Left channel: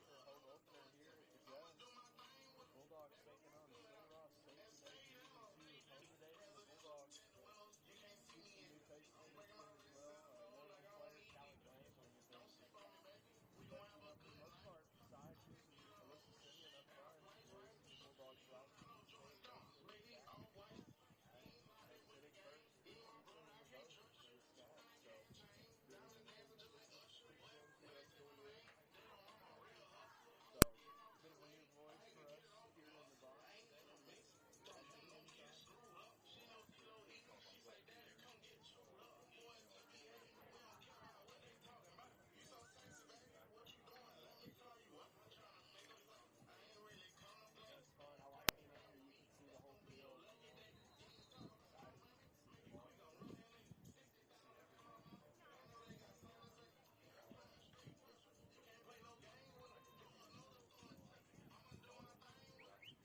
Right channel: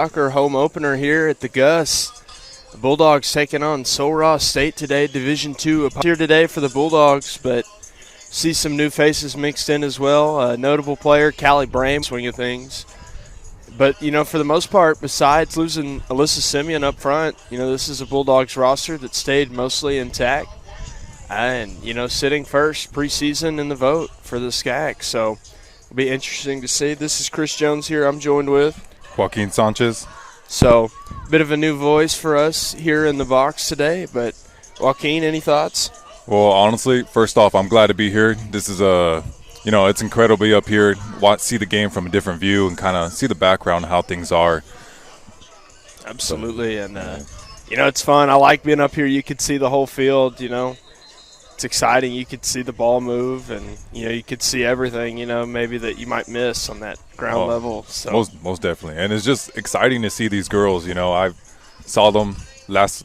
Soccer home opener here at the Gus. The Bulldogs taking on Sul Ross State today, Division II here today for the Bulldogs, but see some new faces mixed in as well. A notable player, Callie Brame, swing of things. But, you know, for the most part, besides losing Alyssa Simeon up front, you know, this is a Bulldogs roster that stayed mostly intact. And, you know, sitting first preseason in the vote for the SCAC. So it'll be interesting to see. This is Chris Jones here. I'm joined with Joaquin Sanchez. So, a bit of a new voice for us here in the box today. But, Joaquin, any thoughts? Well, honestly, first off, I'm glad to be here. This is it's incredible to be up here, see the game from a different view, and kind of see the background, how things are. Absolutely, and you know, it's fun. I like being up here. You could see the whole field. You know, it's exciting. You could see the ball move, and you know, you could see everything. You know, maybe that you might miss on that ground level. So most definitely, and it's just exciting to see these girls. You know, I saw them last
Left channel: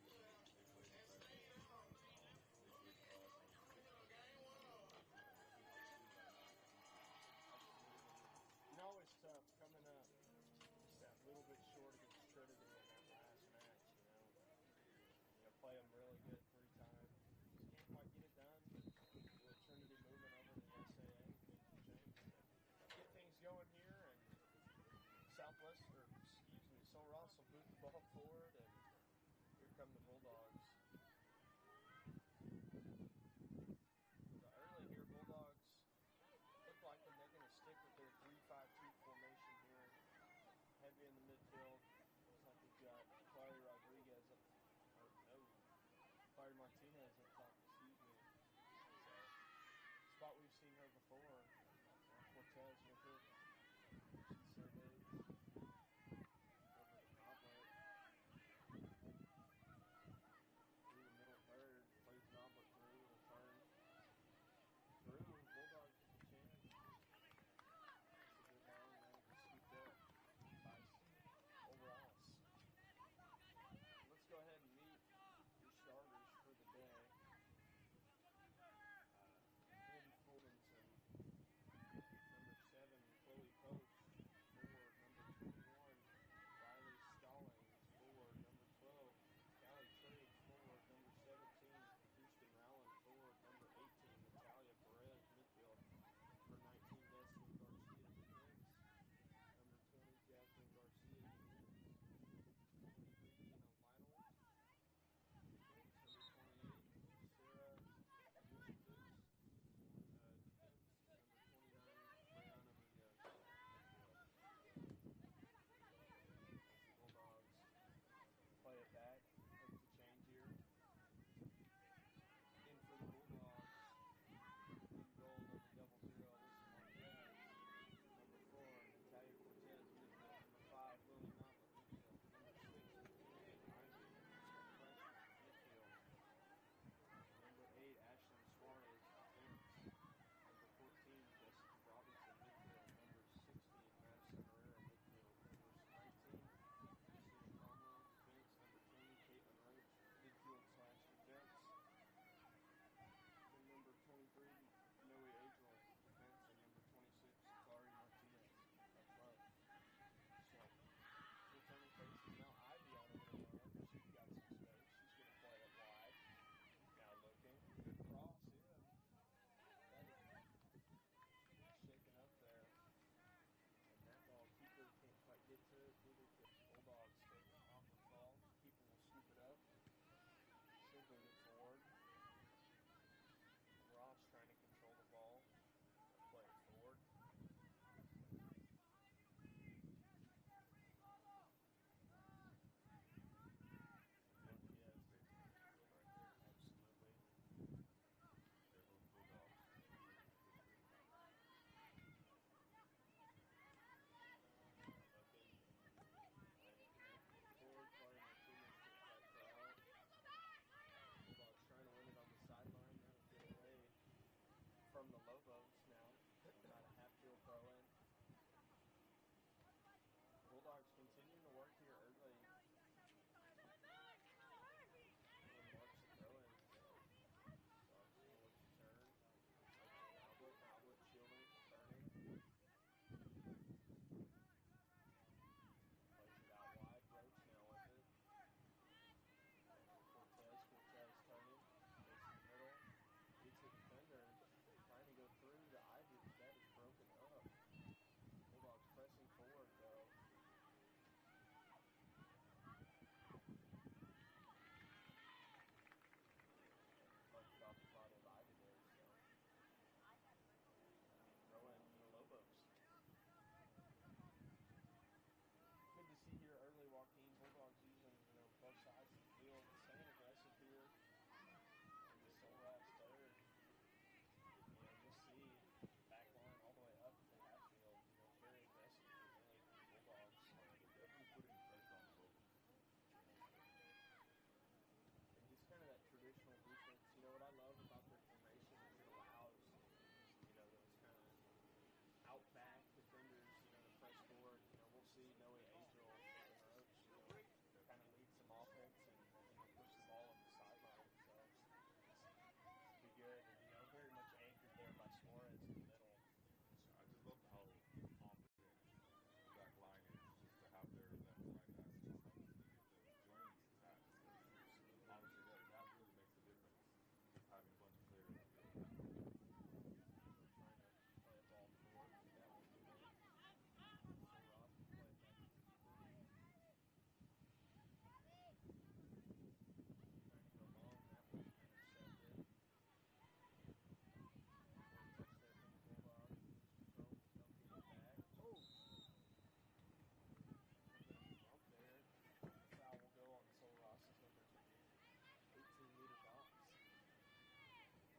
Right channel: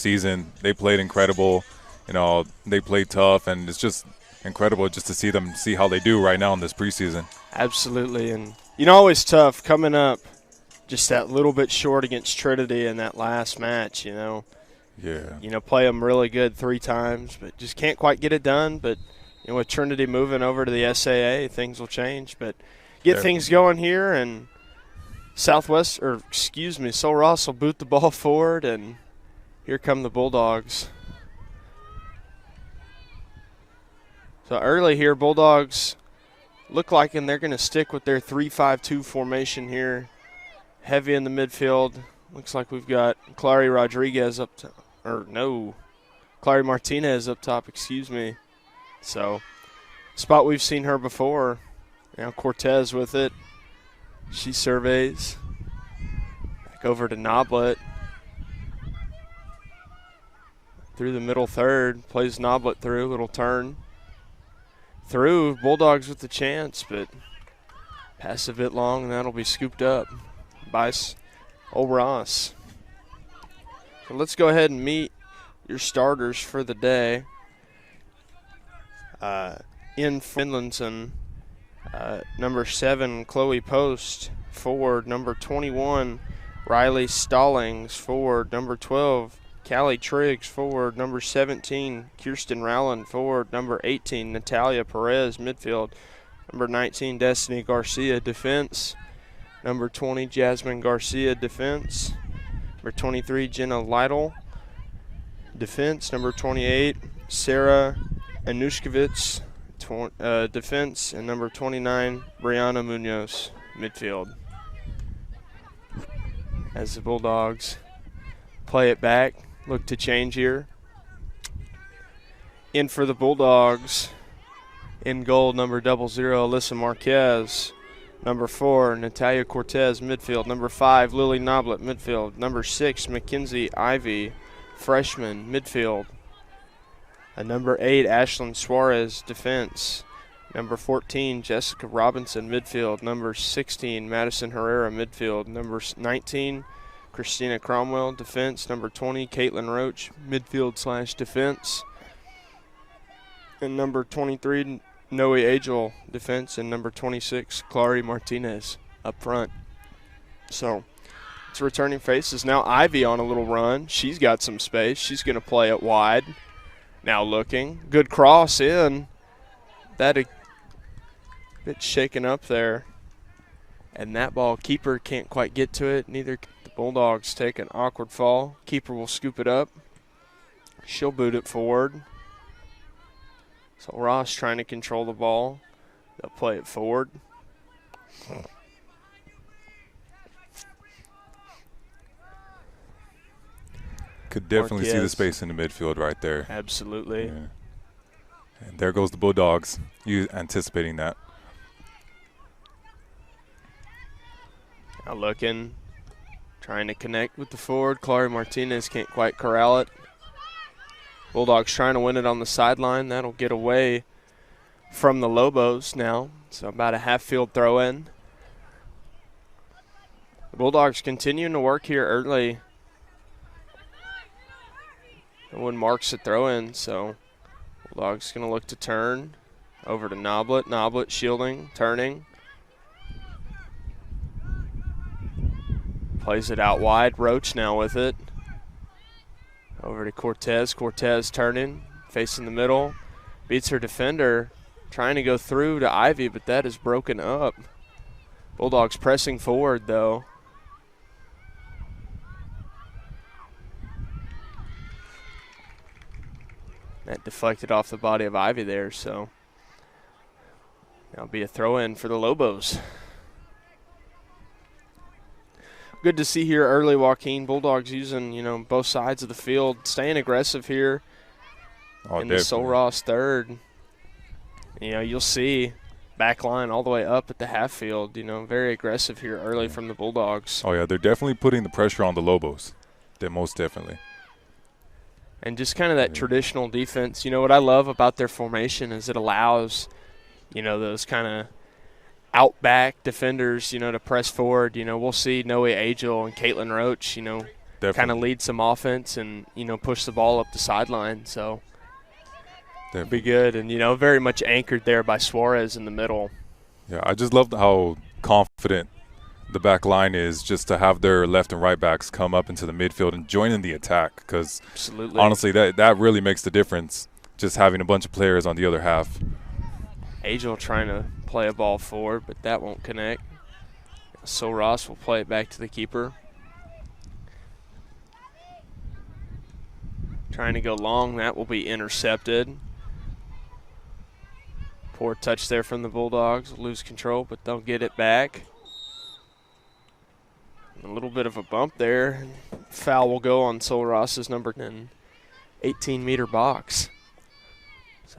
season. They played incredible. You know, they played tough, and it's just incredible just to see them, see how they do right now in this preseason. Absolutely, and you know, always tough coming up just that little bit short against Trinity in that last match, you know. Yeah. You know, play them really good 3 times, but just can't quite get it done. But, you know, with Trinity moving over to the SAA, things will change. But get things going here, and Sul Ross will boot the ball forward, and here come the Bulldogs. So early here, Bulldogs look like, and they're going to stick with their 3-5-2 formation here. Heavy in the midfield. Looks like we've got Clary Martinez up top, excuse me. So, spot we've seen her before. Now Cortez with it. She surveys. Back over to Noblet. Through the middle third. Plays Noblet through. Little turn. Through. Bulldogs with the chance, but pass a bit long, and that'll be scooped up by Sul Ross. So let's go ahead and meet your starters for the day. In Finlandson, number 7, Chloe Post. Forward, number 21, Riley Stallings. Forward, number 12, Callie Triggs. Forward, number 17, Kirsten Rowland. Forward, number 18, Natalia Perez. Midfield, number 19, Destiny Garcia. Defense, number 20, Jasmine Garcia. Defense, number 23, Jenna Lytle. Defense, number 28, Sarah Anushkevich. Defense, and number 29, Brianna Munoz. Midfield. As the Bulldogs play it back, look to change here. In for the Bulldogs, in goal, number 00, Alyssa Marquez. Number 4, Natalia Cortez. Midfield. Number 5, Lily Noblet. Midfield. Number 6, Mackenzie Ivy, freshman. Midfield. Number 8, Ashlyn Suarez. Defense. Number 14, Jessica Robinson. Midfield. Number 16, Madison Herrera. Midfield. Number 19, Christina Cromwell. Defense. Number 20, Caitlin Roach. Midfield/defense. And number 23, Noe Agel. Defense. And number 26, Clary Martinez up front. So it's returning faces. Now Ivy on a little run. She's got some space. She's going to play it wide. Now looking. Good cross in. That a bit shaken up there. And that ball, keeper can't quite get to it. Neither can the Bulldogs. Take an awkward fall. Keeper will scoop it up. She'll boot it forward. So Ross trying to control the ball. They'll play it forward. Could definitely see the space in the midfield right there. Absolutely. Yeah. And there goes the Bulldogs. You anticipating that. Now looking, trying to connect with the forward. Clary Martinez can't quite corral it. Bulldogs trying to win it on the sideline. That'll get away from the Lobos now. So about a half-field throw-in. The Bulldogs continuing to work here early. No one marks the throw-in, so Bulldogs going to look to turn over to Noblet. Noblet shielding, turning. Plays it out wide. Roach now with it. Over to Cortez. Cortez turning, facing the middle. Beats her defender. Trying to go through to Ivy, but that is broken up. Bulldogs pressing forward, though. That deflected off the body of Ivy there, so that'll be a throw-in for the Lobos. Good to see here early, Joaquin. Bulldogs using, you know, both sides of the field, staying aggressive here in the Sol Ross third. You know, you'll see back line all the way up at the half field, you know, very aggressive here early from the Bulldogs. Oh, yeah, they're definitely putting the pressure on the Lobos. They're most definitely. And just kind of that traditional defense. You know, what I love about their formation is it allows, you know, those kind of outback defenders, you know, to press forward. You know, we'll see Noe Agel and Caitlin Roach, you know, kind of lead some offense and, you know, push the ball up the sideline. So it'll be good. And, you know, very much anchored there by Suarez in the middle. Yeah, I just love how confident the back line is just to have their left and right backs come up into the midfield and join in the attack, because honestly that really makes the difference, just having a bunch of players on the other half. Agel trying to play a ball forward, but that won't connect. So Ross will play it back to the keeper. Trying to go long, that will be intercepted. Poor touch there from the Bulldogs, lose control, but they'll get it back. A little bit of a bump there. Foul will go on Sol Ross's number 10, 18-meter box. So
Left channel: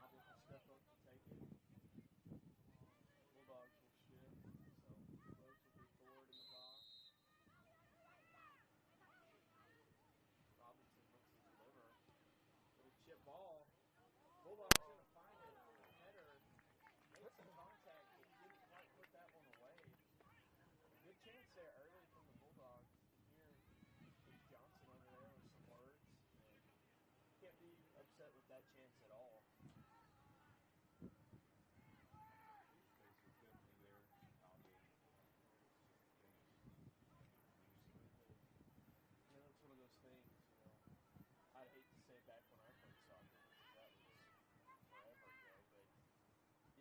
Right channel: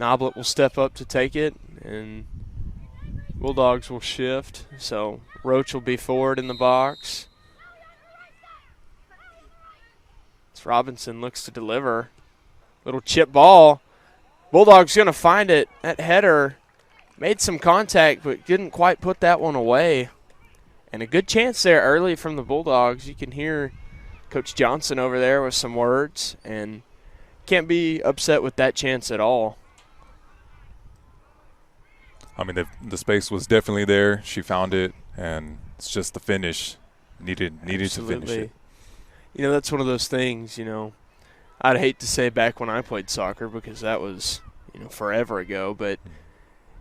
Noblet will step up to take it, and Bulldogs will shift. So Roach will be forward in the box. As Robinson looks to deliver. Little chip ball. Bulldogs going to find it. That header made some contact, but didn't quite put that one away. And a good chance there early from the Bulldogs. You can hear Coach Johnson over there with some words, and can't be upset with that chance at all. I mean, the space was definitely there. She found it, and it's just the finish. Needed to finish it. You know, that's one of those things, you know, I'd hate to say back when I played soccer, because that was, you know, forever ago. But,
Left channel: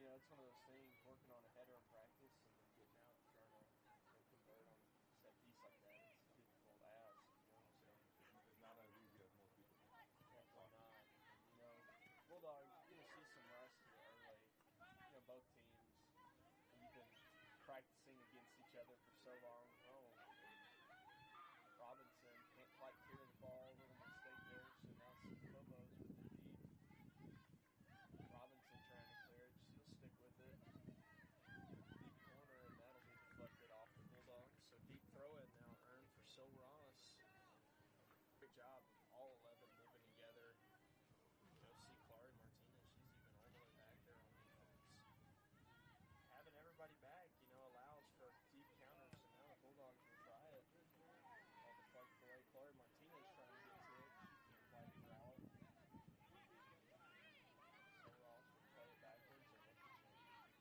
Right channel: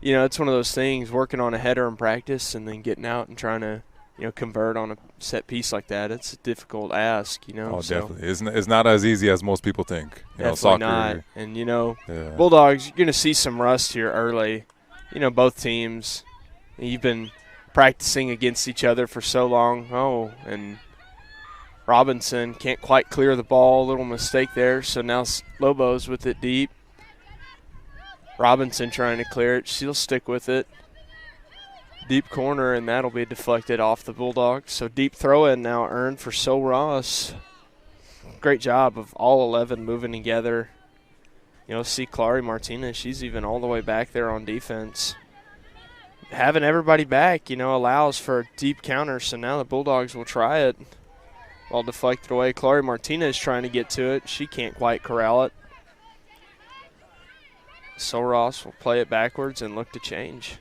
you know, it's one of those things, working on a header in practice and then getting out and trying to, you know, convert on a set piece like that. It's a difficult ask, you know. Oh, definitely. It's not as easy as most people think. You know, soccer. Not. And, you know, Bulldogs, you're going to see some rust here early. You know, both teams, you've been practicing against each other for so long. Oh, and Robinson can't quite clear the ball. Little mistake there. So now Lobos with it deep. Robinson trying to clear it. She'll stick with it. Deep corner, and that'll be deflected off the Bulldogs. So deep throw-in now earned for Sol Ross. Great job of all 11 moving together. You know, see Clary Martinez, she's even all the way back there on defense. Having everybody back, you know, allows for a deep counter, so now the Bulldogs will try it. Ball deflected away. Clary Martinez trying to get to it. She can't quite corral it. Sol Ross will play it backwards and look to change.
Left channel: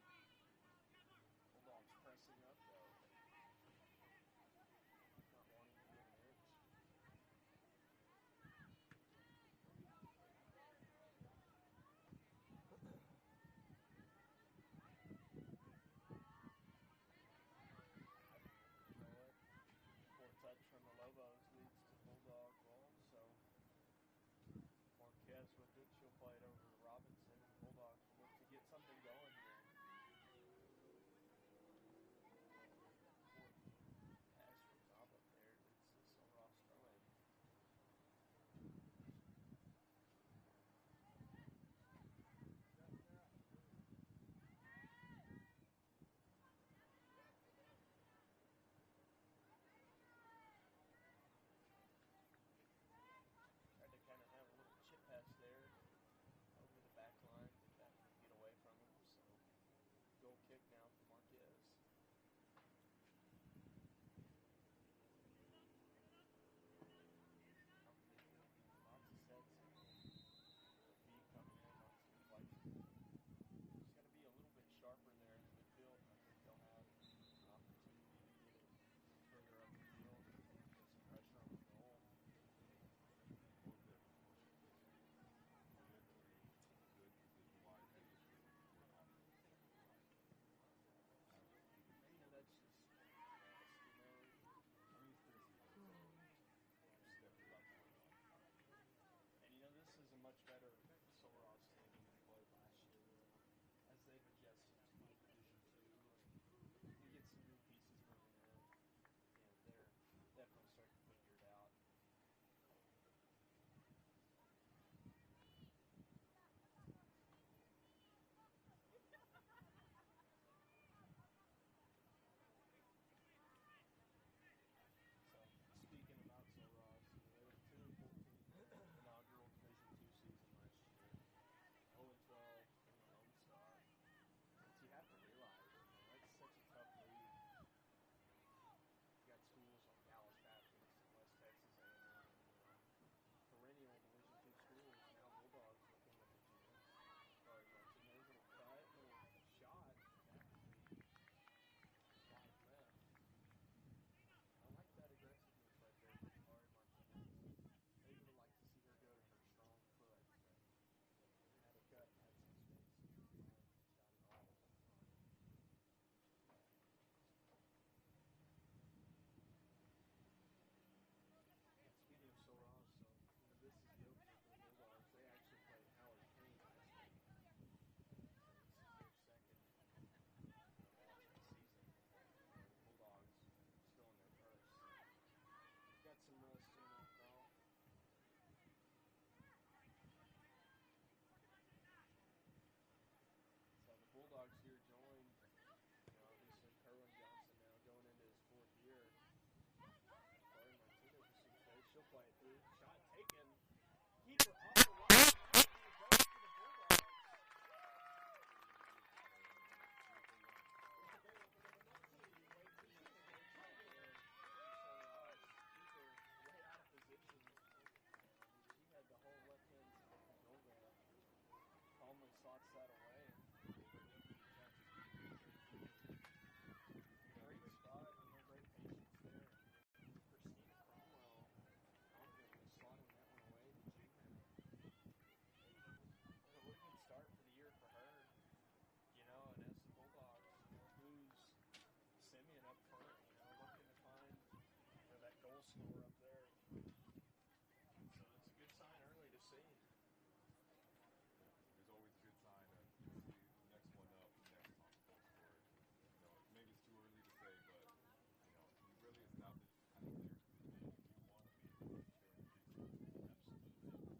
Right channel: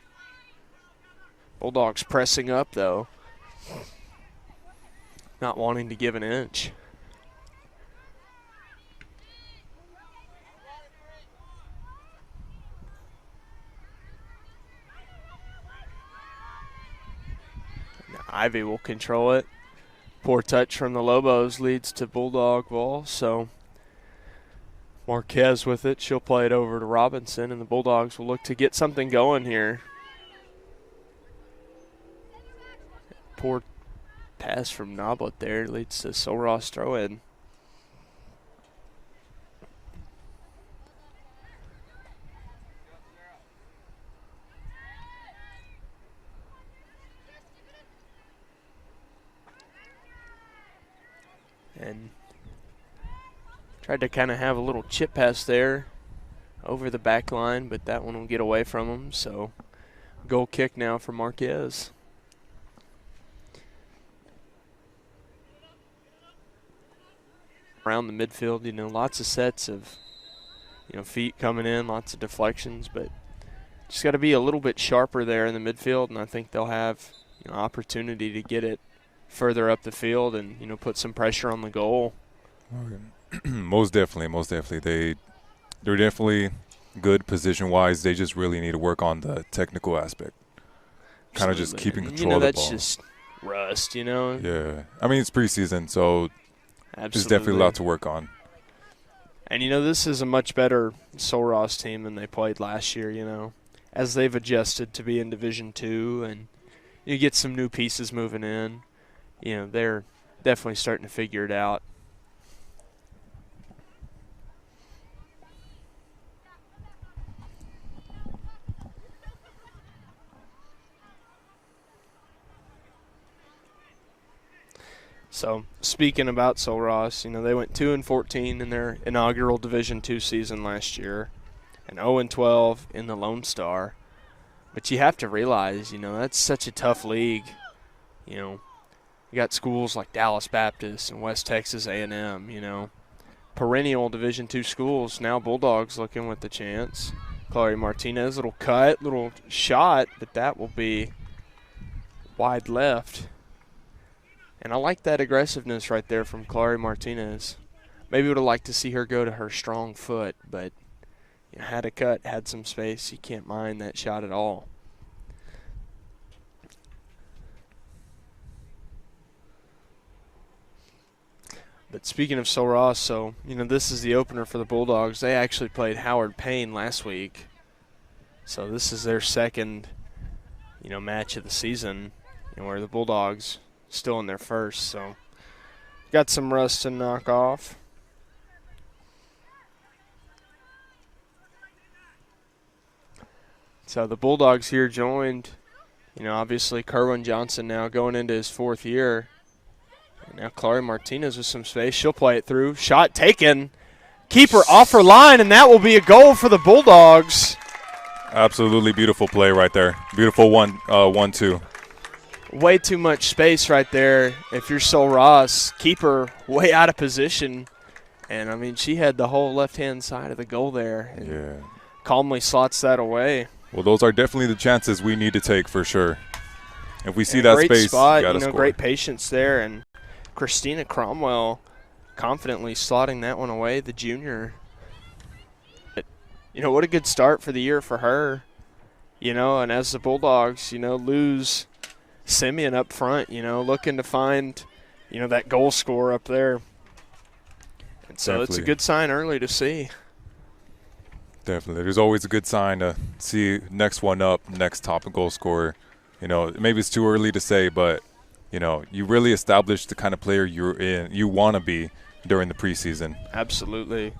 Bulldogs pressing up, though. Not wanting to give an inch. Now Ivy will control it. Poor touch from the Lobos leads to Bulldog ball, so Marquez with it. She'll play it over to Robinson, and the Bulldogs will look to get something going here. Poor pass from Noblet there leads to Sol Ross throw-in. And tried to kind of have a little chip pass there over the back line, but that one will get away from him. So goal kick now for Marquez. Around the midfield, you know, lots of sets of, you know, feet coming in, lots of deflections, but just got to be a little bit sharper there in the midfield, and I think they'll have, you know, opportunity to get it further up the field and, put some pressure on the goal. Most definitely. They're definitely good position-wise. They just really need to work on the technical aspect. Kind of just keeping control of the ball. That's just rust, Yeah. I mean, it's preseason, so there's definitely a lot to work on. And, this is a much better Sul Ross team than they played last year, as they've adjusted to be in Division II and you get some new pieces moving in. They're definitely starting to figure it out. So, speaking about Sul Ross, they went 2-14 in their inaugural Division II season last year and 0-12 in the Lone Star. But you have to realize, that's such a tough league. You got schools like Dallas Baptist and West Texas A&M, perennial Division II schools. Now Bulldogs looking with the chance. Chloe Martinez, little cut, little shot, but that will be wide left. And I like that aggressiveness right there from Chloe Martinez. Maybe would have liked to see her go to her strong foot, but had a cut, had some space. You can't mind that shot at all. But speaking of Sul Ross, so, this is the opener for the Bulldogs. They actually played Howard Payne last week. So this is their second, match of the season, where the Bulldogs still in their first. So got some rust to knock off. So the Bulldogs here joined, obviously Kerwin Johnson now going into his fourth year. And now Chloe Martinez with some space. She'll play it through. Shot taken. Keeper off her line, and that will be a goal for the Bulldogs. Absolutely beautiful play right there. Beautiful 1-2. Way too much space right there. If you're Sul Ross, keeper way out of position. And, she had the whole left-hand side of the goal there. Yeah. Calmly slots that away. Well, those are definitely the chances we need to take for sure. If we see that space, spot, you gotta score. Great patience there. And Christina Cromwell confidently slotting that one away, the junior. But, what a good start for the year for her. And as the Bulldogs, lose Simeon up front, looking to find, that goal scorer up there. And so Definitely. It's a good sign early to see. Definitely. There's always a good sign to see next one up, next top goal scorer. Maybe it's too early to say, but, you really establish the kind of player you want to be during the preseason. Absolutely.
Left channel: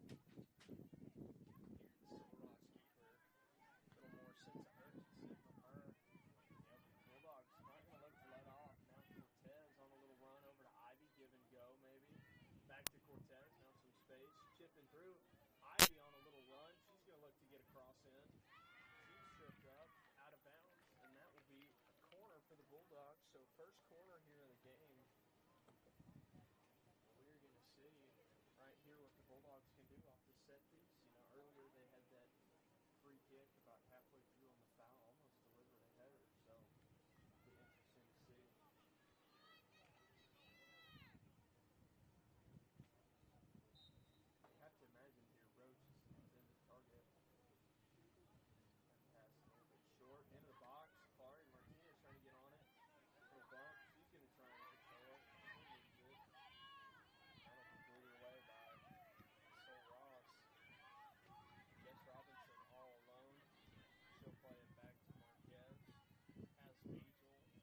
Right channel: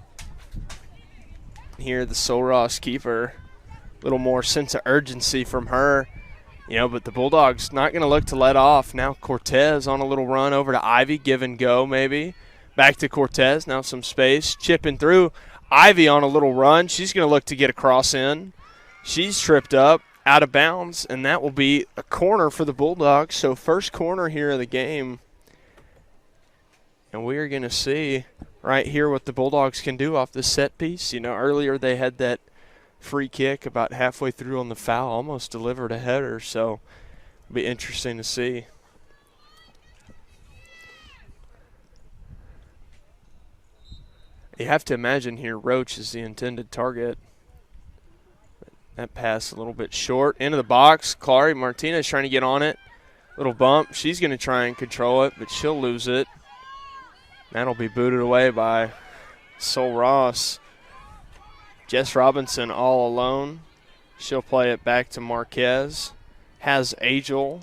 Here, the Sul Ross keeper, a little more sense of urgency from her. But the Bulldogs not going to look to let off. Now Cortez on a little run over to Ivy, give and go maybe. Back to Cortez, now some space, chipping through. Ivy on a little run. She's going to look to get a cross in. She's tripped up, out of bounds, and that will be a corner for the Bulldogs. So first corner here of the game. And we are going to see right here what the Bulldogs can do off this set piece. Earlier they had that free kick about halfway through on the foul, almost delivered a header. So it'll be interesting to see. You have to imagine here Roach is the intended target. That pass a little bit short. Into the box. Chloe Martinez trying to get on it. Little bump. She's going to try and control it, but she'll lose it. That'll be booted away by Sul Ross. Jess Robinson all alone. She'll play it back to Marquez. Has Agel.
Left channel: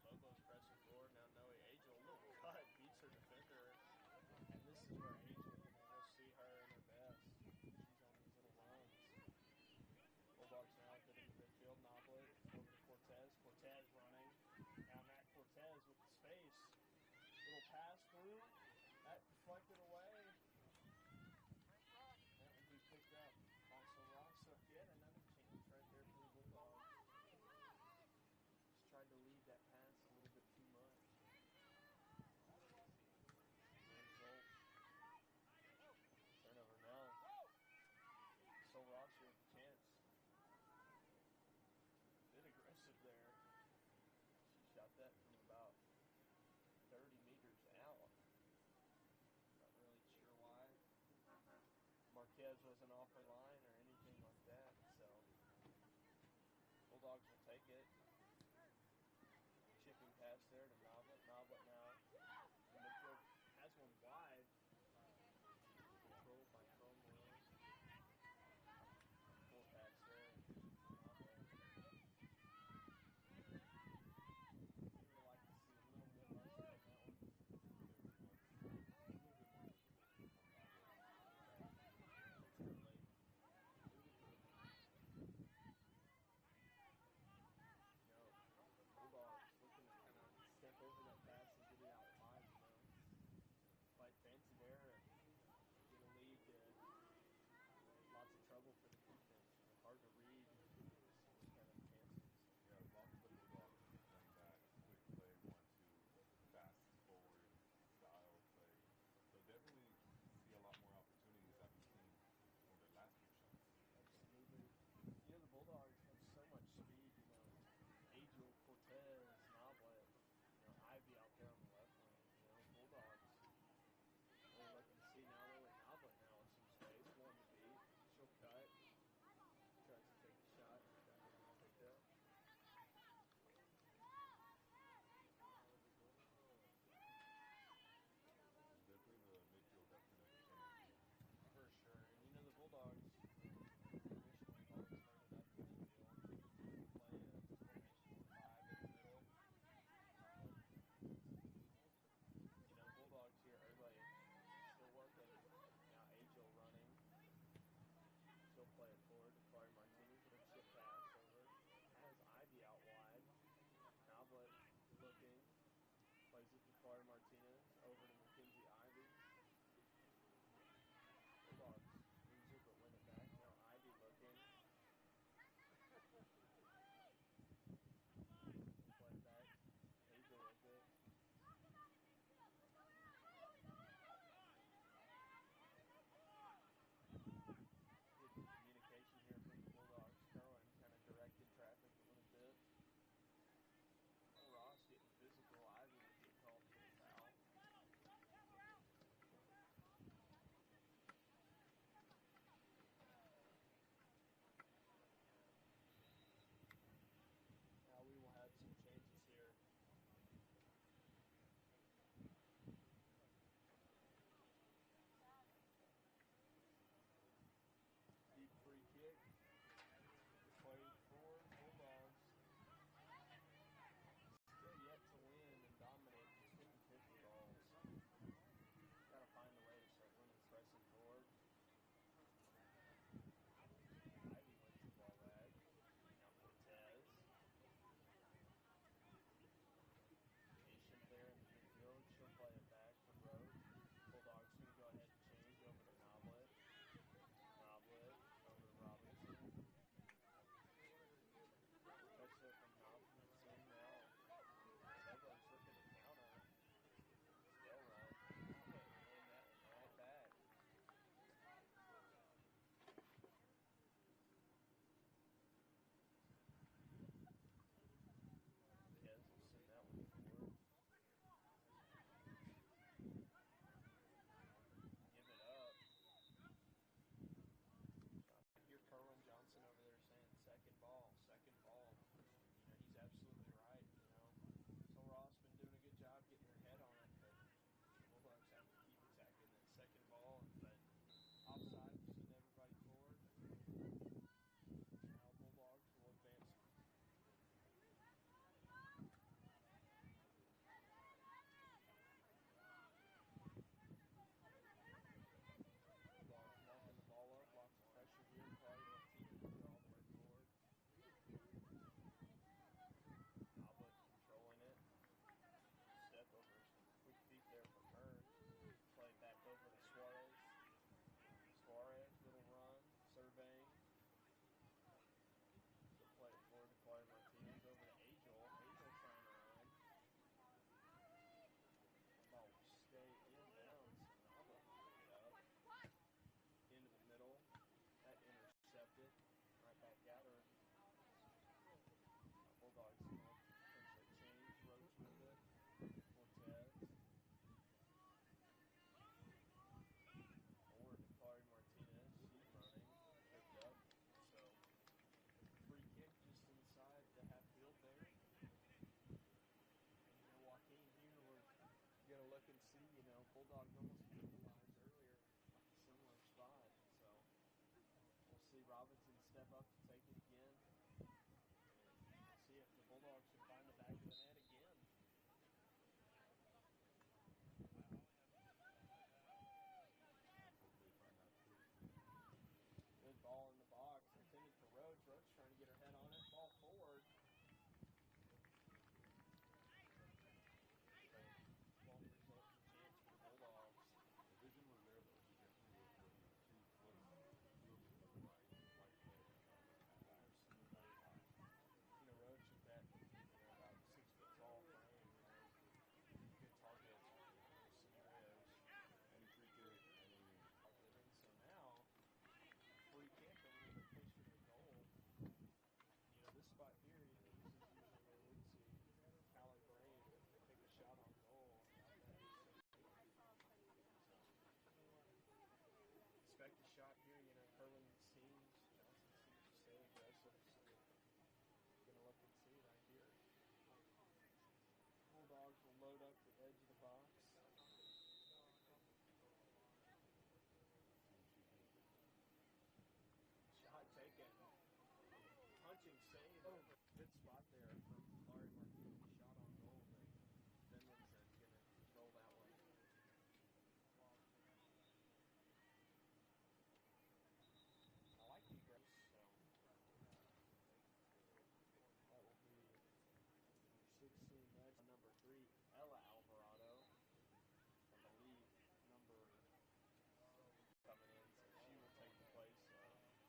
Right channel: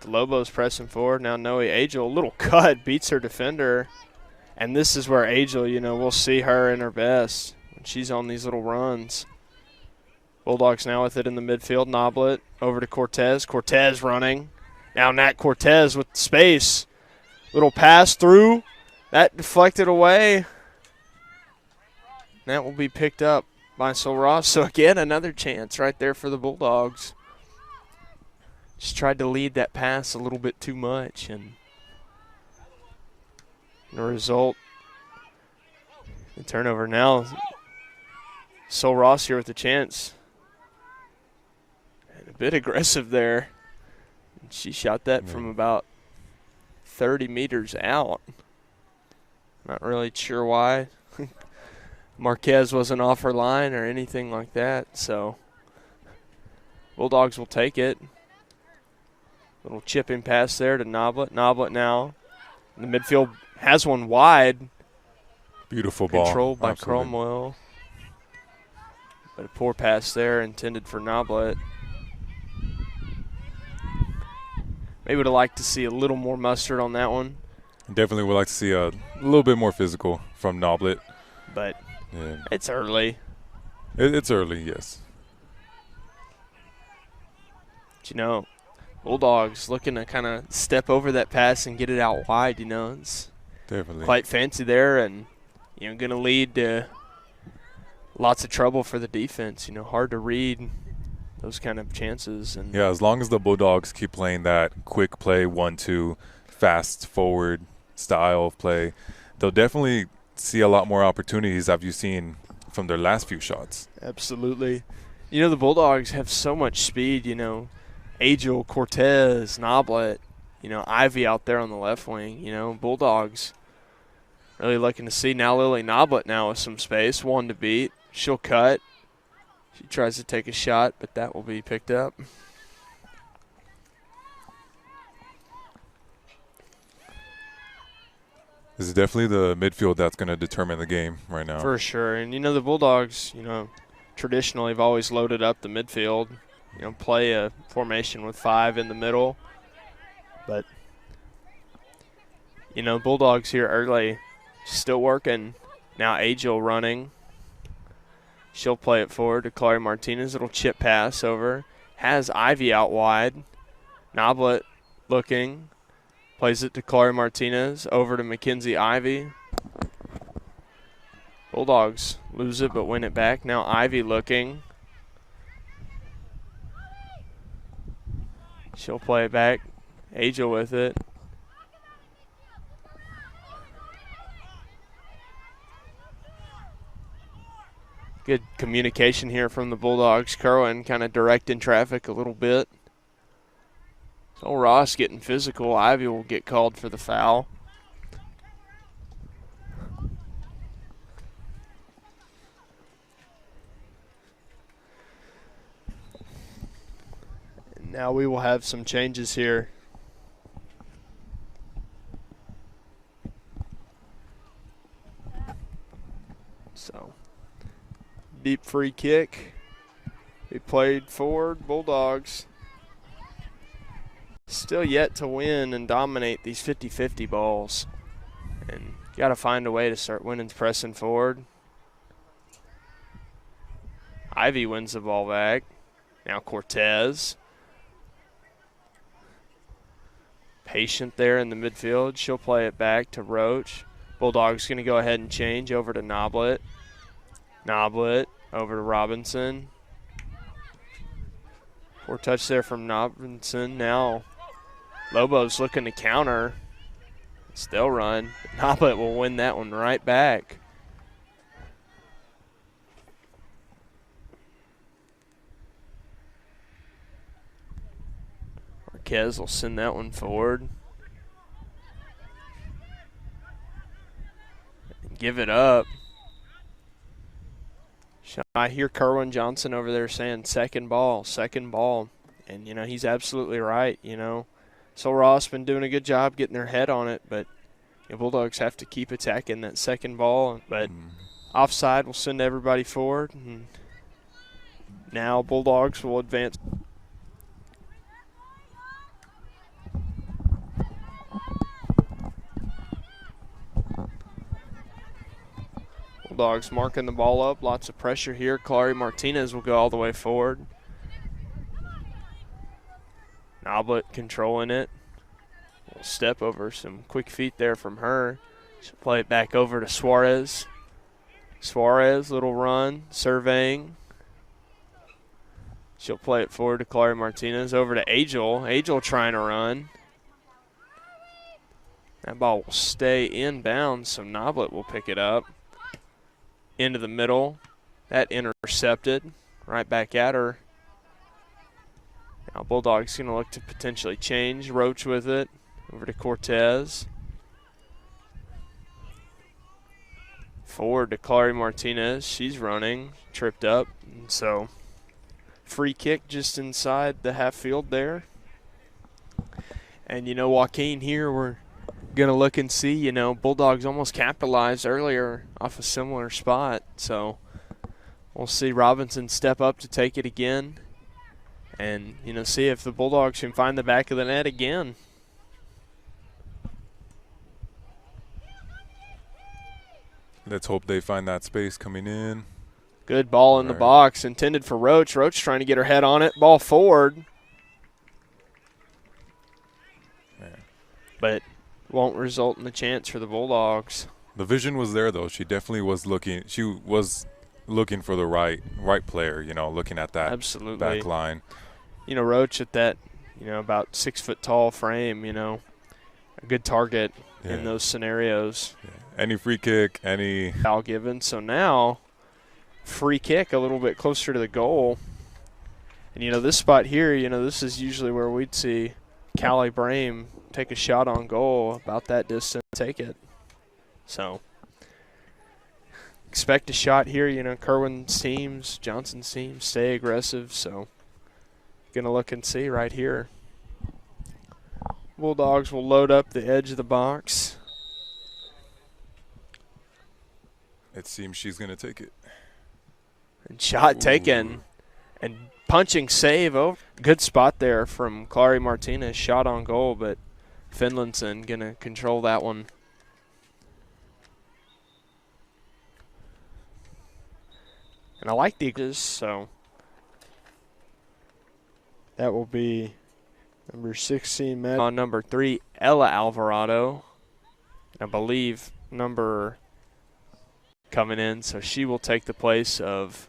The Lobos pressing forward. Now Noe Agel, little cut, beats her defender. And this is where Agel, we'll see her in her best when she's on these little runs. Bulldogs now with it in the midfield. Noblet over to Cortez. Cortez running. Now Nat Cortez with space. Little pass through. That deflected away. That will be picked up by Sul Ross. So again, another chance right there for the Bulldogs. Just tried to lead that pass a little bit too much, and the result, the turnover. Now Sul Ross here with the chance. And a bit aggressive there. She shot that from about 30 meters out. Not really sure why. Marquez wasn't off her line or anything like that, so Bulldogs will take it. Little chipping pass there to Noblet. Noblet now in the midfield has one wide. Beautiful ball. Controlled by Cromwell. But a poor pass there intended for Noblet. Maybe would have liked to see a little more mustard on that one. Definitely would like to see a little bit more physical from Noblet. But it's early. It's early, yes. But, you know, Bulldogs looking to kind of step over that pass and get it out wide, you know. It's definitely quite fancy there and, you know, going to lead to lots of trouble for the defense. You know, hard to read those kind of chances. And yeah, as long as the Bulldogs keep playing that quick play, 1-2, fast forward style of play, they'll definitely see a lot more opportunities as you've seen from their last few shots. Absolutely. You know, the Bulldogs have so much speed, you know. Angel, Cortez, Noblet, you know, Ivy out there on the left wing. You know, Bulldogs really looking to see now Lily Noblet now with some space, one to beat. She'll cut. She tries to take a shot, but that will be picked up. This is definitely the midfield that's going to determine the game right now. For sure. And, you know, the Bulldogs, you know, traditionally have always loaded up the midfield. You know, play a formation with 5 in the middle. But, you know, Bulldogs here early, still working. Now Angel running. She'll play it forward to Clary Martinez. It'll chip pass over. Has Ivy out wide. Noblet looking. Plays it to Clary Martinez. Over to Mackenzie Ivy. Bulldogs lose it but win it back. Now Ivy looking. She'll play it back. Angel with it. Good communication here from the Bulldogs. Kerwin kind of directing traffic a little bit. So Ross getting physical. Ivy will get called for the foul. And now we will have some changes here. So, deep free kick. Be played forward. Bulldogs still yet to win and dominate these 50-50 balls. And got to find a way to start winning pressing forward. Ivy wins the ball back. Now Cortez. Patient there in the midfield. She'll play it back to Roach. Bulldogs going to go ahead and change over to Noblet. Noblet over to Robinson. Poor touch there from Robinson. Now Lobos looking to counter. Still run. Noblet will win that one right back. Marquez will send that one forward. Give it up. I hear Kerwin Johnson over there saying second ball. And, you know, he's absolutely right, you know. So Ross been doing a good job getting their head on it, but the Bulldogs have to keep attacking that second ball. But offside will send everybody forward. And now Bulldogs will advance. Bulldogs marking the ball up. Lots of pressure here. Clary Martinez will go all the way forward. Noblet controlling it. Little step over, some quick feet there from her. She'll play it back over to Suarez. Suarez, little run, surveying. She'll play it forward to Clary Martinez. Over to Angel. Angel trying to run. That ball will stay inbounds, so Noblet will pick it up. Into the middle. That intercepted. Right back at her. Now Bulldogs going to look to potentially change. Roach with it. Over to Cortez. Forward to Clary Martinez. She's running. Tripped up. And so free kick just inside the half field there. And, you know, Joaquin here, we're going to look and see, you know, Bulldogs almost capitalized earlier off a similar spot. So we'll see Robinson step up to take it again and, you know, see if the Bulldogs can find the back of the net again. Let's hope they find that space coming in. Good ball in the box, intended for Roach. Roach trying to get her head on it. Ball forward. But won't result in a chance for the Bulldogs. The vision was there, though. She definitely was looking. She was looking for the right player, you know, looking at that back line. You know, Roach at that, you know, about 6 foot tall frame, you know, a good target in those scenarios. Yeah. Any free kick, any foul given. So now free kick a little bit closer to the goal. And, you know, this spot here, you know, this is usually where we'd see Callie Brame take a shot on goal about that distance, take it. So expect a shot here. You know, Kerwin's teams, Johnson's teams stay aggressive. So going to look and see right here. Bulldogs will load up the edge of the box. It seems she's going to take it. And shot taken. And punching save. Oh, good spot there from Clary Martinez. Shot on goal, but Finlayson going to control that one. And I like the Eagles, so that will be number 16, Matt. On number 3, Ella Alvarado. And I believe number coming in, so she will take the place of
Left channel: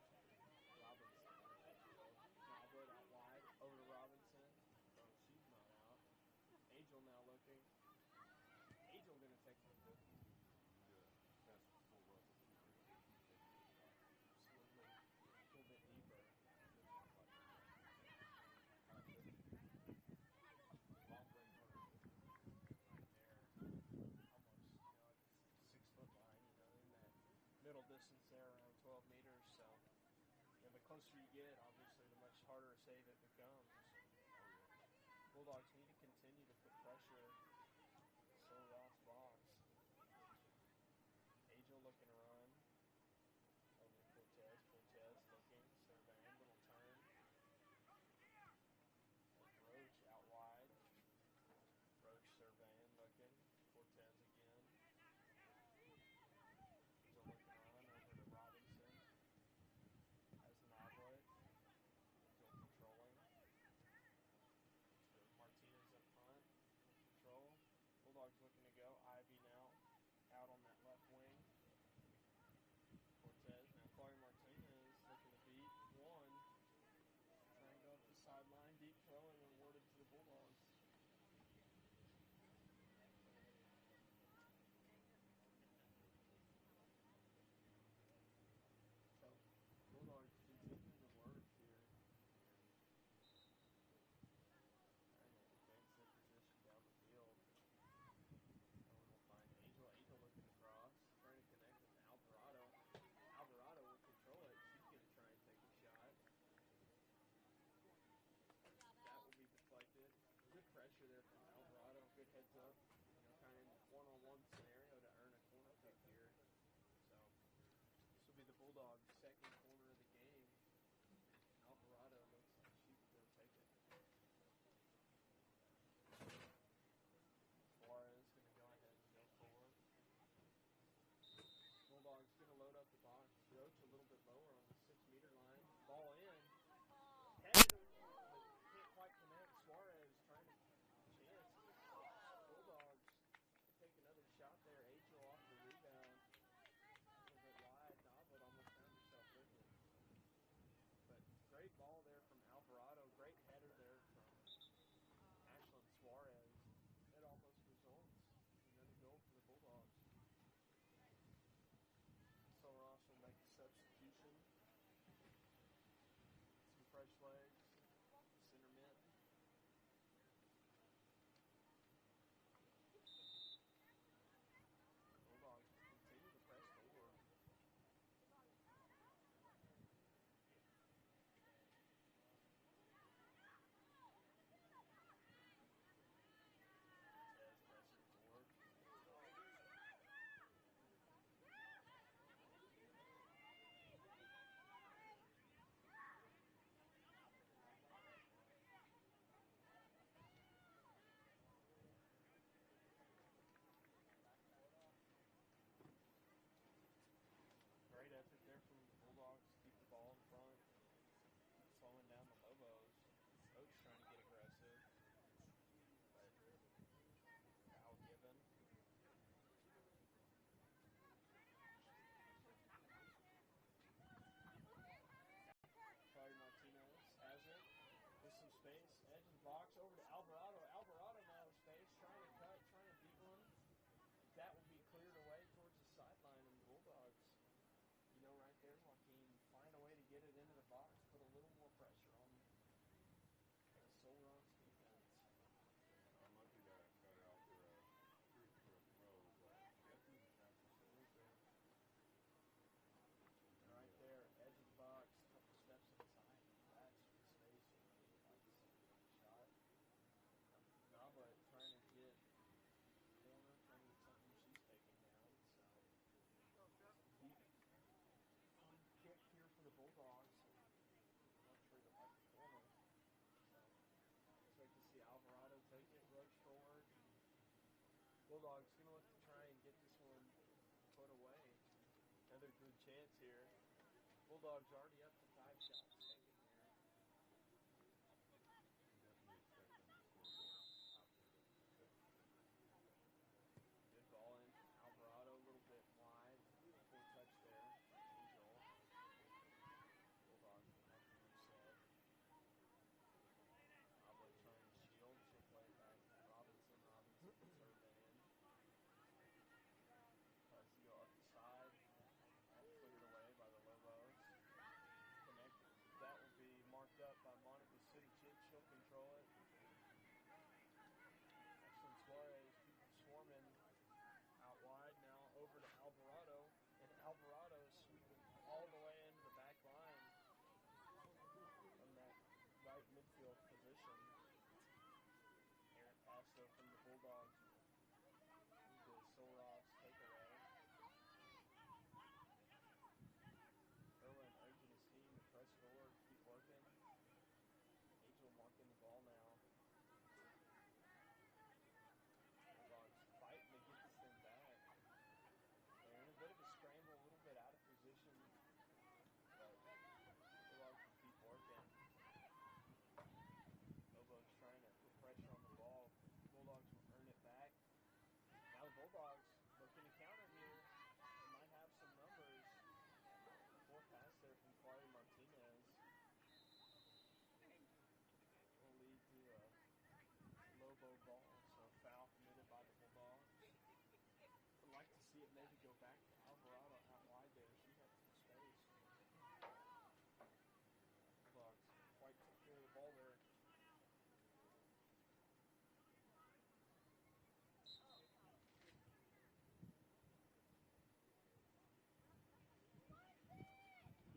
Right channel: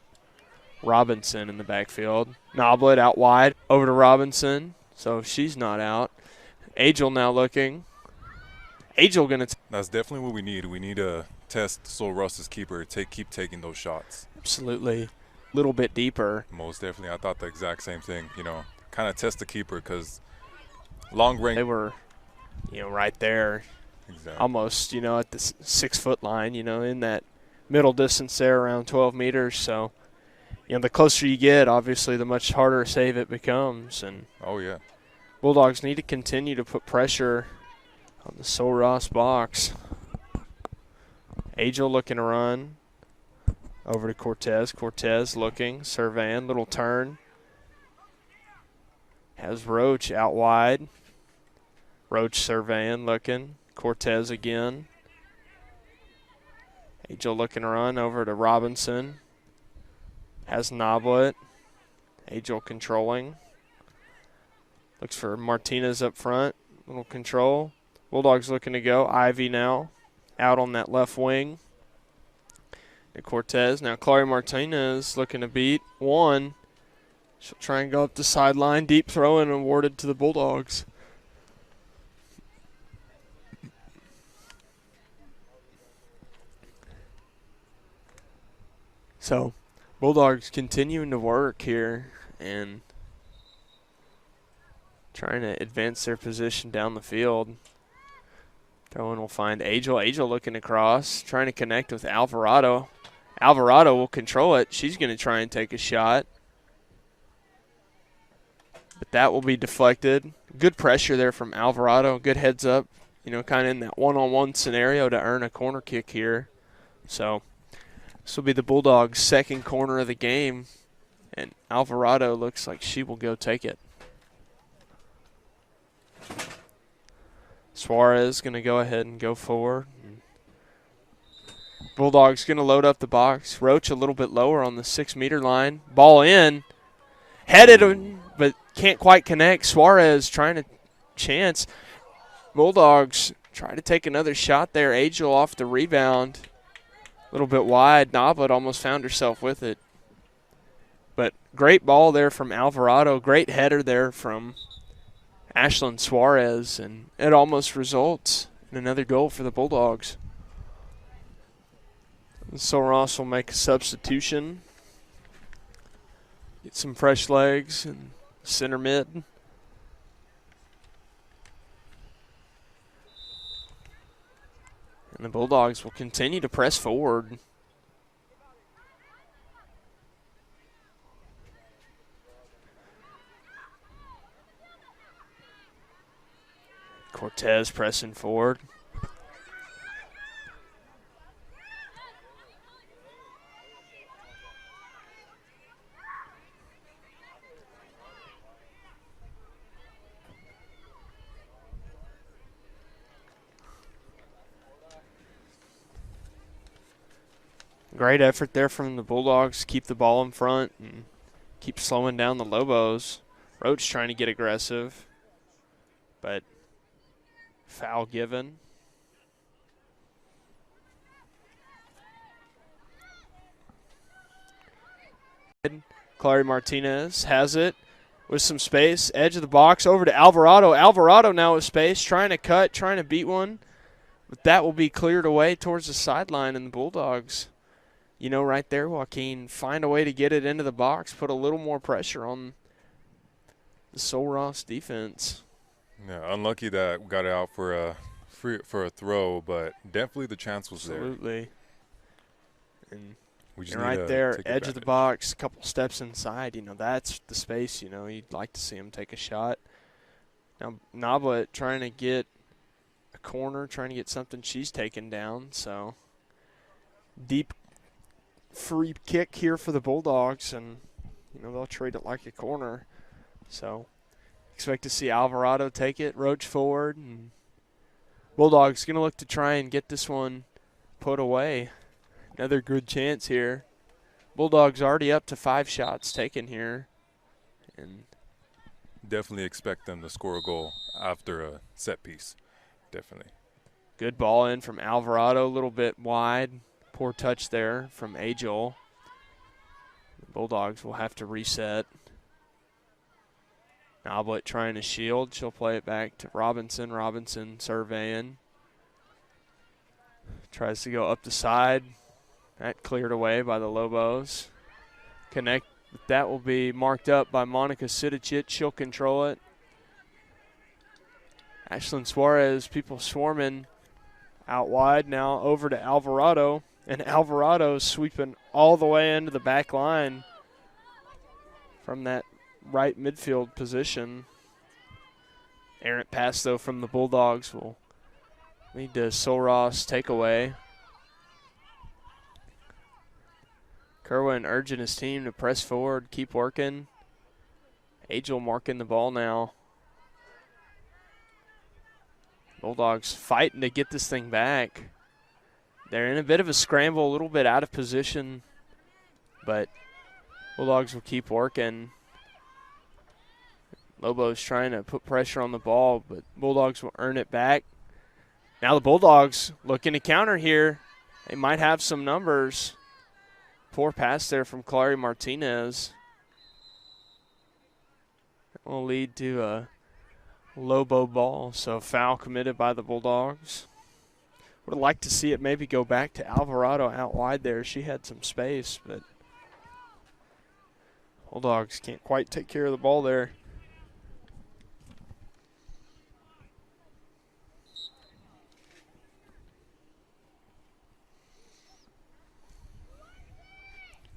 Robinson in the backfield. Noblet out wide, over to Robinson, so she's not out. Angel now looking. Angel going to. That's definitely what we need. We need to test Sol Russ's keeper, keep taking those shots. Absolutely. A little bit deeper. Most definitely. I thought the exact same thing, you know, kind of test the keeper because long range. They were, you know, right there. Exactly. Almost, you know, at the 6 foot line, you know, in that middle distance there around 12 meters. So, you know, the closer you get, obviously, the much harder a save it becomes. And oh, yeah. Bulldogs need to continue to put pressure on the Sol Ross box. Angel looking to run. Over to Cortez. Cortez looking, surveying, little turn. Has Roach out wide. Roach surveying, looking. Cortez again. Angel looking to run over to Robinson. Has Noblet. Angel controlling. Looks for Martinez up front. Little control. Bulldogs looking to go. Ivy now out on that left wing. And Cortez. Now Clary Martinez looking to beat one. She'll try and go up the sideline. Deep throw and awarded to the Bulldogs. So, Bulldogs continuing to work here and trying to advance their position down the field. Throw-in will find Angel. Angel looking across, trying to connect with Alvarado. Alvarado will control it. She's going to try and take a shot. But that will be deflected. Good pressure there from Alvarado. Good heads up, you know, kind of in that one-on-one scenario to earn a corner kick here. So this will be the Bulldogs' second corner of the game, and Alvarado looks like she will go take it. Suarez going to go ahead and go forward. Bulldogs going to load up the box. Roach a little bit lower on the 6-meter line. Ball in. Headed, but can't quite connect. Suarez trying to chance. Bulldogs try to take another shot there. Angel off the rebound. A little bit wide. Noblet almost found herself with it. But great ball there from Alvarado. Great header there from Ashlyn Suarez. And it almost results in another goal for the Bulldogs. So Ross will make a substitution. Get some fresh legs and center mid. And the Bulldogs will continue to press forward. Cortez pressing forward. Great effort there from the Bulldogs. Keep the ball in front and keep slowing down the Lobos. Roach trying to get aggressive, but foul given. Clary Martinez has it with some space. Edge of the box over to Alvarado. Alvarado now with space, trying to cut, trying to beat one. But that will be cleared away towards the sideline, and the Bulldogs, you know, right there, Joaquin, find a way to get it into the box, put a little more pressure on the Sul Ross defense. Yeah, unlucky that we got it out for a throw, but definitely the chance was there. Absolutely. And we just right there, edge of the box, a couple steps inside, you know, that's the space, you know, you'd like to see him take a shot. Now, Noblet trying to get a corner, trying to get something she's taken down, so deep free kick here for the Bulldogs, and, you know, they'll treat it like a corner. So expect to see Alvarado take it, Roach forward, and Bulldogs going to look to try and get this one put away. Another good chance here. Bulldogs already up to 5 shots taken here. And definitely expect them to score a goal after a set piece. Definitely. Good ball in from Alvarado, a little bit wide. Poor touch there from Angel. The Bulldogs will have to reset. Noblet trying to shield. She'll play it back to Robinson. Robinson surveying. Tries to go up the side. That cleared away by the Lobos. That will be marked up by Monica Sidicic. She'll control it. Ashlyn Suarez, people swarming out wide now over to Alvarado. And Alvarado sweeping all the way into the back line from that right midfield position. Errant pass, though, from the Bulldogs will lead to Sul Ross takeaway. Kerwin urging his team to press forward, keep working. Angel marking the ball now. Bulldogs fighting to get this thing back. They're in a bit of a scramble, a little bit out of position, but Bulldogs will keep working. Lobos trying to put pressure on the ball, but Bulldogs will earn it back. Now the Bulldogs looking to counter here. They might have some numbers. Poor pass there from Clary Martinez. That will lead to a Lobo ball, so foul committed by the Bulldogs. Would have liked to see it maybe go back to Alvarado out wide there. She had some space, but Bulldogs can't quite take care of the ball there.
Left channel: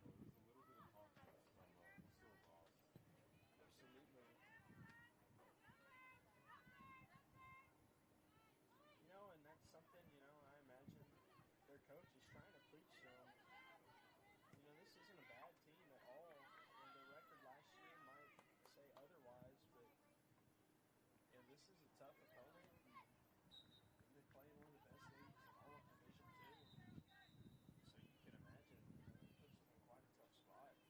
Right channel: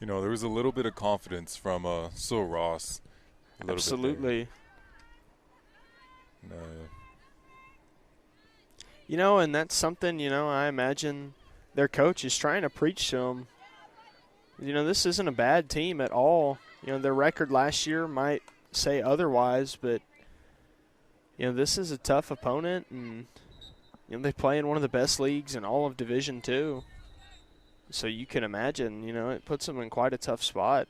You know, there was a little bit of confidence from Sul Ross. Absolutely. You know, and that's something, you know, I imagine their coach is trying to preach to them. You know, this isn't a bad team at all. You know, their record last year might say otherwise, but, you know, this is a tough opponent, and, you know, they play in one of the best leagues in all of Division II. So you can imagine, you know, it puts them in quite a tough spot.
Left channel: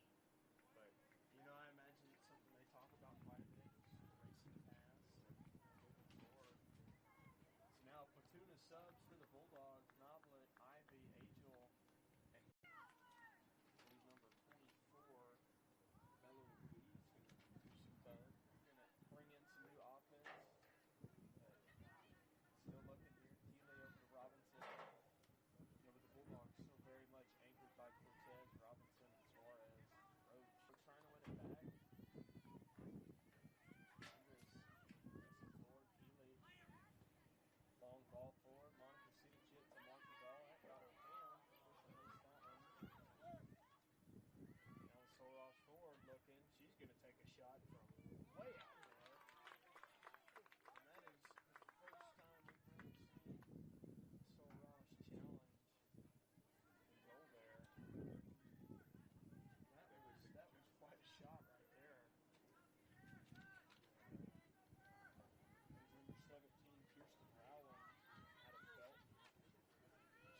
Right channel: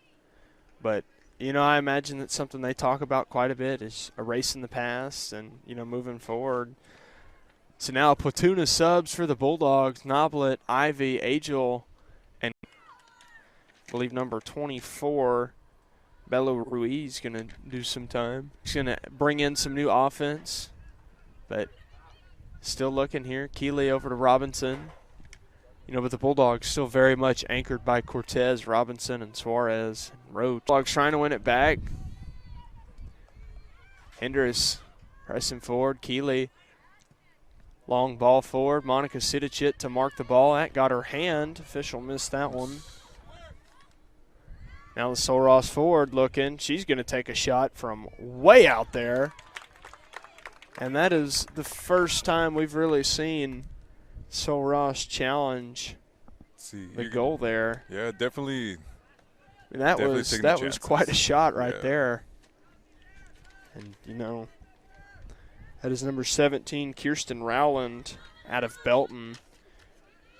But, you know, I imagine that's something they talk about quite a bit is erasing the past and, you know, moving forward. So now a platoon of subs for the Bulldogs. Noblet, Ivy, Angel, and I believe number 24, Bello Ruiz, going to do some time. He's going to bring in some new offense. But still looking here. Keeley over to Robinson. You know, but the Bulldogs still very much anchored by Cortez, Robinson, and Suarez, and Roach. Bulldogs trying to win it back. Hendricks pressing forward. Keeley, long ball forward. Monica Sidicic to mark the ball. That got her hand. Official missed that one. Now the Sul Ross forward looking. She's going to take a shot from way out there. And that is the first time we've really seen Sul Ross challenge the goal there. Yeah, definitely. And that was quite a shot right there. And, you know, that is number 17, Kirsten Rowland, out of Belton.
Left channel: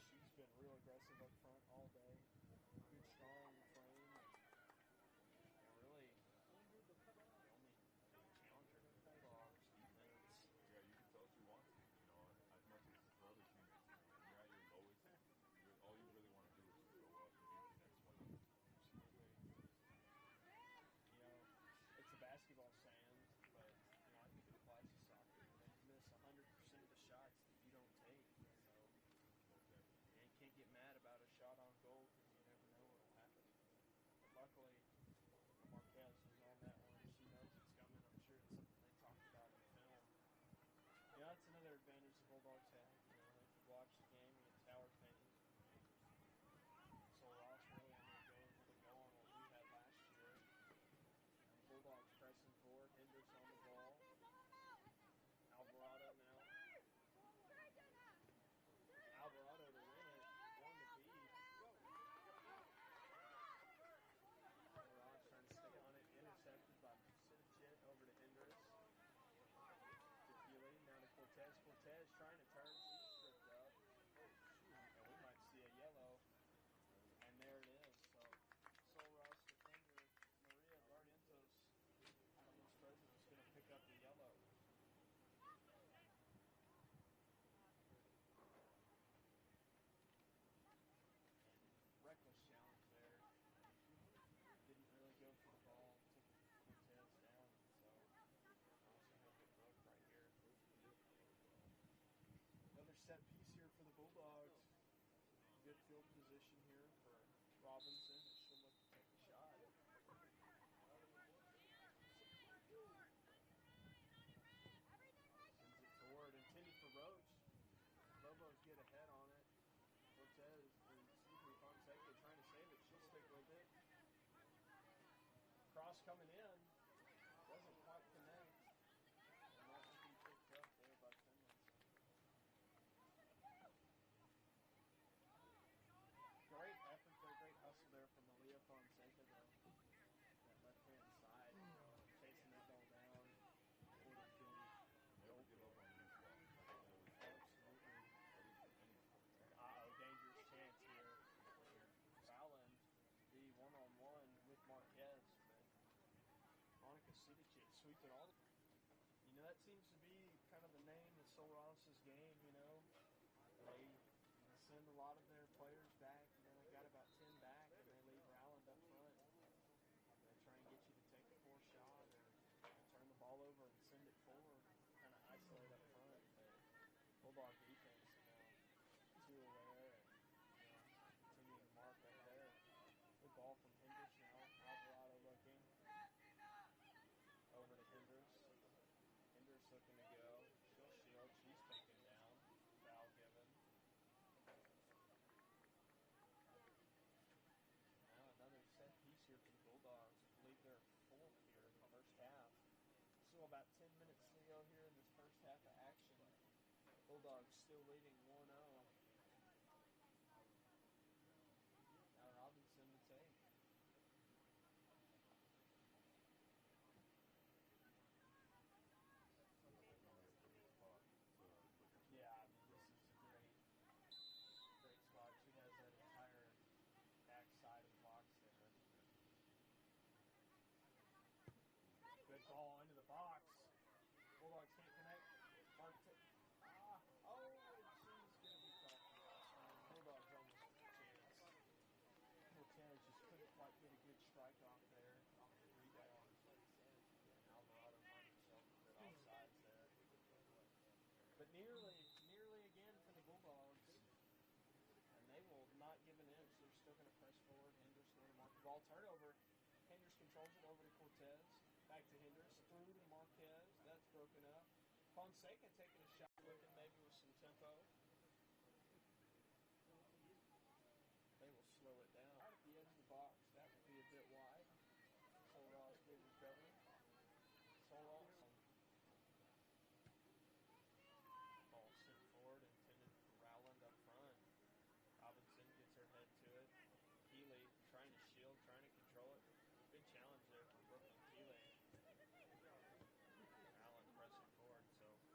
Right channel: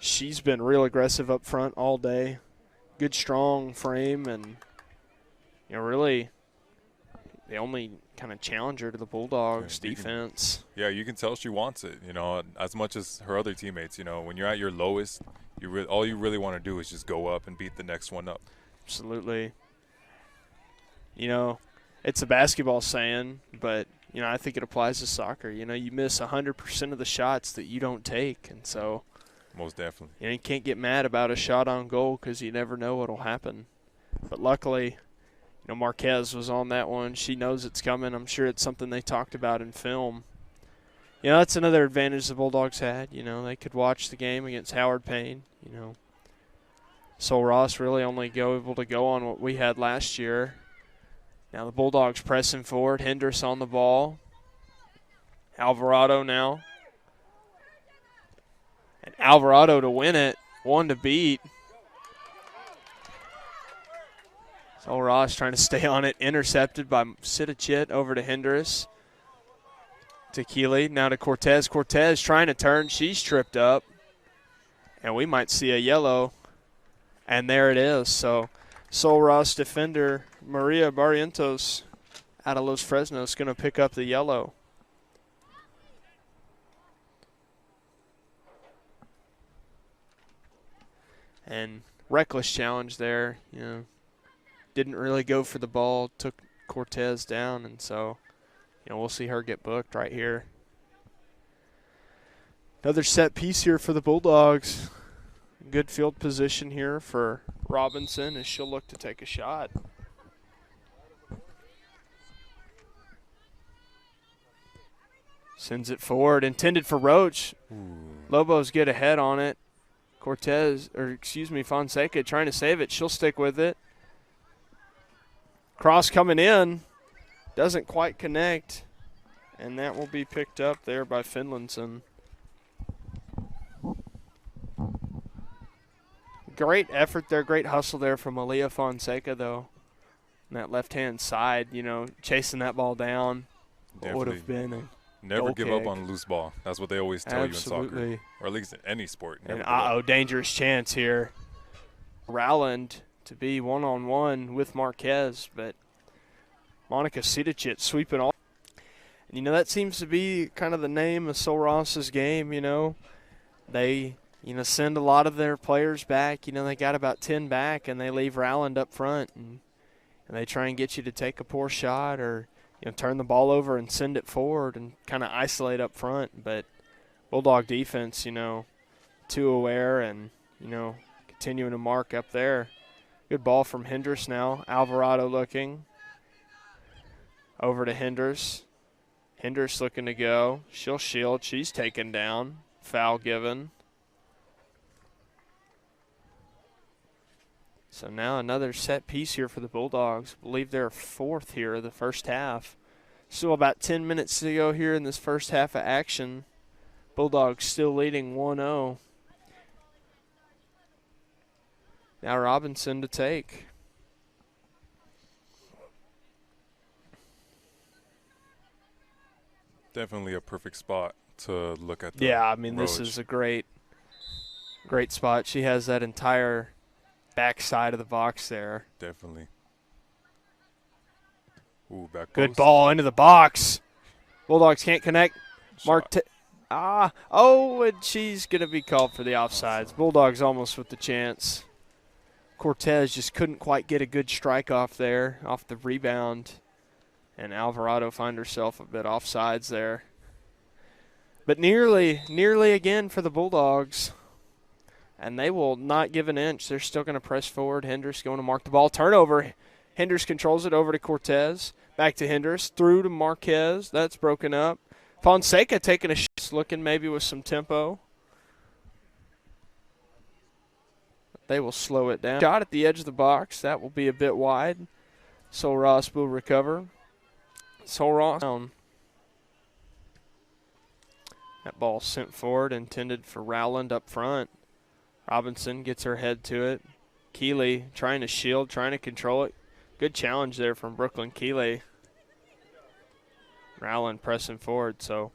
She's been real aggressive up front all day. Good, strong frame, and, you know, really the only kind of challenger to the Bulldogs defense. You can tell she wants it, you know, as much as her other teammates. You know, when you're at your lowest, all you really want to do is just go up and beat the next one up. Absolutely. You know, it's a basketball saying, but, you know, I think it applies to soccer. You know, you miss 100% of the shots that you don't take, and so – most definitely. You know, you can't get mad about a shot on goal because you never know what will happen. But luckily, you know, Marquez was on that one. She knows it's coming. I'm sure it's something they talked about in film. You know, that's another advantage the Bulldogs had. You know, they could watch the game against Howard Payne. You know, Sul Ross really only able to go on what we had last year. Now the Bulldogs pressing forward. Hendricks on the ball. Alvarado now. And Alvarado to win it, one to beat. Sul Ross trying to stay on it, intercepted by Sidicic over to Hendricks. To Keeley, now to Cortez. Cortez trying to turn, she's tripped up. And we might see a yellow. And there it is. So Sul Ross defender Maria Barrientos out of Los Fresnos going to pick up the yellow. And reckless challenge there, you know. Didn't really go for the ball, took Cortez down, and so, you know, we'll see her get booked right here. Another set piece here for the Bulldogs. Good field position here for Robinson as she'll look to take a shot. Sends it forward, intended for Roach. Lobos get ahead on it. Fonseca trying to save it. She'll stick with it. Cross coming in. Doesn't quite connect. And that will be picked up there by Finlandson. Great effort there. Great hustle there from Aaliyah Fonseca, though. On that left-hand side, you know, chasing that ball down. What would have been a never give up on a loose ball. That's what they always tell you in soccer. Or at least in any sport. And dangerous chance here. Rowland to be one-on-one with Marquez, but Monica Sidicic sweeping all. And, you know, that seems to be kind of the name of Sul Ross's game, you know. They, you know, send a lot of their players back. You know, they got about 10 back, and they leave Rowland up front. And they try and get you to take a poor shot or, you know, turn the ball over and send it forward and kind of isolate up front. But Bulldog defense, you know, too aware and, you know, continuing to mark up there. Good ball from Hendricks now. Alvarado looking. Over to Hendricks. Hendricks looking to go. She'll shield. She's taken down. Foul given. So now another set piece here for the Bulldogs. I believe they're fourth here of the first half. Still about 10 minutes to go here in this first half of action. Bulldogs still leading 1-0. Now Robinson to take. Definitely a perfect spot to look at. This is a great spot. She has that entire back side of the box there. Definitely. Ooh, back post. Good ball into the box. Bulldogs can't connect. And she's going to be called for the offsides. Bulldogs almost with the chance. Cortez just couldn't quite get a good strike off there, off the rebound. And Alvarado find herself a bit offsides there. But nearly again for the Bulldogs. And they will not give an inch. They're still going to press forward. Hendricks going to mark the ball. Turnover. Hendricks controls it over to Cortez. Back to Hendricks, through to Marquez. That's broken up. Fonseca taking a shot, looking maybe with some tempo. They will slow it down. Shot at the edge of the box. That will be a bit wide. Sol Ross will recover. Sol Ross down. That ball sent forward, intended for Rowland up front. Robinson gets her head to it. Keeley trying to shield, trying to control it. Good challenge there from Brooklyn Keeley. Rowland pressing forward, so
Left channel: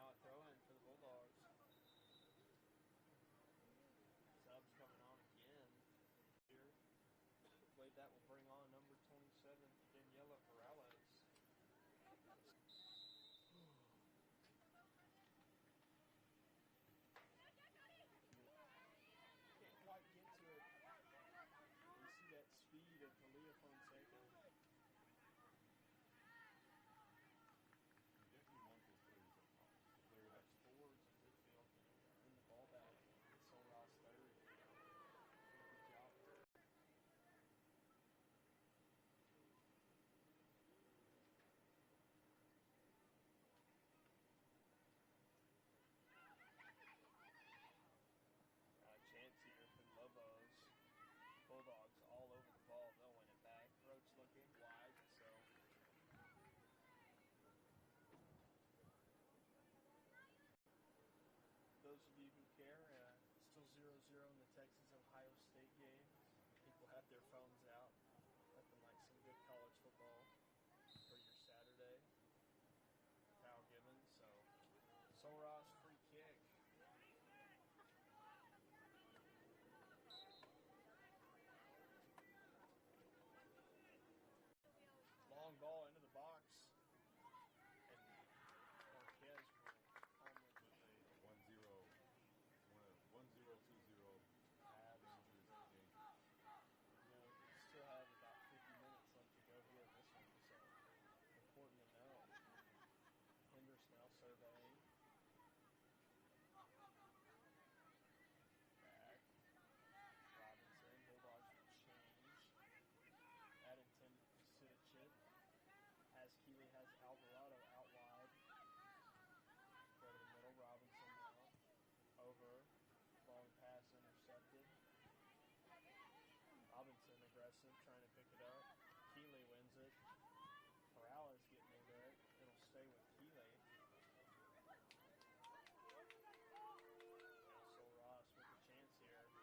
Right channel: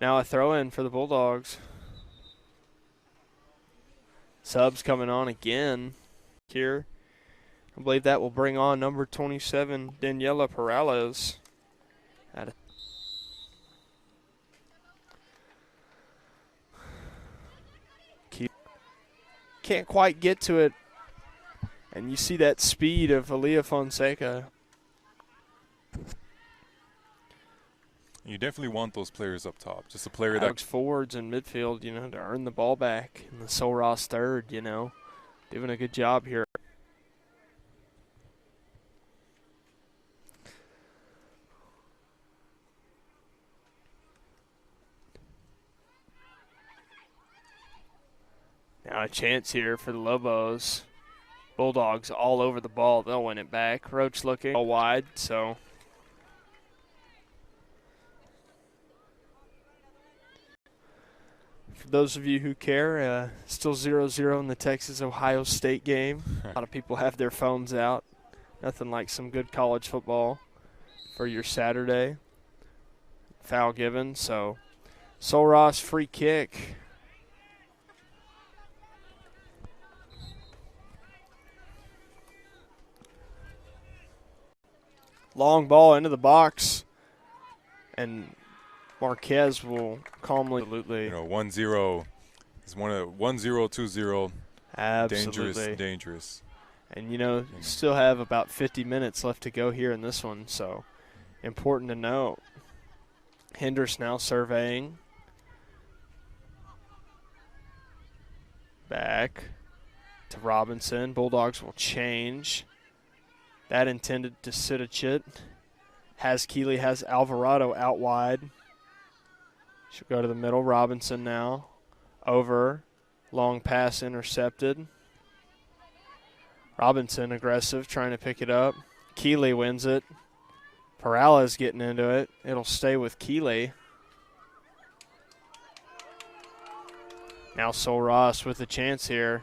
now a throw in for the Bulldogs. Subs coming on again here. I believe that will bring on number 27, Daniela Perales. Can't quite get to it. And you see that speed of Aaliyah Fonseca. You definitely want those players up top. Just a player that forwards and midfield, you know, to earn the ball back. And the Sol Ross third, you know, doing a good job here. Now a chance here for the Lobos. Bulldogs all over the ball. They'll win it back. Roach looking all wide, so. For those of you who care, still 0-0 in the Texas-Ohio State game. A lot of people have their phones out. Nothing like some good college football for your Saturday. Foul given, so Sol Ross free kick. Long ball into the box, and Marquez will calmly. Absolutely. You know, 1-0 is 1-0, 2-0. Absolutely. Dangerous. And, you know, still have about 50 minutes left to go here in this one, so important to note. Hendricks now surveying. Back to Robinson. Bulldogs will change. That intended to Sidicic. Has Keeley, has Alvarado out wide. She'll go to the middle. Robinson now. Over. Long pass intercepted. Robinson aggressive, trying to pick it up. Keeley wins it. Perales getting into it. It'll stay with Keeley. Now Sol Ross with a chance here.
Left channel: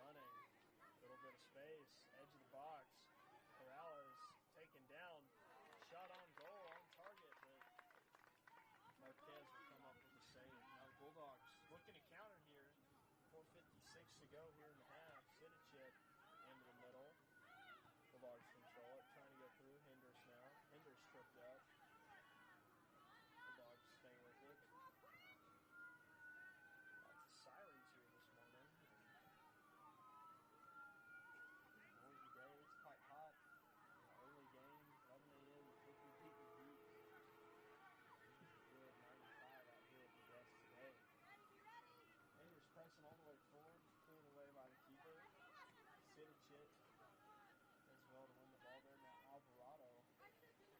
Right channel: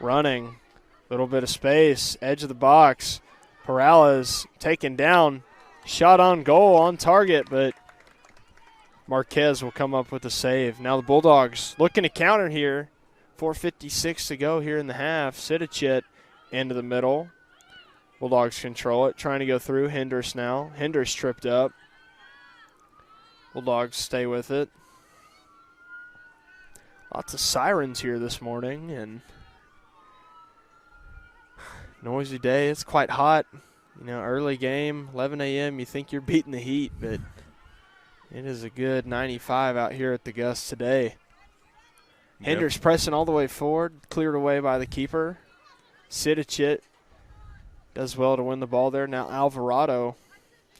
Running. Little bit of space. Edge of the box. Perales taken down. Shot on goal, on target, but Marquez will come up with a save. Now the Bulldogs looking to counter here. 4:56 to go here in the half. Sidicic into the middle. Bulldogs control it. Trying to go through. Hendricks now. Hendricks tripped up. Bulldogs stay with it. Lots of sirens here this morning, and noisy day. It's quite hot. You know, early game, 11 a.m., you think you're beating the heat, but it is a good 95 out here at the Gus today. Yep. Hendricks pressing all the way forward, cleared away by the keeper. Sidicic does well to win the ball there. Now Alvarado,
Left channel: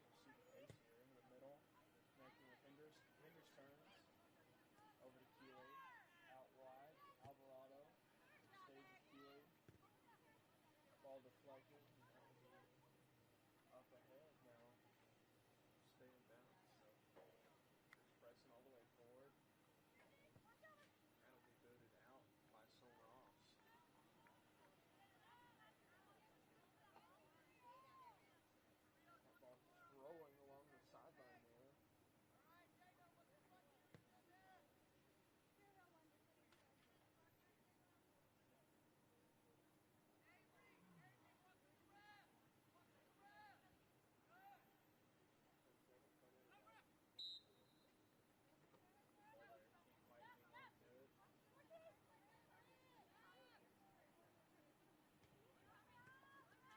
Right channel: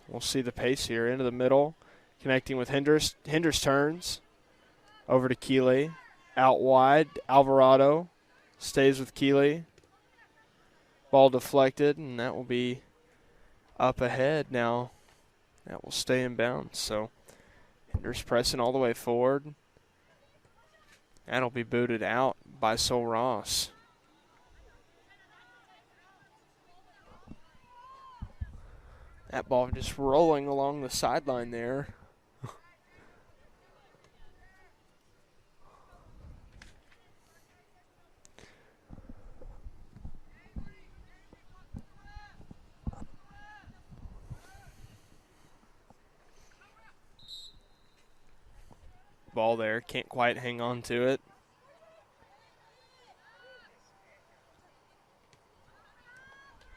we'll see the pace here, into the middle, connecting with Hendricks. Hendricks turns over to Keeley. Out wide, Alvarado stays with Keeley. Ball deflected, and that will be up ahead now. That will stay in bounds. So Hendricks pressing all the way forward. That'll be booted out by Sol Ross. That ball just rolling along the sideline there. Ball there, can't quite hang on to it.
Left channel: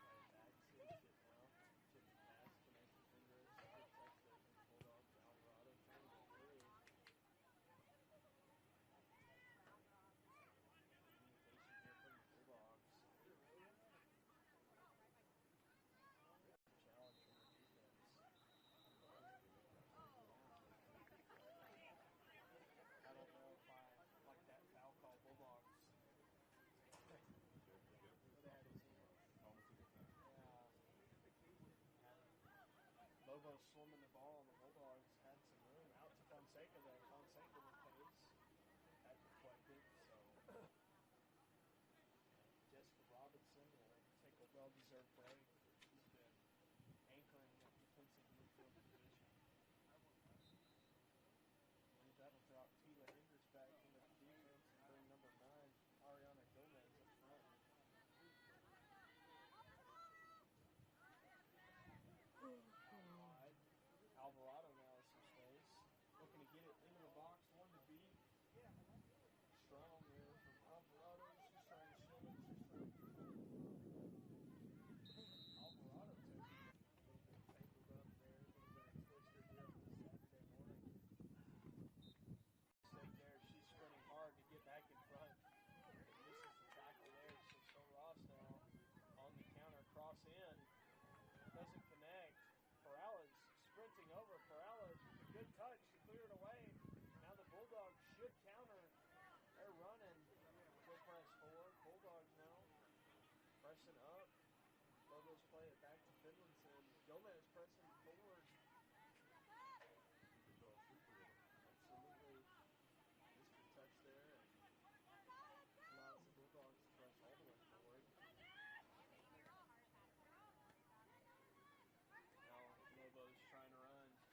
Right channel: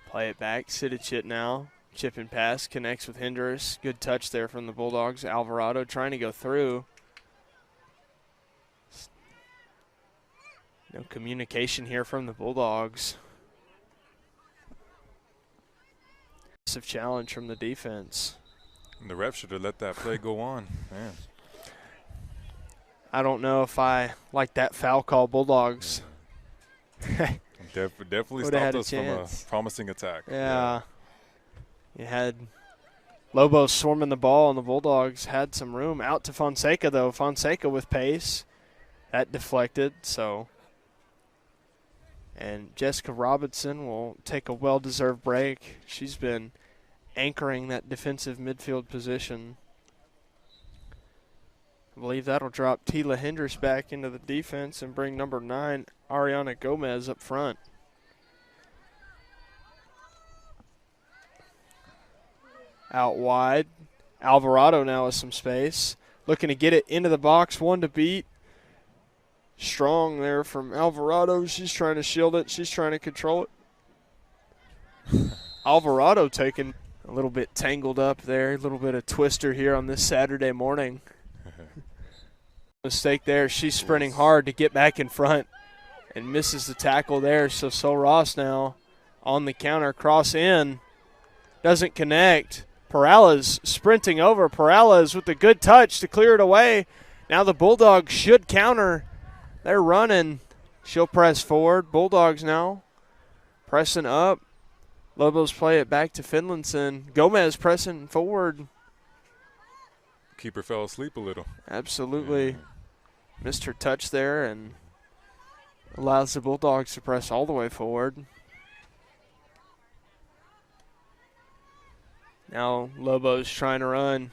Play it back, Sidicic now. Chip and pass, connects with Hendricks. Good touch there from the Bulldogs. Alvarado trying to go through. No communication here from the Bulldogs. challenge from the defense. And the ref should have let that play go on. Man. I don't know if I like that foul call. Bulldogs. Definitely Would've had stopped a us from a chance. promising attack. Yeah. You had Lobos swarming the ball, and the Bulldogs had some room. Out to Fonseca, though. Fonseca with pace. That deflected, so. And Jessica Robinson will take a well-deserved break. She's been anchoring that defensive midfield position. I believe that'll drop Tila Hendricks back into the defense and bring number 9, Ariana Gomez, up front. Out wide. Alvarado now with some space. Looking to get it into the box. One to beat. Strong there from Alvarado. She's trying to shield it. She's trying to control it. Alvarado taking a little bit tangled up there. A little bit of twister here on this Saturday morning. Mistake there. She's sprinting hard to get back in front and misses the tackle there. So Sol Ross now on the counter. Cross in. Doesn't connect. Perales sprinting over. Perales with a good touch to clear it away. Now the Bulldogs should counter. They're running. She'll press forward. Bulldogs now pressing up. Lobos play it back to Finlandson. Gomez pressing forward. Keeper fell asleep a little. Absolutely. Yeah. Missed her touch there and allows the Bulldogs to press all the way forward. Now Lobos trying to run.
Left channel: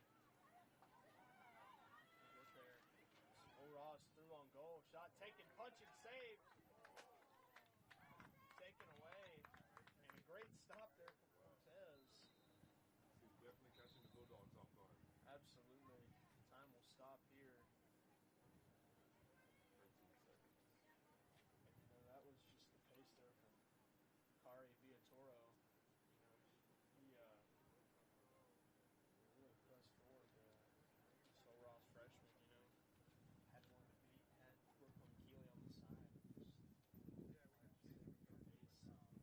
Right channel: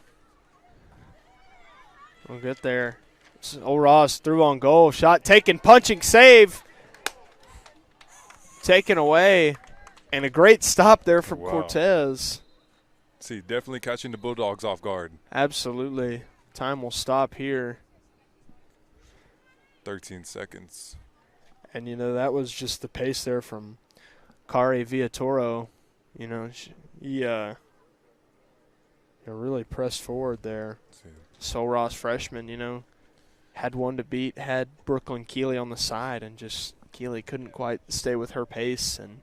We'll get there. Ross through on goal. Shot taken, punching, save. Taken away. And a great stop there from Cortez. See, definitely catching the Bulldogs off guard. Absolutely. Time will stop here. 13 seconds. And, you know, that was just the pace there from Kari Villatoro. You know, he really pressed forward there. Sol Ross freshman, you know, had one to beat, had Brooklyn Keeley on the side, and just Keeley couldn't quite stay with her pace and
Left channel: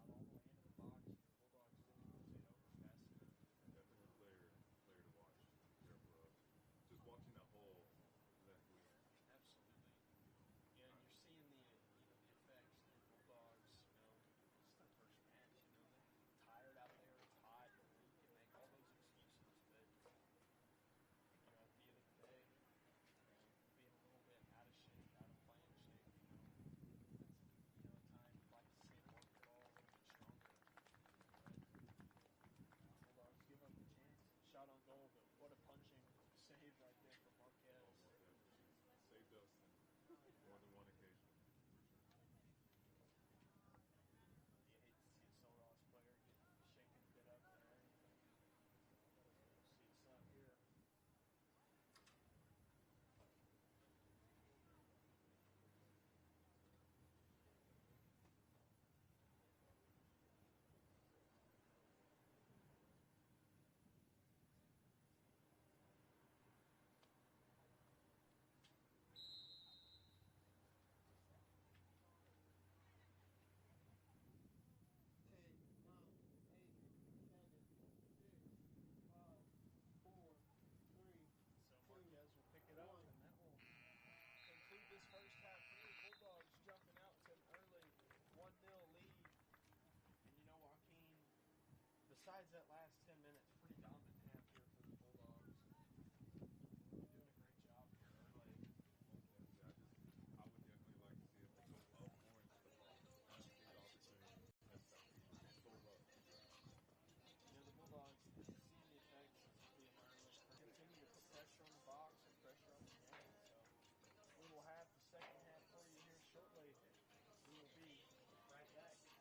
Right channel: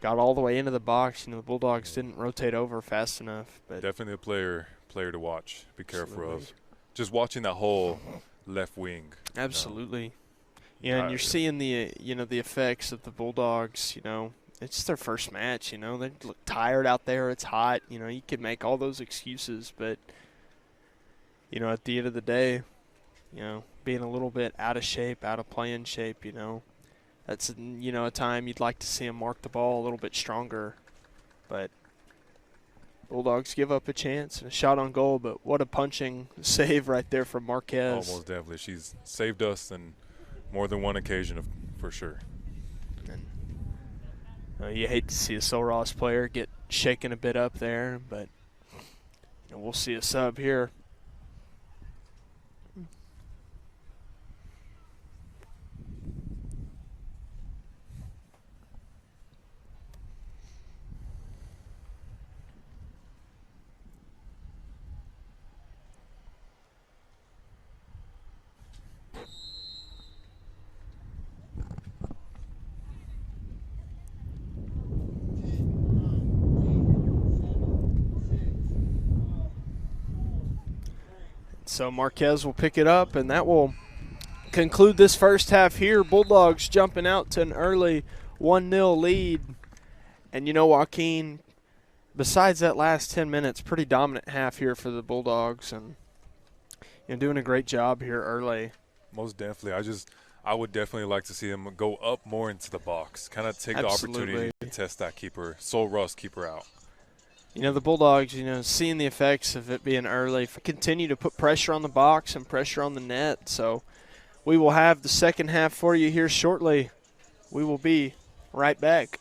got all the way into the box. You know, the Bulldogs didn't rotate over fast enough. But definitely a player to watch. Be careful absolutely. of. Just watching that whole left wing. Absolutely. You know, and you're seeing the the effects of the Bulldogs. You know, it's their first match. You know, they look tired out there. It's hot. You know, you could make all those excuses, but you know, at the end of the day, you know, being a little bit out of shape, out of playing shape, you know, that's, you know, a time you'd like to see them mark the ball a little bit stronger. But Bulldogs give up a chance and a shot on goal, but what a punching save right there from Marquez. Almost definitely. She's saved us on more than one occasion, for sure. And, you hate to see a Sol Ross player get shaken a bit up there, but you know, we'll see a sub here. So Marquez will pick it up, and that will conclude this first half here. Bulldogs jumping out to an early 1-0 lead. And, you know, Joaquin, besides that last 10 minutes, pretty dominant half here for the Bulldogs. And, you know, doing a great job here early. Most definitely. I would definitely like to see them go up more into the box. Kind of take the opportunity to test that keeper, Sol Ross keeper out. You know, the Bulldogs, you know, seeing the effects of it being early, continue to put pressure on the box and pressure on the net. So we will have the second half for you here shortly. We will be right back.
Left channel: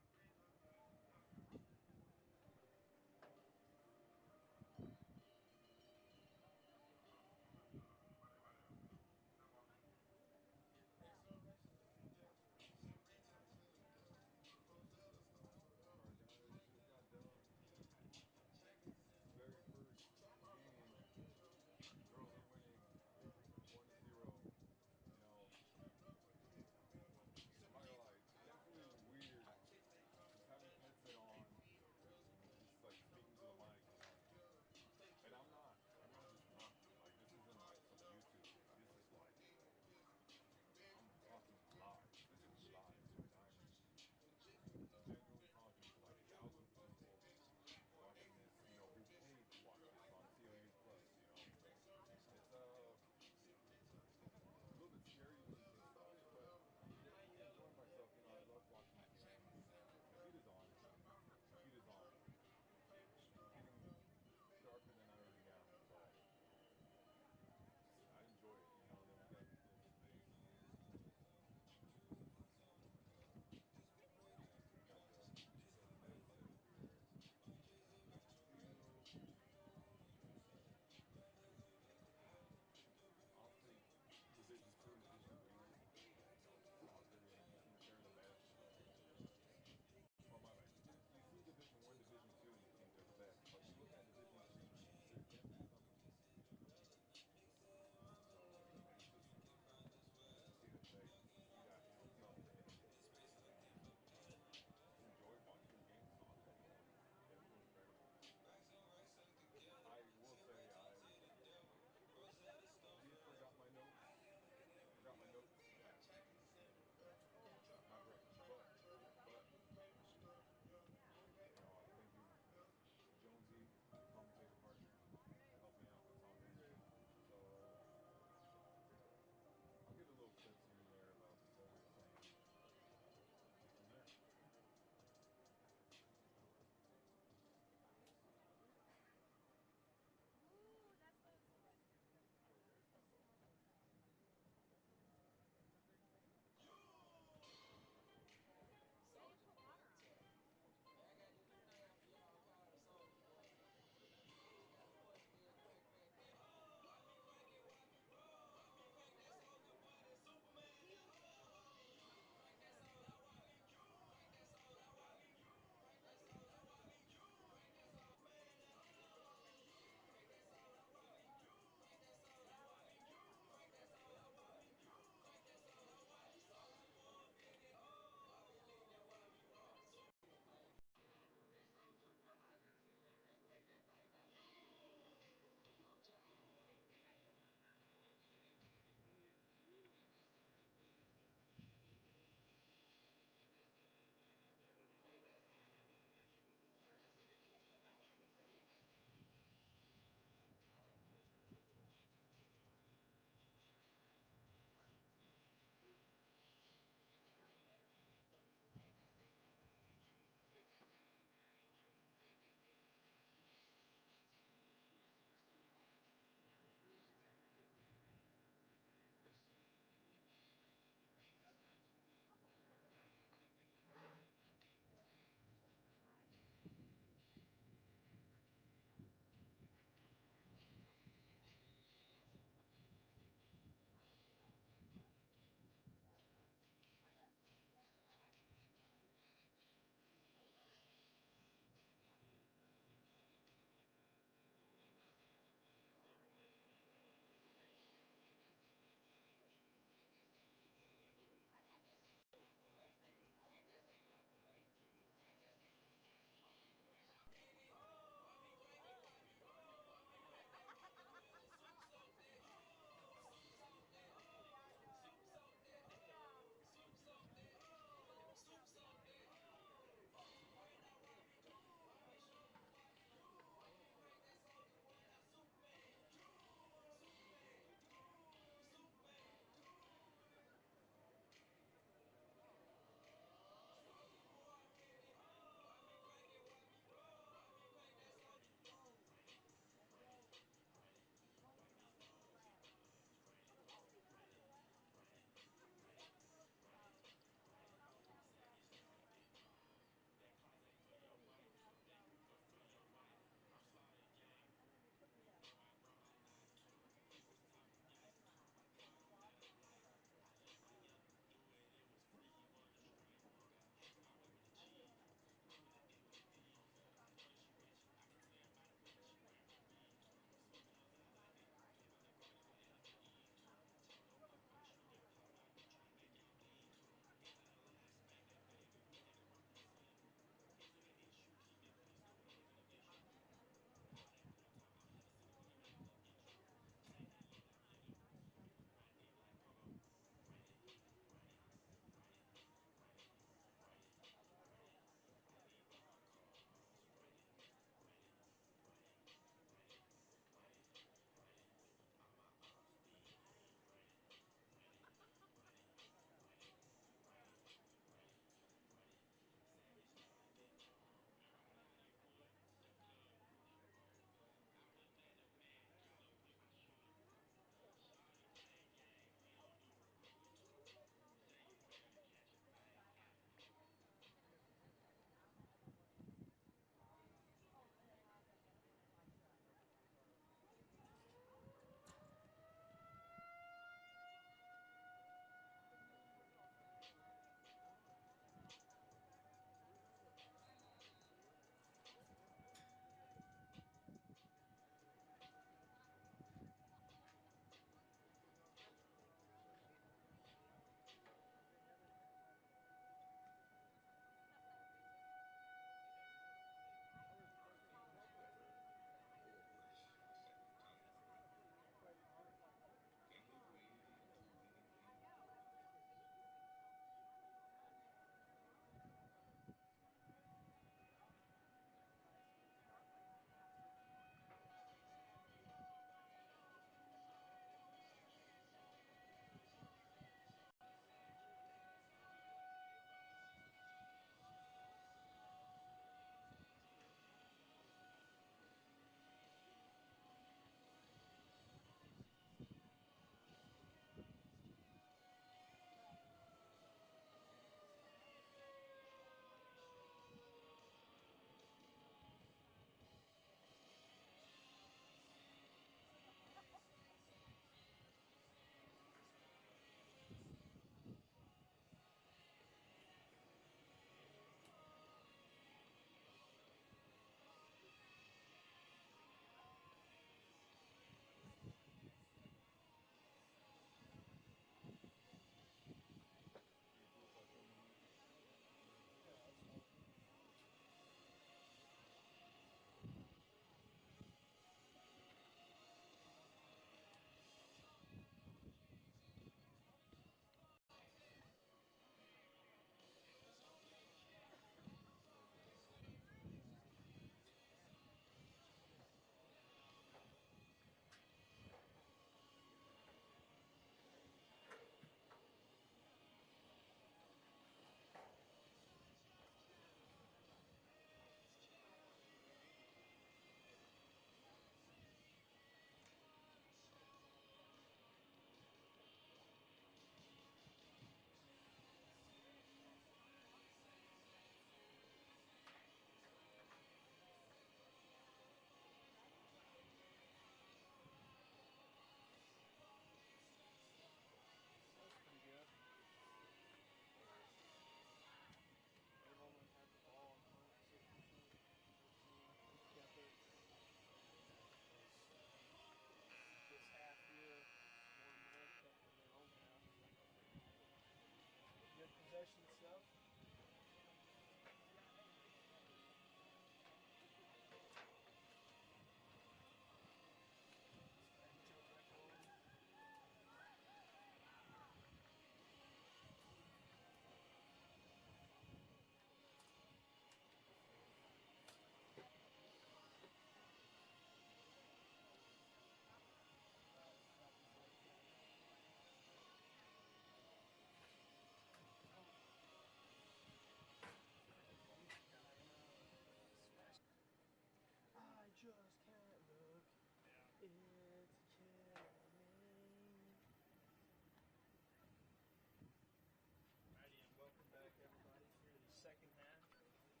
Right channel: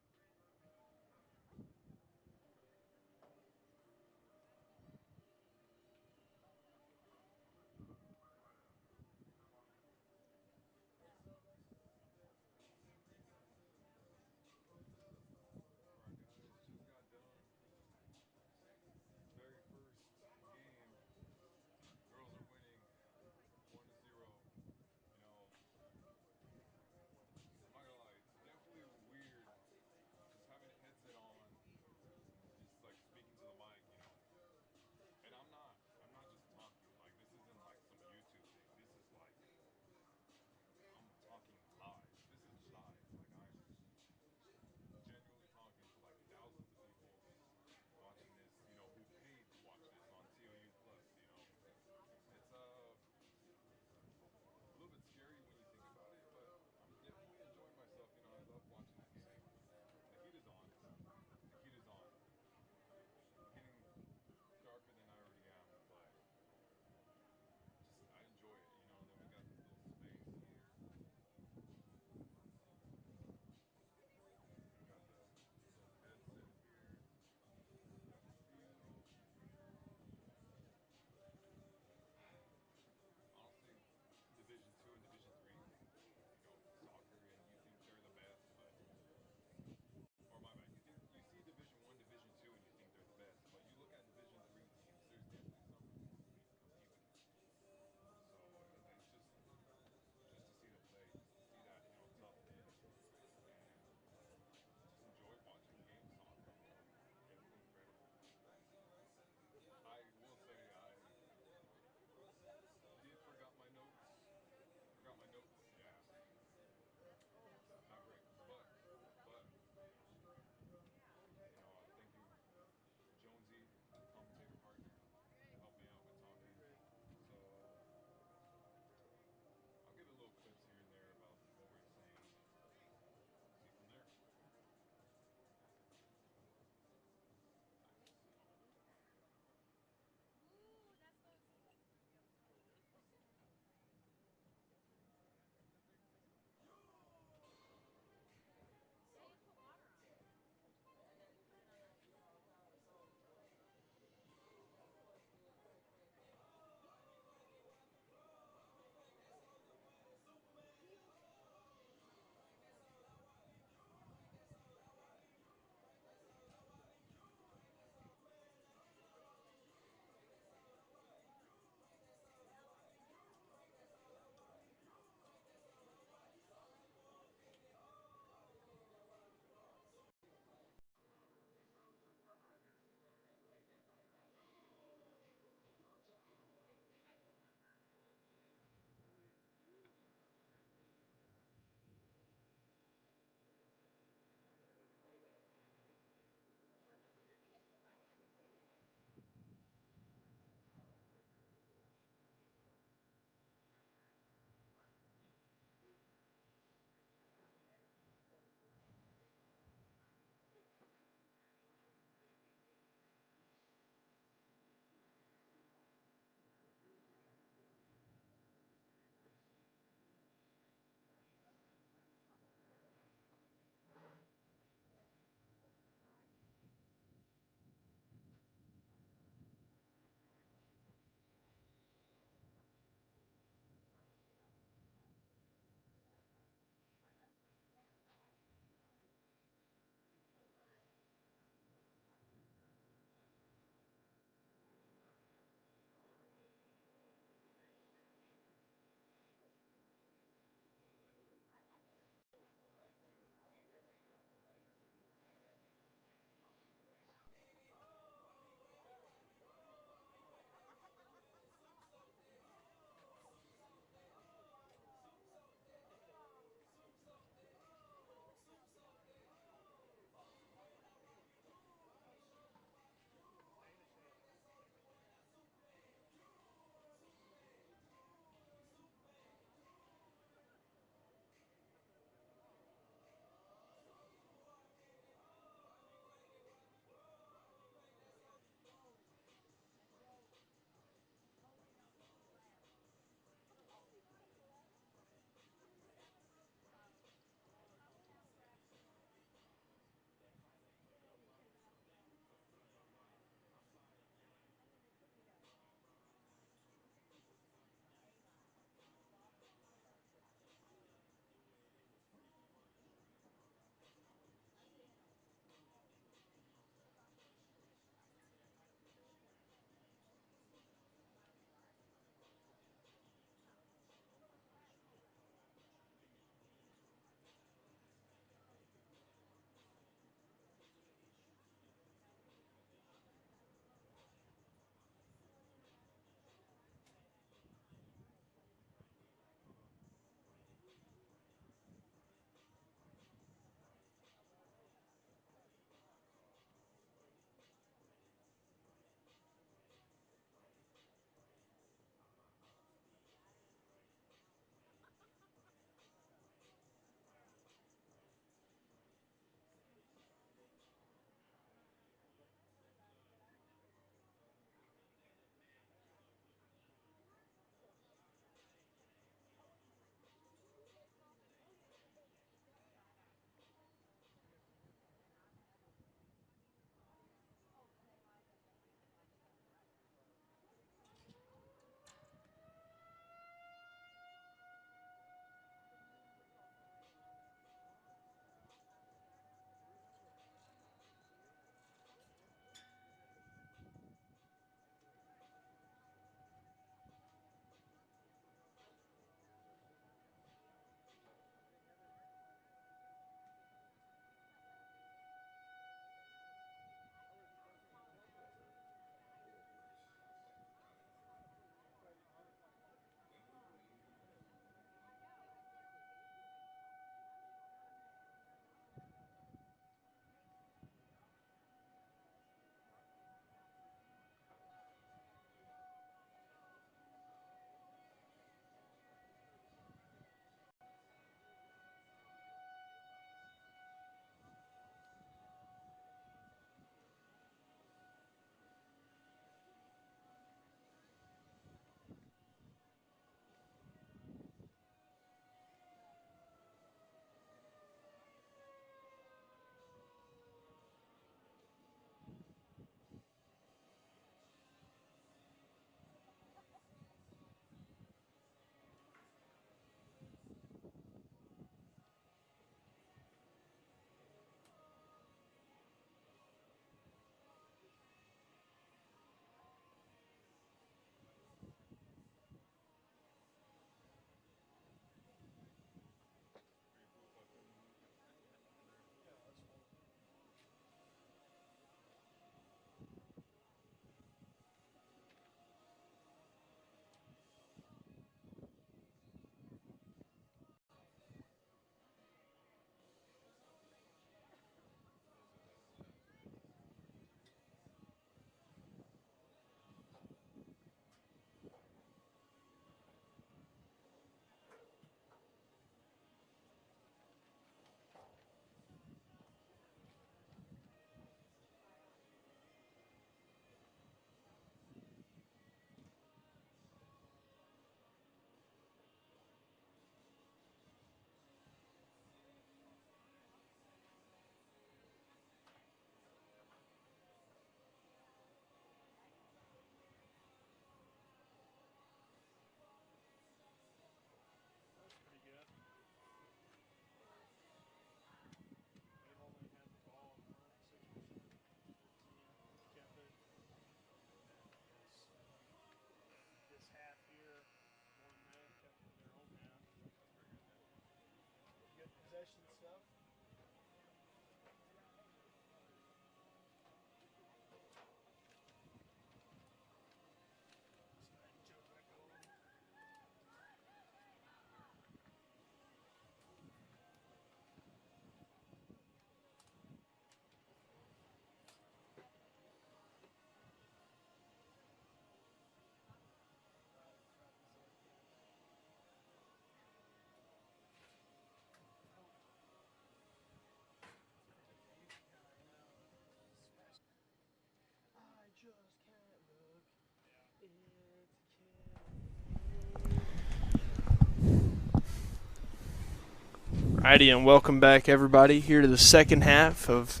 Alrighty, and welcome back, everybody, here to the second half of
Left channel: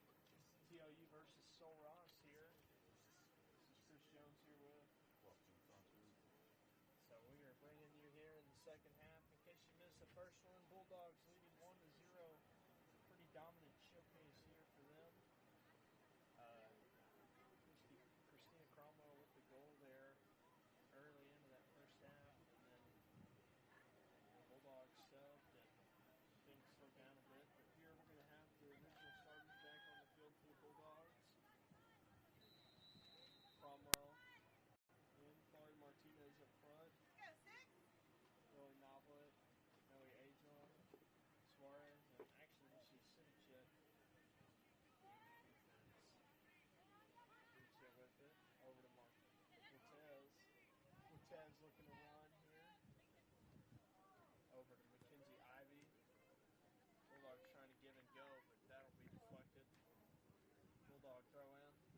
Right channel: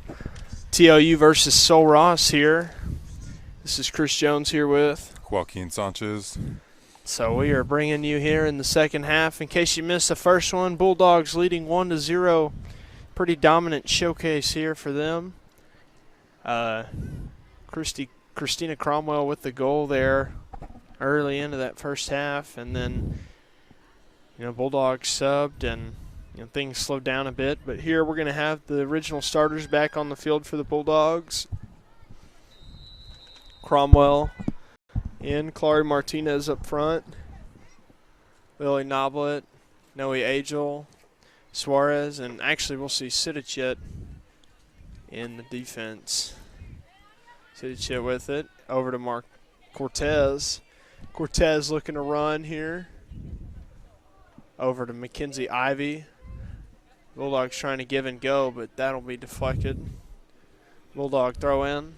TLU versus Sul Ross here. This is Chris Jones here with Joaquin Sanchez. So we are bringing you here in the second half. In case you missed the first one, Bulldogs leading 1-0. Pretty dominant showcase here for them. Christina Cromwell with the goal there early into that first half, and then Bulldogs subbed and things slowed down a bit. But here we're going to have the original starters back on the field for the Bulldogs. Cromwell in, Clary Martinez up front, Lily Noblet, Noe Agel, Suarez, and actually we'll see Sidichet in the defense. Sidichet with it, over to Mark Cortez. Cortez looking to run here. Over to Mackenzie Ivy. Bulldogs trying to give and go, but that'll be deflected. Bulldog throw in.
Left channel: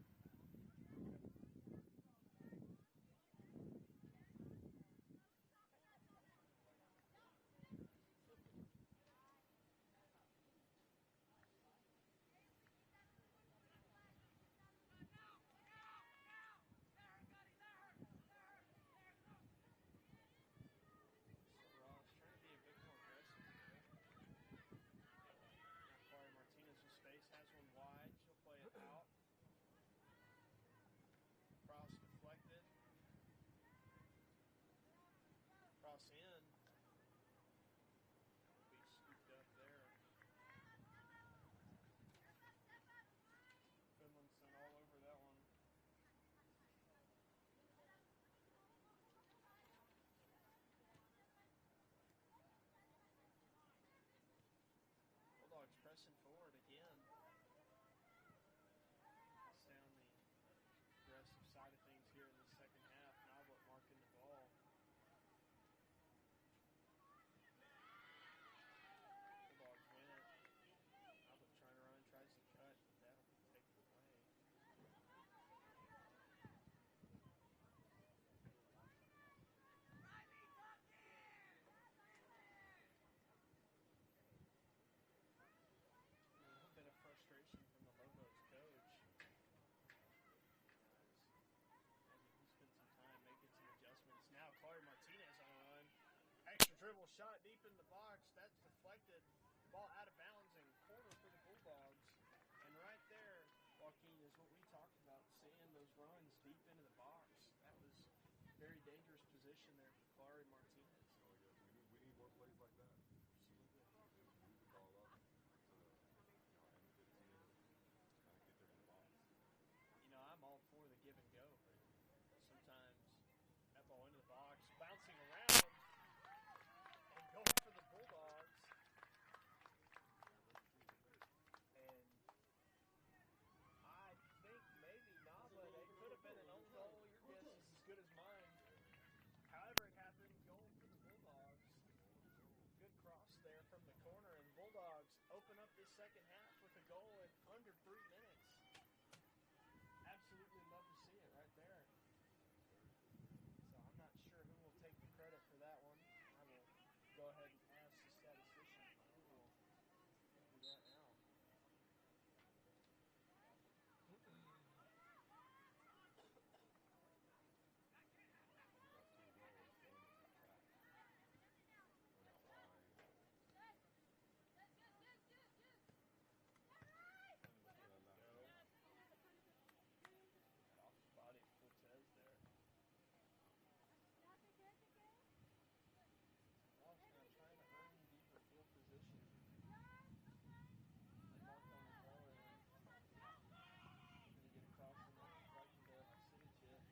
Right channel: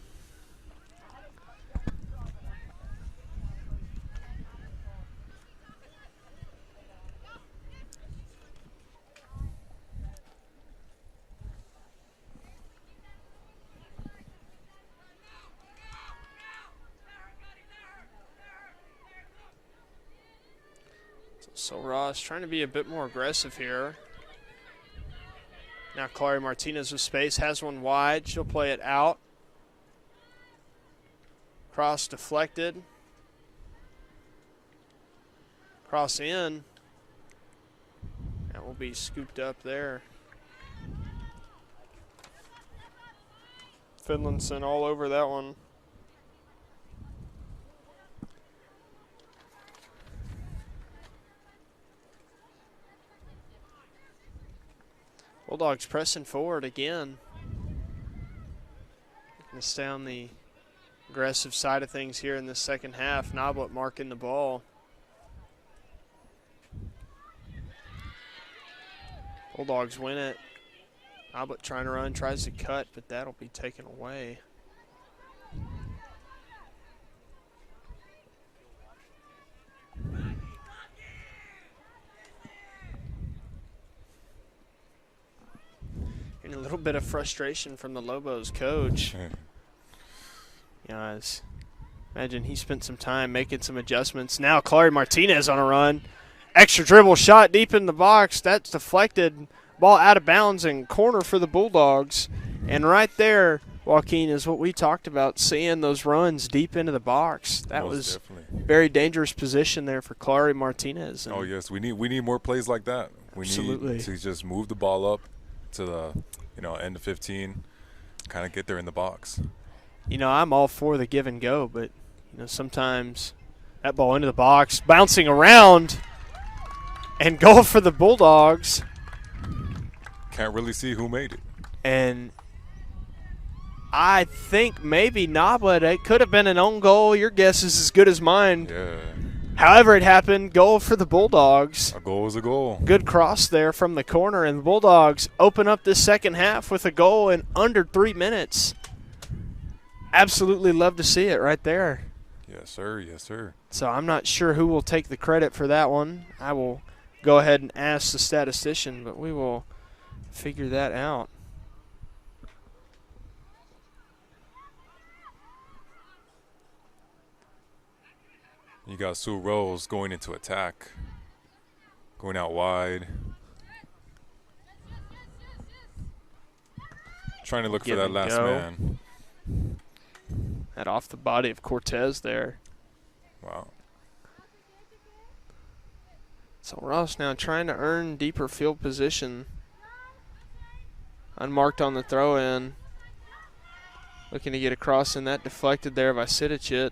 So Ross trying to be a bit more aggressive here. Now Clary Martinez with space, has one wide. She'll play it out. Cross deflected. Cross in. That will be scooped up there. Finlayson all over that one. Bulldogs pressing forward again. Going to stay on the aggressive side of things here in the second half. Noblet marking the ball. Bulldogs win it. Noblet trying to run, tries to cut, but that'll be taken away. A little bit of frustration from the Lobos coach. Imagine he spent some time making some adjustments. Now Clary Martinez on a run. Extra dribble shot deep in the box. That's deflected. Ball out of bounds and corner for the Bulldogs. And right there, Joaquin, is what we talked about, seeing those runs deep into the box. That was definitely very dangerous position there for Clary Martinez. Oh, yes. We need more plays like that. We need to just move the ball up to the end of 15, kind of get there in the box. I'm all for the give and go, but sometimes that ball into the box, bouncing around, and goal for the Bulldogs. Can't really see who made it. And I think maybe Noblet. It could have been an own goal. Your guess is as good as mine. Yeah. However it happened, goal for the Bulldogs. A goal is a goal. Good cross there from the corner, and the Bulldogs open up this second half with a goal in under 3 minutes. Absolutely love to see it right there. Yes, sir. Yes, sir. So I'm not sure who will take the credit for that one. I will go ahead and ask the statistician, but we will figure that out. You got Sue Rose going into attack, going out wide, trying to look for that last man. That off the body of Cortez there. Wow. So Ross now trying to earn deeper field position. Unmarked on the throw in. Looking to get across in that, deflected there by Sidicic.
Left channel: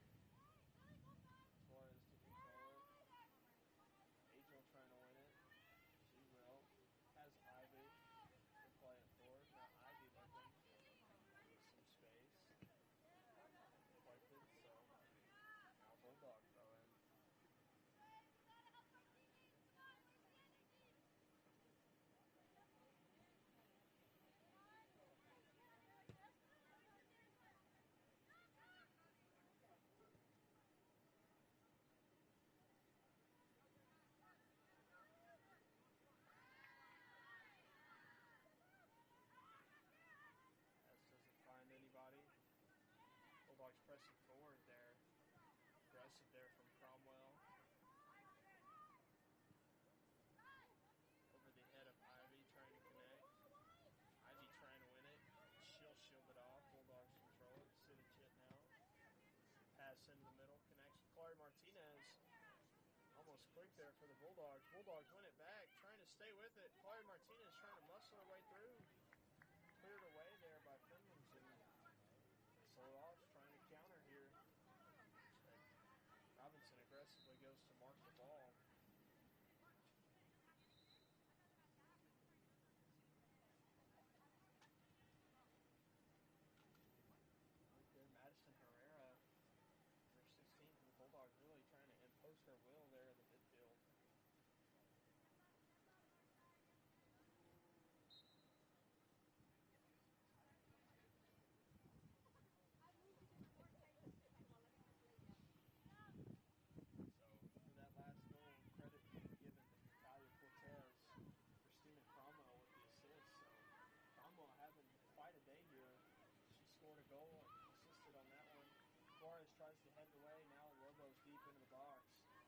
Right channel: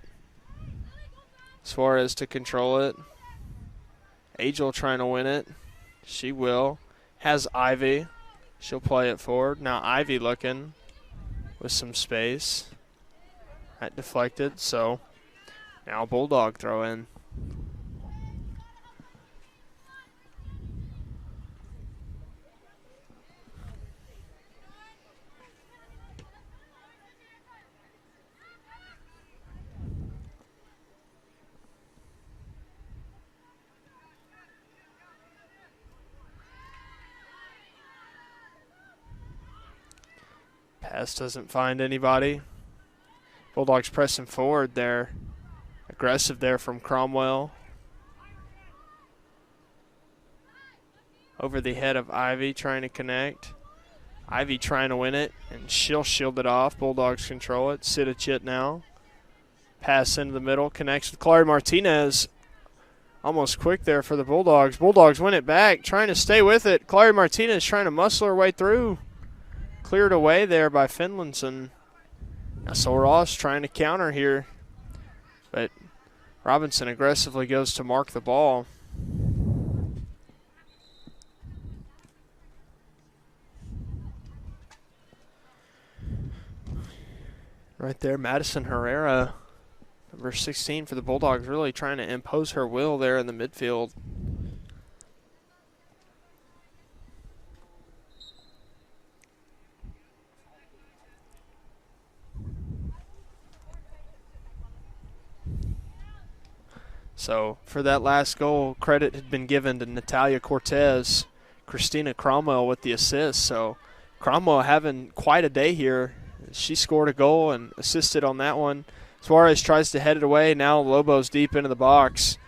Suarez to control it. Angel trying to win it. She will. Has Ivy. She'll play it forward. Now Ivy looking with some space. That deflected, so now Bulldog throw in. Pass doesn't find anybody. Bulldogs pressing forward there. Aggressive there from Cromwell. Over the head of Ivy trying to connect. Ivy trying to win it, and she'll shield it off. Bulldogs control it. Sidicic now. Pass into the middle. Connects with Chloe Martinez. Almost quick there for the Bulldogs. Bulldogs win it back. Trying to stay with it. Chloe Martinez trying to muscle her way through. Cleared away there by Finlayson. Now Sol Ross trying to counter here. But Robinson aggressively goes to mark the ball. Right there, Madison Herrera, number 16 for the Bulldogs, really trying to impose her will there in the midfield. So for that last goal, credit had been given to Natalia Cortez. Christina Cromwell with the assist. So Cromwell having quite a day here. She scored a goal and assisted on that one. Suarez tries to head it away. Now Lobo's deep into the box.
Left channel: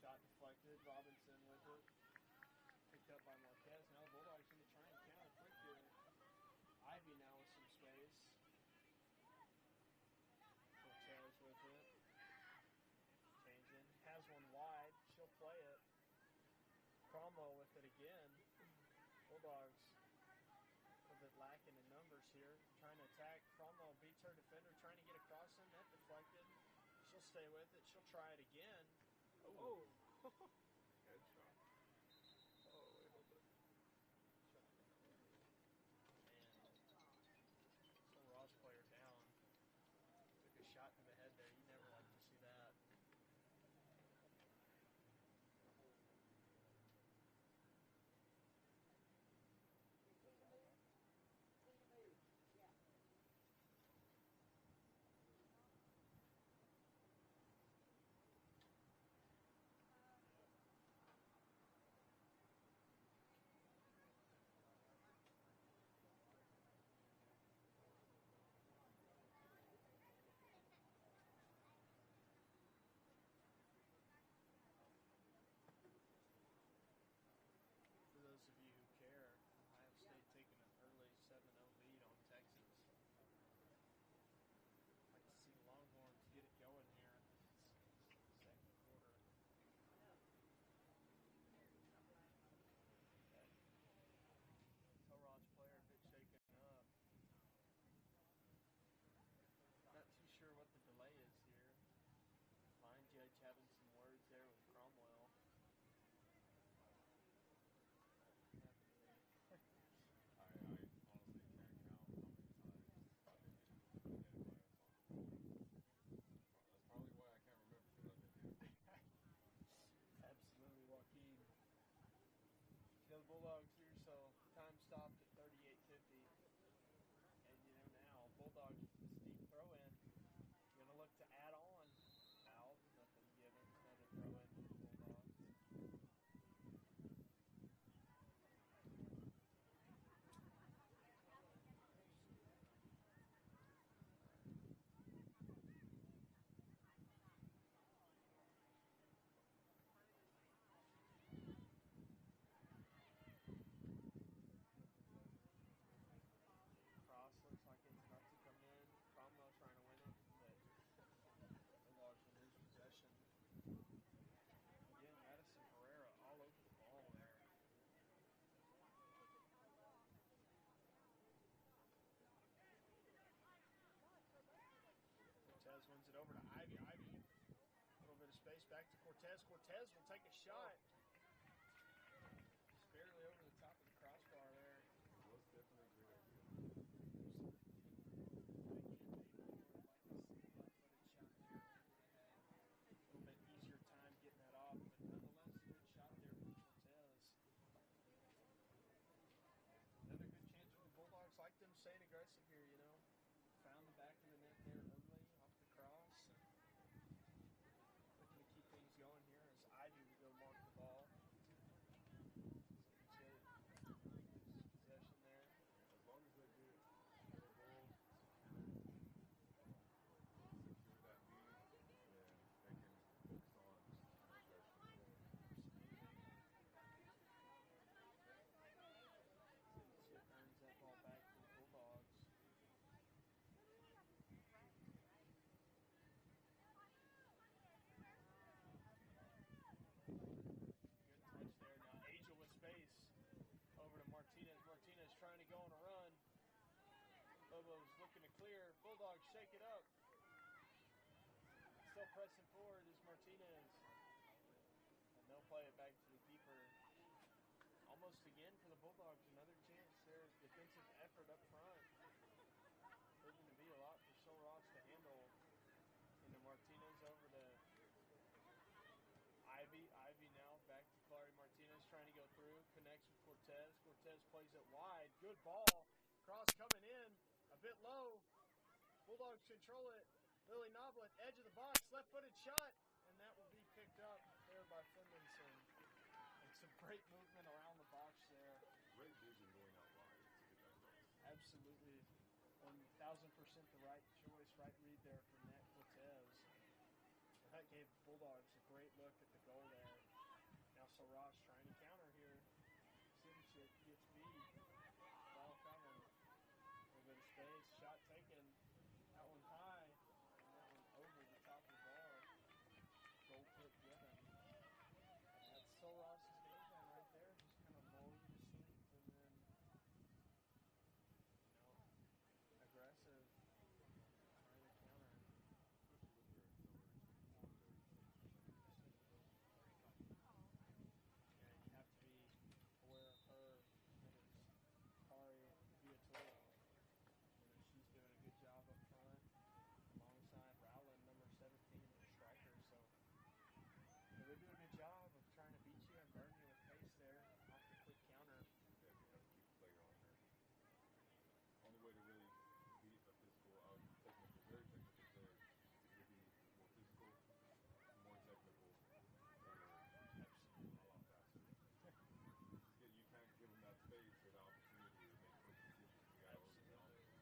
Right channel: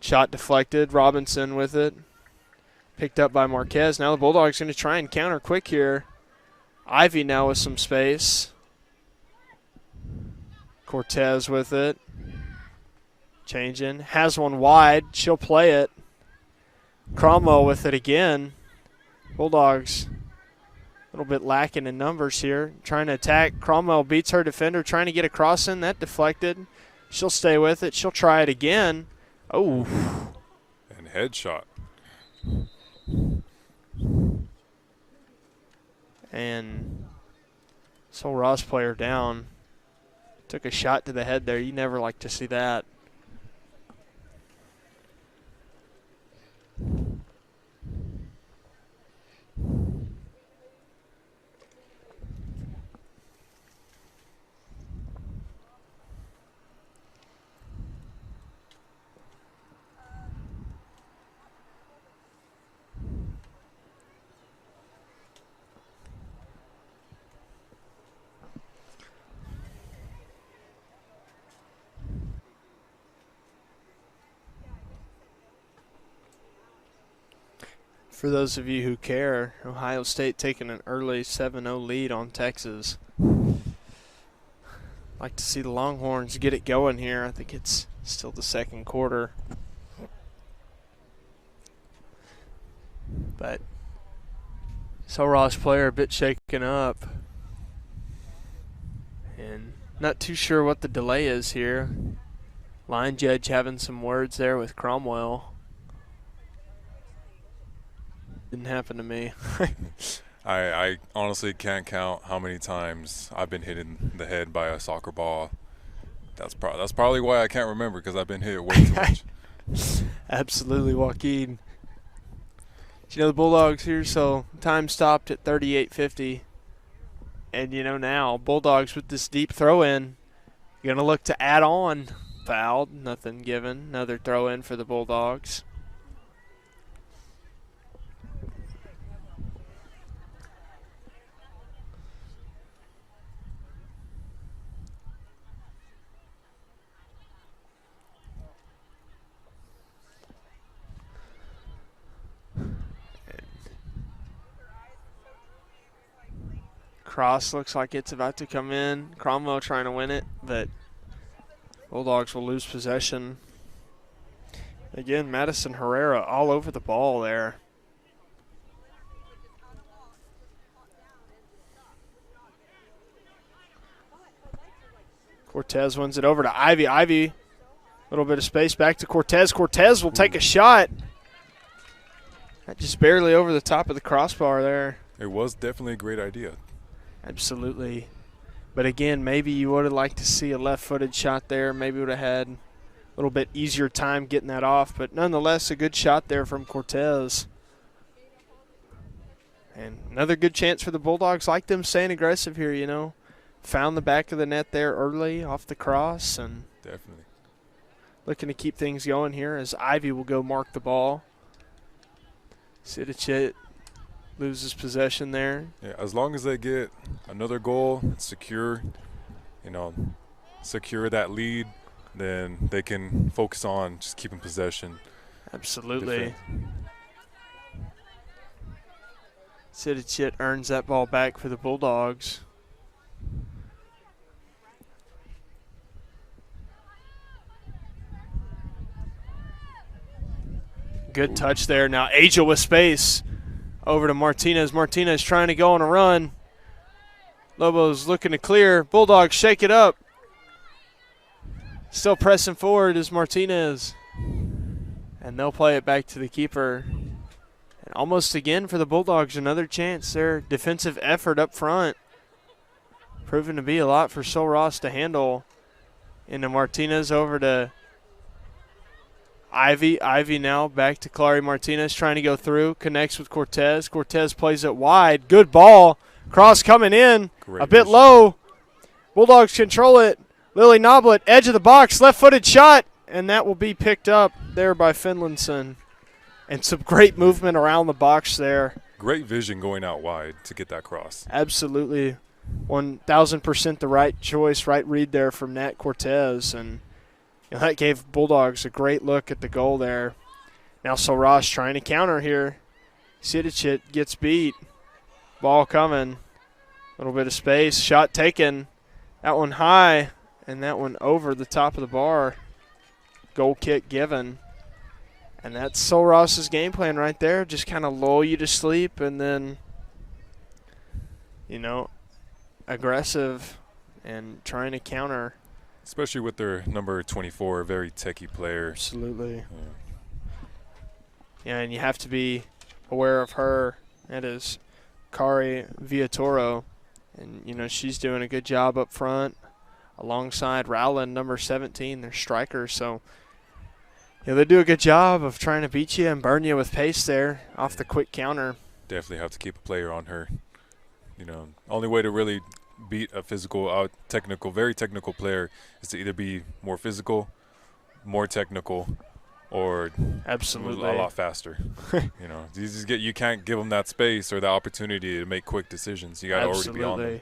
Shot deflected. Robinson with it. Picked up by Marquez. Now the Bulldogs going to try and counter quick here. Ivy now with some space. Cortez with it. Changing. Has one wide. She'll play it. Cromwell with it again. Bulldogs a little bit lacking in numbers here. Trying to attack. Cromwell beats her defender. Trying to get across in. That deflected. She'll stay with it. She'll try it again. Oh. And headshot. And Sol Ross player down. Took a shot to the head there. You never like to see that. For those of you who care, Ohio State taking an early 7-0 lead on Texas. Like to see the Longhorns get it going here. I think it's still the second quarter. But Sol Ross player a bit shaken up. And not too sure what the delay is here. Line judge having some words there with Cromwell. Didn't happen to me. I honestly can't count how many times I've been hit in the head by a soccer ball. That's probably why I can't remember, because I've been hit way too much. Absolutely, Joaquin. You know, the Bulldogs here, so time stopped at 38:50. And you know now, Bulldogs with this deep throw-in, going to look to add on. Fouled, nothing given. Another throw-in for the Bulldogs. Cross looks like it's about to come in. Cromwell trying to win it, but Bulldogs will lose possession. Again, Madison Herrera all over the ball there. Cortez wins it over to Ivy. Ivy, a little bit of space back to Cortez. Cortez will take a shot. That just barely over the top of the crossbar there. It was definitely a great idea. Absolutely. But again, maybe you would have liked to see a left-footed shot there. Maybe would have had a little bit easier time getting that off. But nonetheless, a good shot there from Cortez. And another good chance for the Bulldogs. Like them staying aggressive here, you know. Found the back of the net there early off the cross. And definitely looking to keep things going here as Ivy will go mark the ball. Sidicic loses possession there. Yeah, as long as they get another goal, secure that lead, then they can focus on just keeping possession. Absolutely. Sidicic earns that ball back for the Bulldogs. Good touch there. Now Aja with space. Over to Martinez. Martinez trying to go on a run. Lobos looking to clear. Bulldogs shake it up. Still pressing forward is Martinez. And they'll play it back to the keeper. And almost again for the Bulldogs, another chance. Their defensive effort up front proving to be a lot for Sol Ross to handle. Into Martinez over to Ivy. Ivy now back to Clary Martinez trying to go through. Connects with Cortez. Cortez plays it wide. Good ball. Cross coming in. Great a bit vision. low. Bulldogs control it. Lily Noblet, edge of the box. Left-footed shot. And that will be picked up there by Finlayson. And some great movement around the box there. Great vision going out wide to get that cross. Absolutely. 1,000% the right choice, right read there from Nat Cortez. And that gave Bulldogs a great look at the goal there. Now Sol Ross trying to counter here. Sidicic gets beat. Ball coming. A little bit of space. Shot taken. That one high. And that one over the top of the bar. Goal kick given. And that's Sol Ross's game plan right there. Just kind of lull you to sleep and then, aggressive and trying to counter. Especially with their number 24, a very techie player. Absolutely. Yeah, and you have to be aware of her. That is Kari Villatoro. And, she's doing a good job up front alongside Rowland, number 17, their striker. So, they do a good job of trying to beat you and burn you with pace there off the quick counter. Definitely have to keep a player on her. Only way to really beat a physical, very technical player is to either be more physical, more technical, or absolutely a lot faster. You can't give them that space or the opportunity to make quick decisions. You got to already be on them.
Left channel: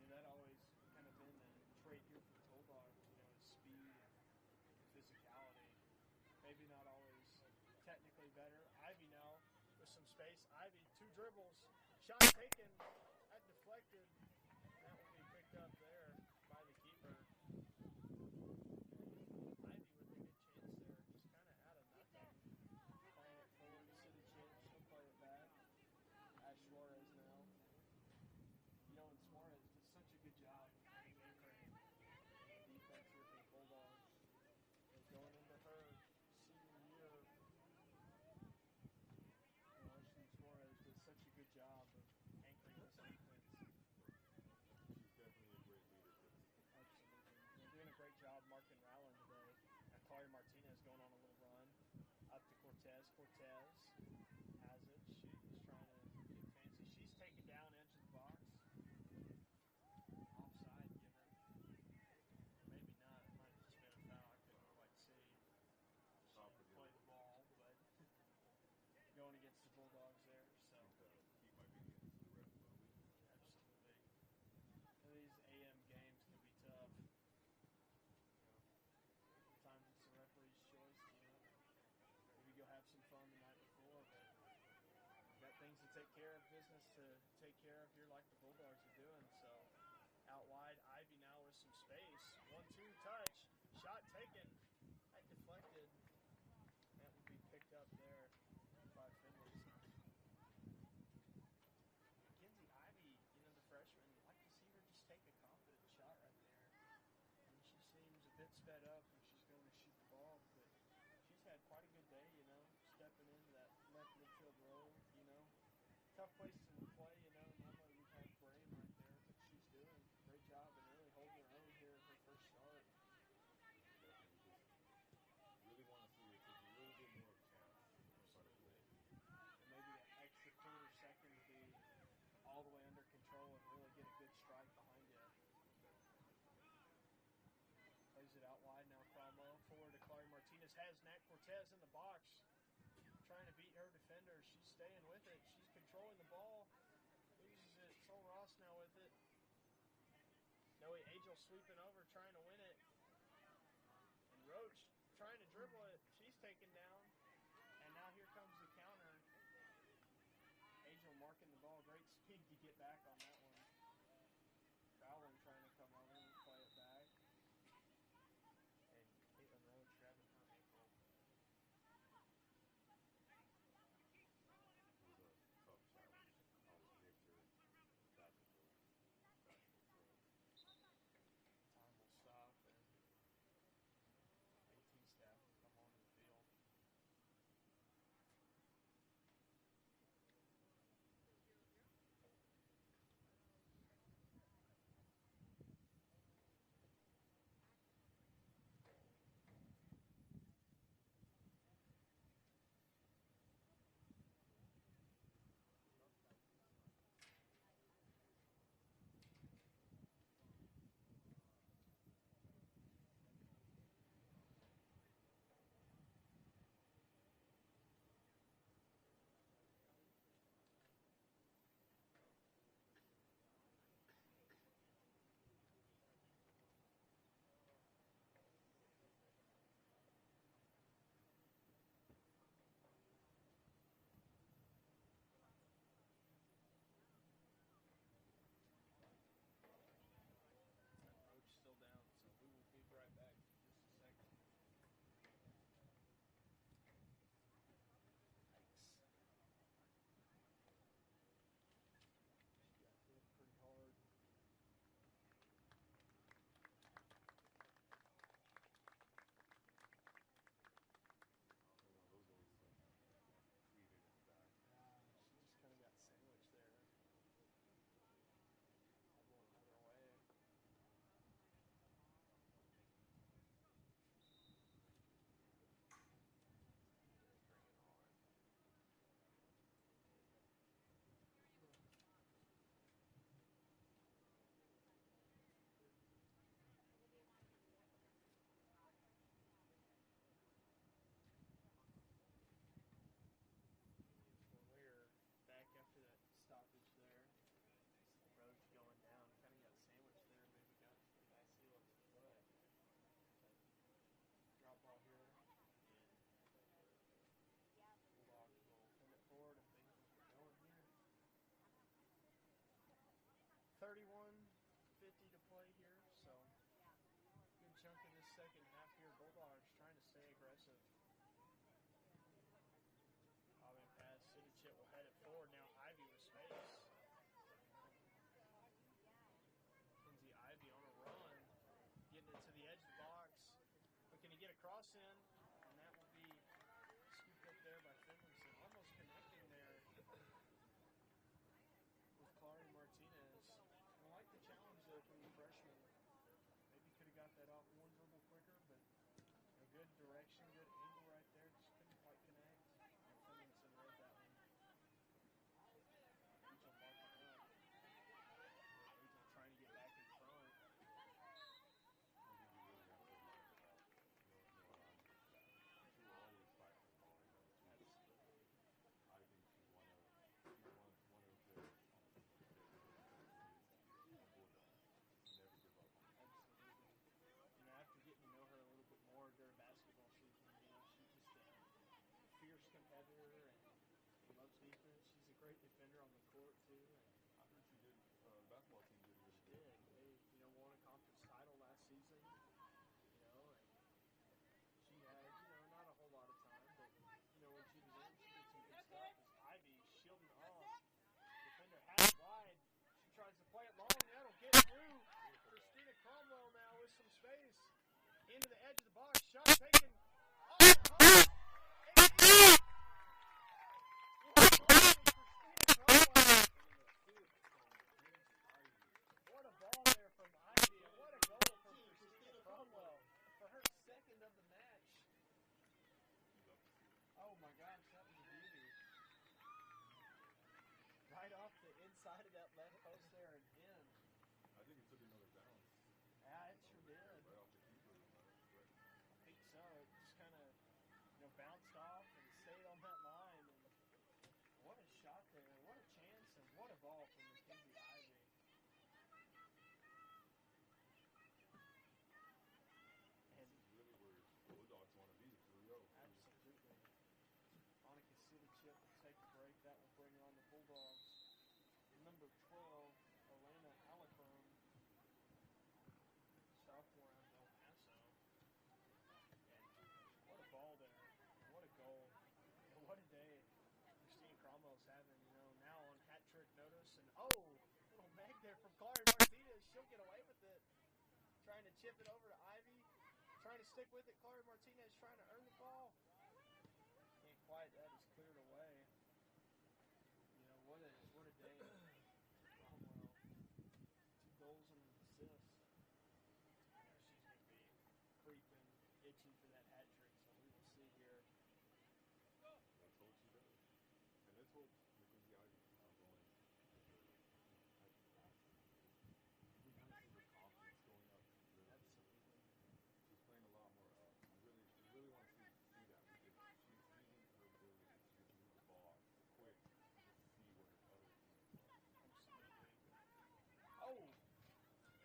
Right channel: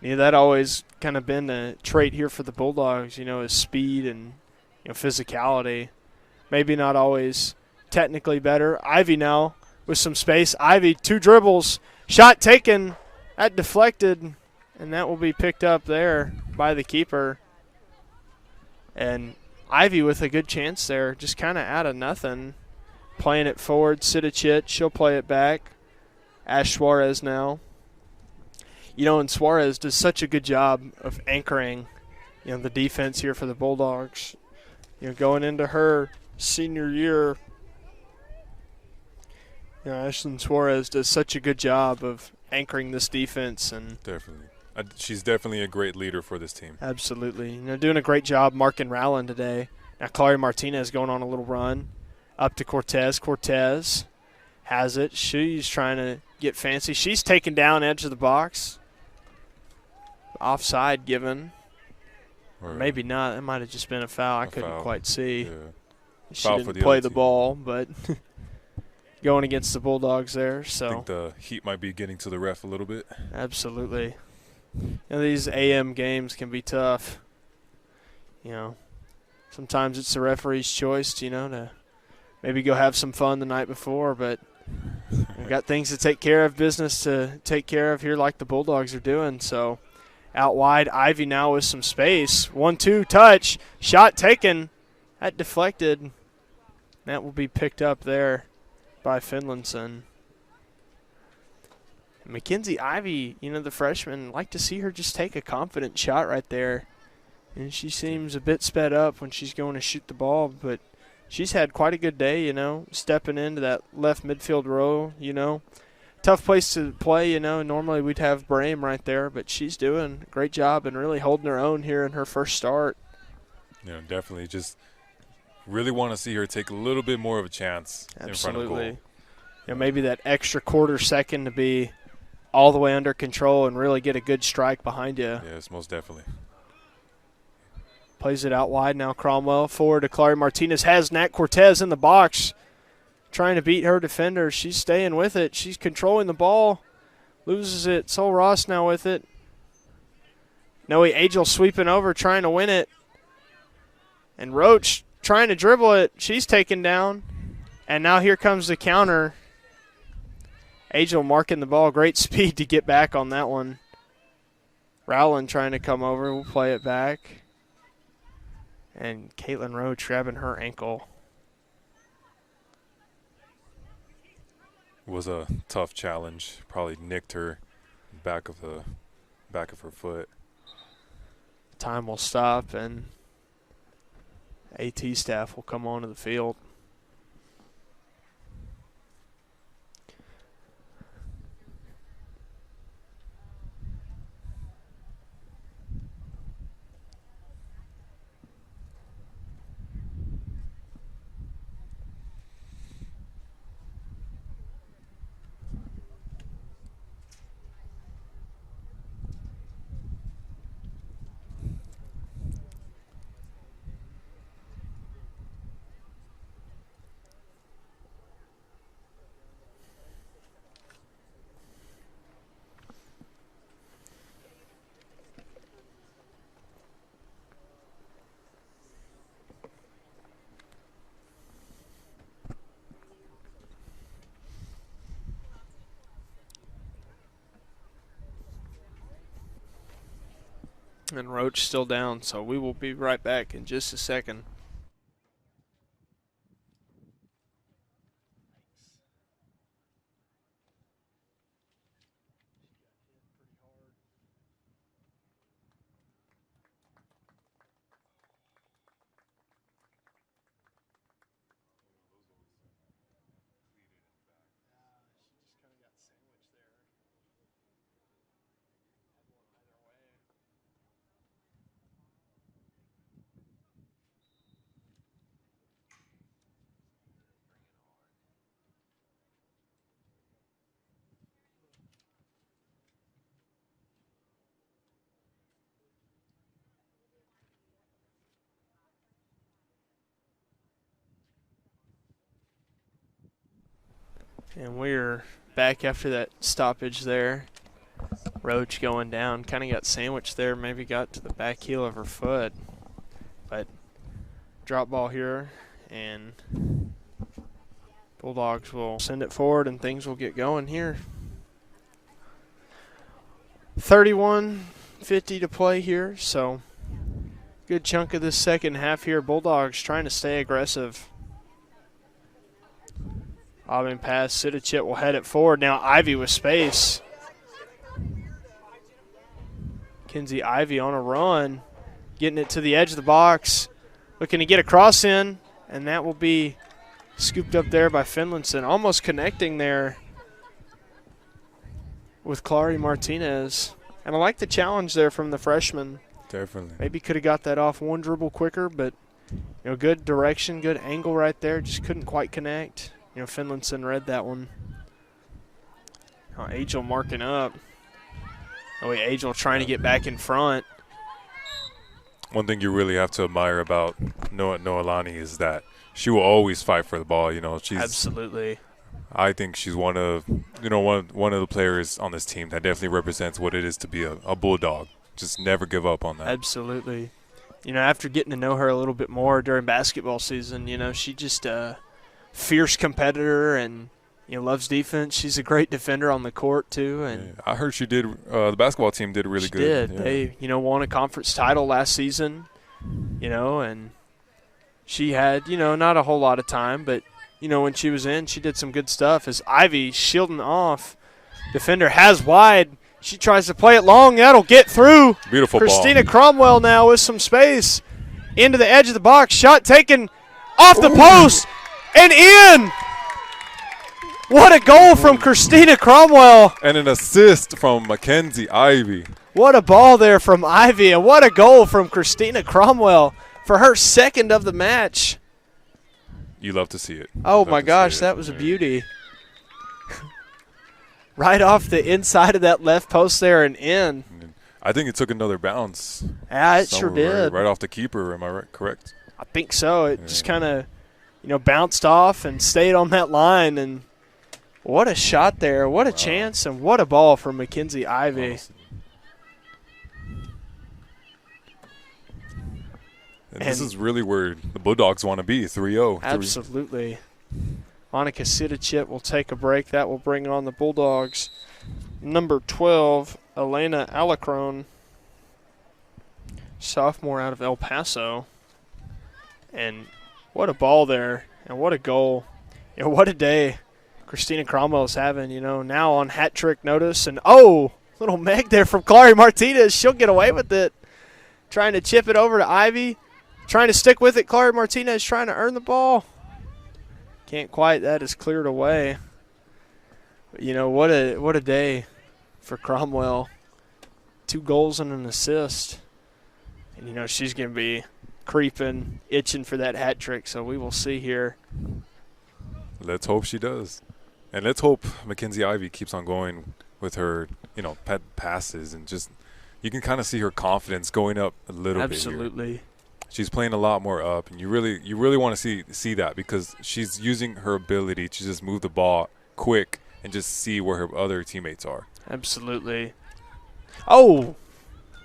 Yeah, that always kind of been a trait here for the Bulldogs, is speed and physicality. Maybe not always technically better. Ivy now with some space. Ivy, 2 dribbles. Shot taken. That deflected, and that will be picked up there by the keeper. And Ivy with a good chance there, just kind of out of nothing. Playing it forward. Sidicic, she'll play it back. Ash Suarez now. And Suarez does such a good job of anchoring, the defense here for the Bulldogs. Going into her senior year, Ashlyn Suarez does such a good job of anchoring this defense. And definitely. She's definitely a great leader for this team. Absolutely. Doing a great job marking Rowland today. Now Clary Martinez going on a little run. Up to Cortez. Cortez has it. She's trying to get fancy. She's taken down edge of the box. Offside given. Or maybe not. It might have just been a foul. I couldn't quite see. Yeah. She Foul didn't for the play other the team. ball, but going against the Bulldogs there. So I think the heat might be getting to the ref a little bit. Absolutely. These AM games can be tough. Sometimes it's the referee's choice, to maybe go have some fun the night before, but we've got things to take care of, business to take care of here like the Bulldogs are doing. So out wide, Ivy now with some space. 1-2 touch. Shot taken. That deflected. That will be picked up there by Finlayson. Mackenzie Ivy, the freshman, like to see her just take a confident shot right there. And she seems a bit sped up when she's going to shoot the ball, but she's had quite a good day, stepping into that left midfield row, Tough place to play, Normally we'd have Brame right there, but she's doing a great job and really holding her own here in her first start. Definitely just really want to see her take a little bit more of a chance in front of goal. Maybe that extra quarter second to be all the way under control and really get a good strike behind you. Yes, most definitely. Plays it out wide now. Cromwell forward to Clary Martinez. Has Nat Cortez in the box trying to beat her defender. She's staying with it. She's controlling the ball. Loses it. Sol Ross now with it. Noe Agel sweeping over trying to win it. And Roach trying to dribble it. She's taken down. And now here comes the counter. Agel marking the ball. Great speed to get back on that one. Rowland trying to come over. We'll play it back. And Caitlin Roach grabbing her ankle. It was a tough challenge. Probably nicked her back of her foot. Time will stop and AT staff will come onto the field. And Roach still down, so we will be right back in just a second. And we're back after that stoppage there. Roach going down. Kind of got sandwiched there. Maybe got to the back heel of her foot. But drop ball here. And Bulldogs will send it forward and things will get going here. 31:50 to play here. So good chunk of this second half here. Bulldogs trying to stay aggressive. Bobbing pass, Sidachit will head it forward. Now Ivy with space. Kinsey Ivy on a run, getting it to the edge of the box, looking to get a cross in, and that will be scooped up there by Finlinson, almost connecting there with Clary Martinez. And I like the challenge there from the freshman. Definitely. Maybe could have got that off one dribble quicker, but good direction, good angle right there, just couldn't quite connect. Finlinson read that one. Agel marking up. Agel trying to get back in front. One thing you really have to admire about Noelani is that she will always fight for the ball. She's absolutely. I think she's one of the players on this team that definitely represents what it is to be a Bulldog. Just never give up on that. Absolutely. After getting to know her a little bit more during basketball season, she just fierce competitor and loves defense. She's a great defender on the court too. And I heard she did. The basketball team did really good. Did. They won a conference title last season. And she had not a whole lot of time, but when she was in, she did some good stuff. As Ivy shielding off, Defender has wide. She tries to play it long. That'll get through. Beautiful Christina ball. Cromwell now with some space. Into the edge of the box. Shot taken off the post and in. What a goal from Christina Cromwell. And an assist from Mackenzie Ivy. What a ball there from Ivy, and what a goal from Christina Cromwell for her second of the match. You love to see it. Oh, my gosh, that was a beauty. Right off the inside of that left post there and in. I think it took another bounce. Yeah, it sure did. Right off the keeper, am I correct? I think so. It just kind of, bounced off and stayed on that line. And what a shot there. What a chance, and what a ball from Mackenzie Ivy. Honestly. And this is really where the Bulldogs want to be, 3-0. Absolutely. Monica Sidachit will take a break. That will bring on the Bulldogs. Number 12, Elena Alacrone, sophomore out of El Paso. And what a ball there, and what a goal. What a day Christina Cromwell is having, now on hat trick notice. And, little Meg there from Clary Martinez. She'll get away with it. Trying to chip it over to Ivy. Trying to stick with it. Clary Martinez trying to earn the ball. Can't quite. That is cleared away. But, what a day for Cromwell. 2 goals and an assist. And, she's going to be creeping, itching for that hat trick. So we will see here. Let's hope she does. And let's hope Mackenzie Ivy keeps on going with her, pet passes. And just you can kind of see her confidence going up a little bit. Absolutely. She's playing a lot more up, and you really want to see that, because she's using her ability to just move the ball quick and just see where her other teammates are. Absolutely. Oh,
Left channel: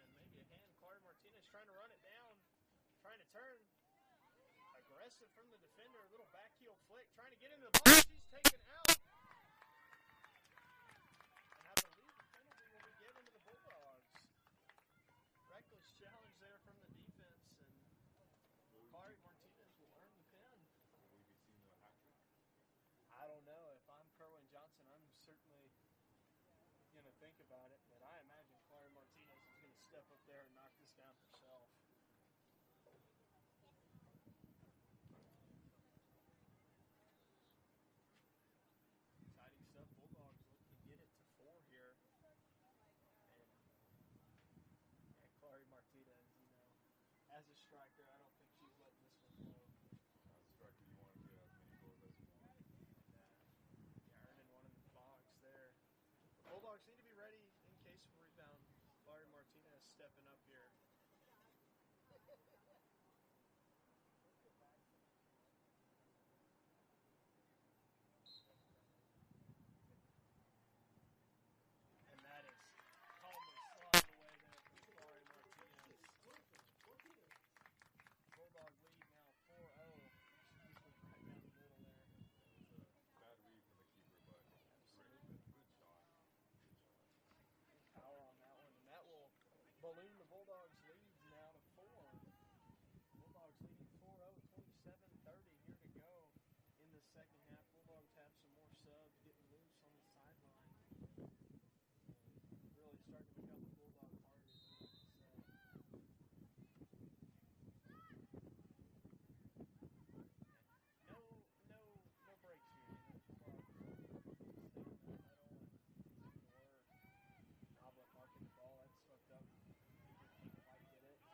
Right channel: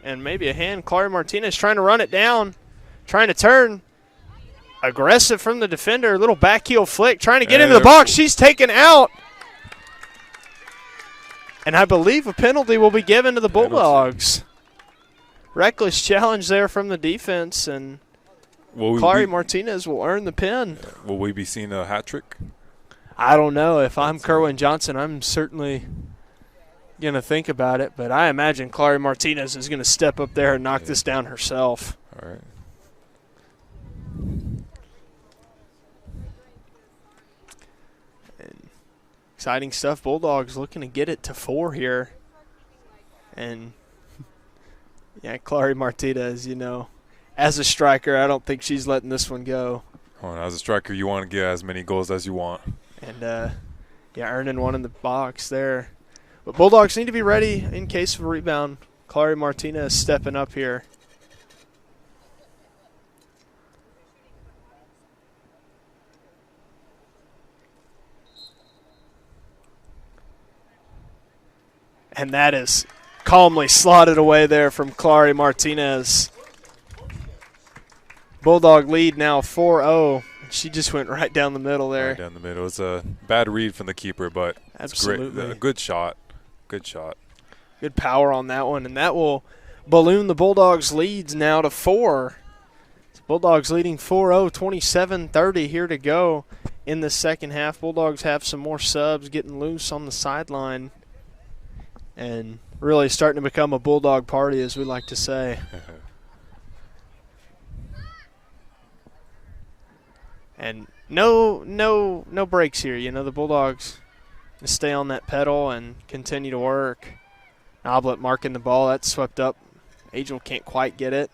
and maybe a hand. Clary Martinez trying to run it down, trying to turn. Aggressive from the defender, little back heel flick, trying to get into the box. She's taken out. And I believe a penalty will be given to the Bulldogs. Reckless challenge there from the defense, and Clary Martinez will earn the pin. Will we be seeing a hat trick? I don't know. If I'm Kerwin Johnson, I'm certainly going to think about it, but I imagine Clary Martinez is going to step up there and knock this down herself. All right. And exciting stuff. Bulldogs looking to get it to 4 here. And yeah, Clary Martinez, as a striker, I don't think she's letting this one go. Oh, as a striker, you want to get as many goals as you want. And, earning one in the box there. But Bulldogs need to be ready in case of a rebound. Clary Martinez stepping up here. And that is calmly slotted away there from Clary Martinez. Bulldog lead now 4-0. She just went right down the middle there. Right down the middle. It's a bad read from the keeper, but absolutely, it's great. A good shot. Good shot. Good power on that one, and that will balloon the Bulldogs' leads now to 4. Bulldogs leading 4-0, 27-30 here to go in the second half. Bulldogs have some more subs getting loose on the sideline. And really starting to become a Bulldog party, as we like to say. And no breaks here. The Bulldogs stay on that pedal and continue to work. Noblet marking the ball. That's swept up. Angel can't quite get it.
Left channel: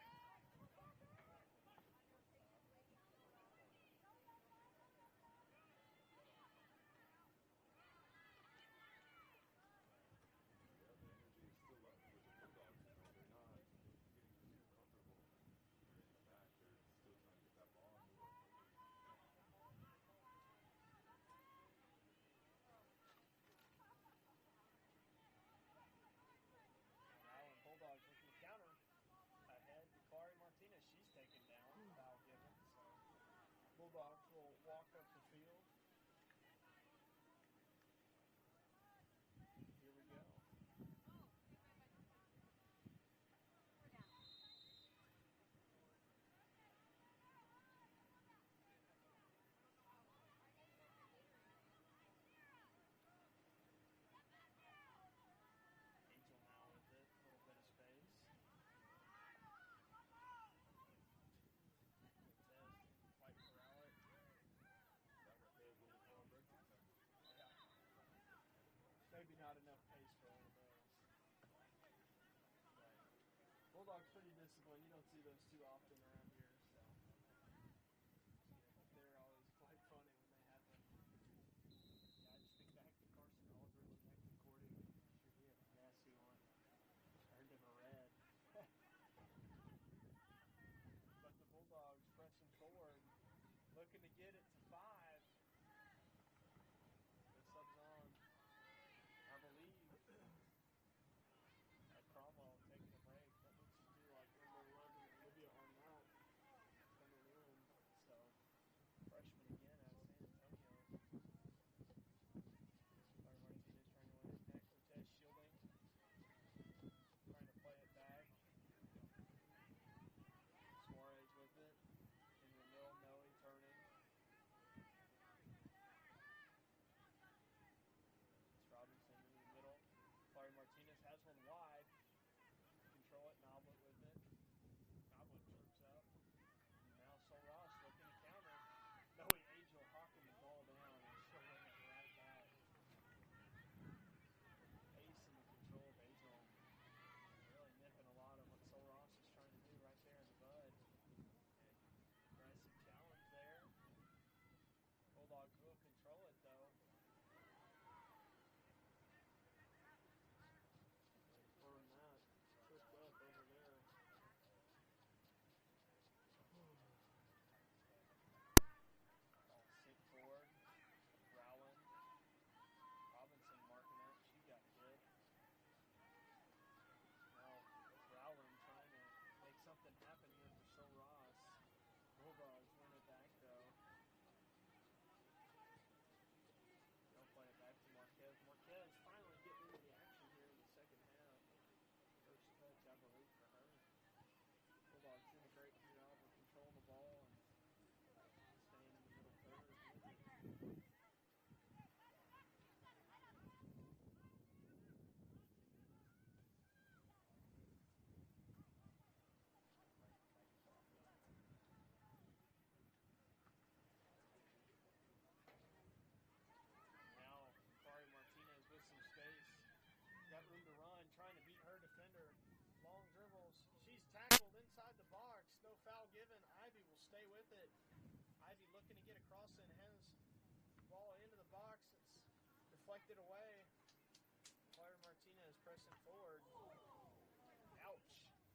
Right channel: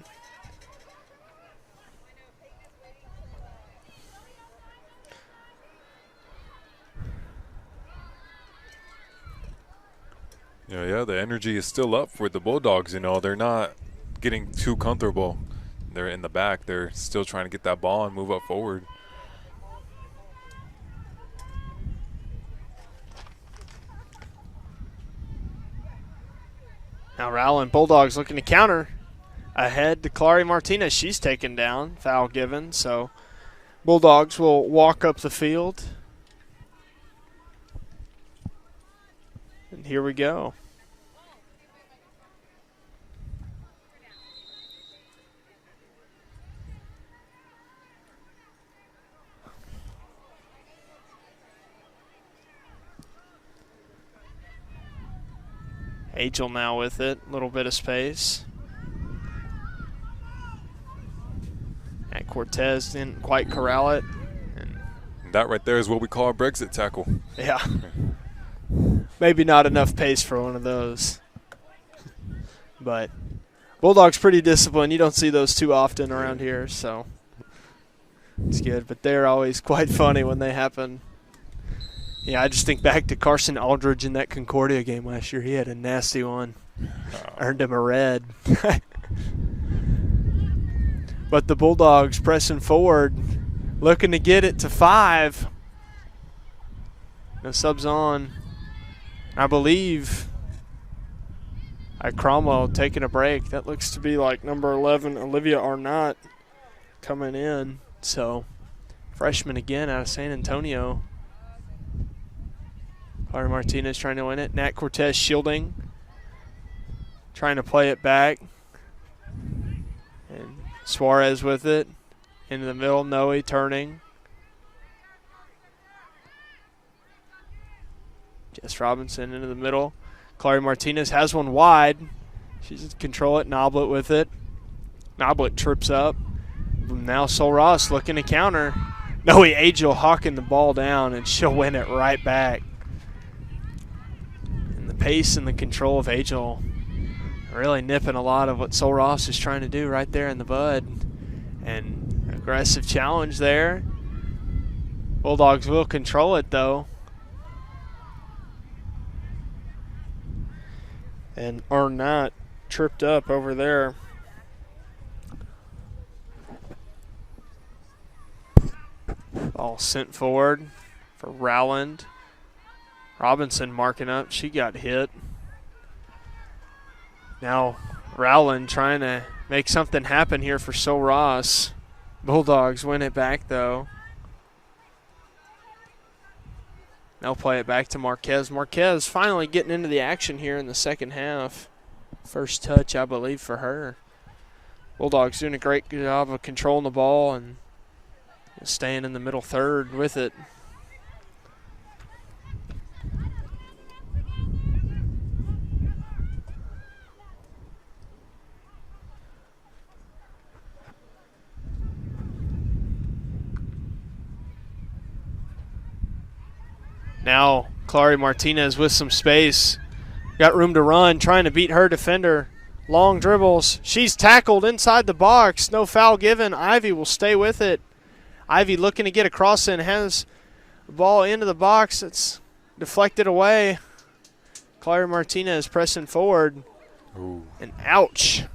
Yeah, the energy is still up for the Bulldogs. They're not getting too comfortable. They're in the back. They're still trying to get that ball and move up forward. Now Rowland Bulldogs looking to counter. Ahead to Clary Martinez. She's taken down. Foul given. So Bulldogs will walk up the field. And here we go. Angel now with it, a little bit of space. And Cortez didn't quite corral it. And that right there is what we call a Brexit tackle. Yeah. Maybe not enough pace for one of those. But Bulldogs pretty disciplined. You don't see those too often around here, so it's good. But they're always quite funny when they happen. Yeah, I just think back to Carson Aldridge in that Concordia game last year. He had a nasty one. Earned him a red. But the Bulldogs pressing forward, looking to get it to 5. No subs on. I believe Cromwell taking a break. That looks to be like number 11, Olivia Arnott, coming in. So, freshman again out of San Antonio. Clara Martinez trying to win it. Nat Cortez shielding. Trying to play it back. And Suarez with it. Into the middle, Noe turning. Jess Robinson into the middle. Clara Martinez has one wide. She's in control it. Noblet with it. Noblet trips up. Now Sol Ross looking to counter. Noe Angel hawking the ball down, and she'll win it right back. And the pace and the control of Angel really nipping a lot of what Sol Ross is trying to do right there in the bud. And aggressive challenge there. Bulldogs will control it, though. And Arnott tripped up over there. Ball sent forward for Rowland. Robinson marking up. She got hit. Now Rowland trying to make something happen here for Sol Ross. Bulldogs win it back, though. They'll play it back to Marquez. Marquez finally getting into the action here in the second half. First touch, I believe, for her. Bulldogs doing a great job of controlling the ball and staying in the middle third with it. Now, Clara Martinez with some space. Got room to run, trying to beat her defender. Long dribbles. She's tackled inside the box. No foul given. Ivy will stay with it. Ivy looking to get across and has the ball into the box. It's deflected away. Clara Martinez pressing forward. Ooh. And ouch.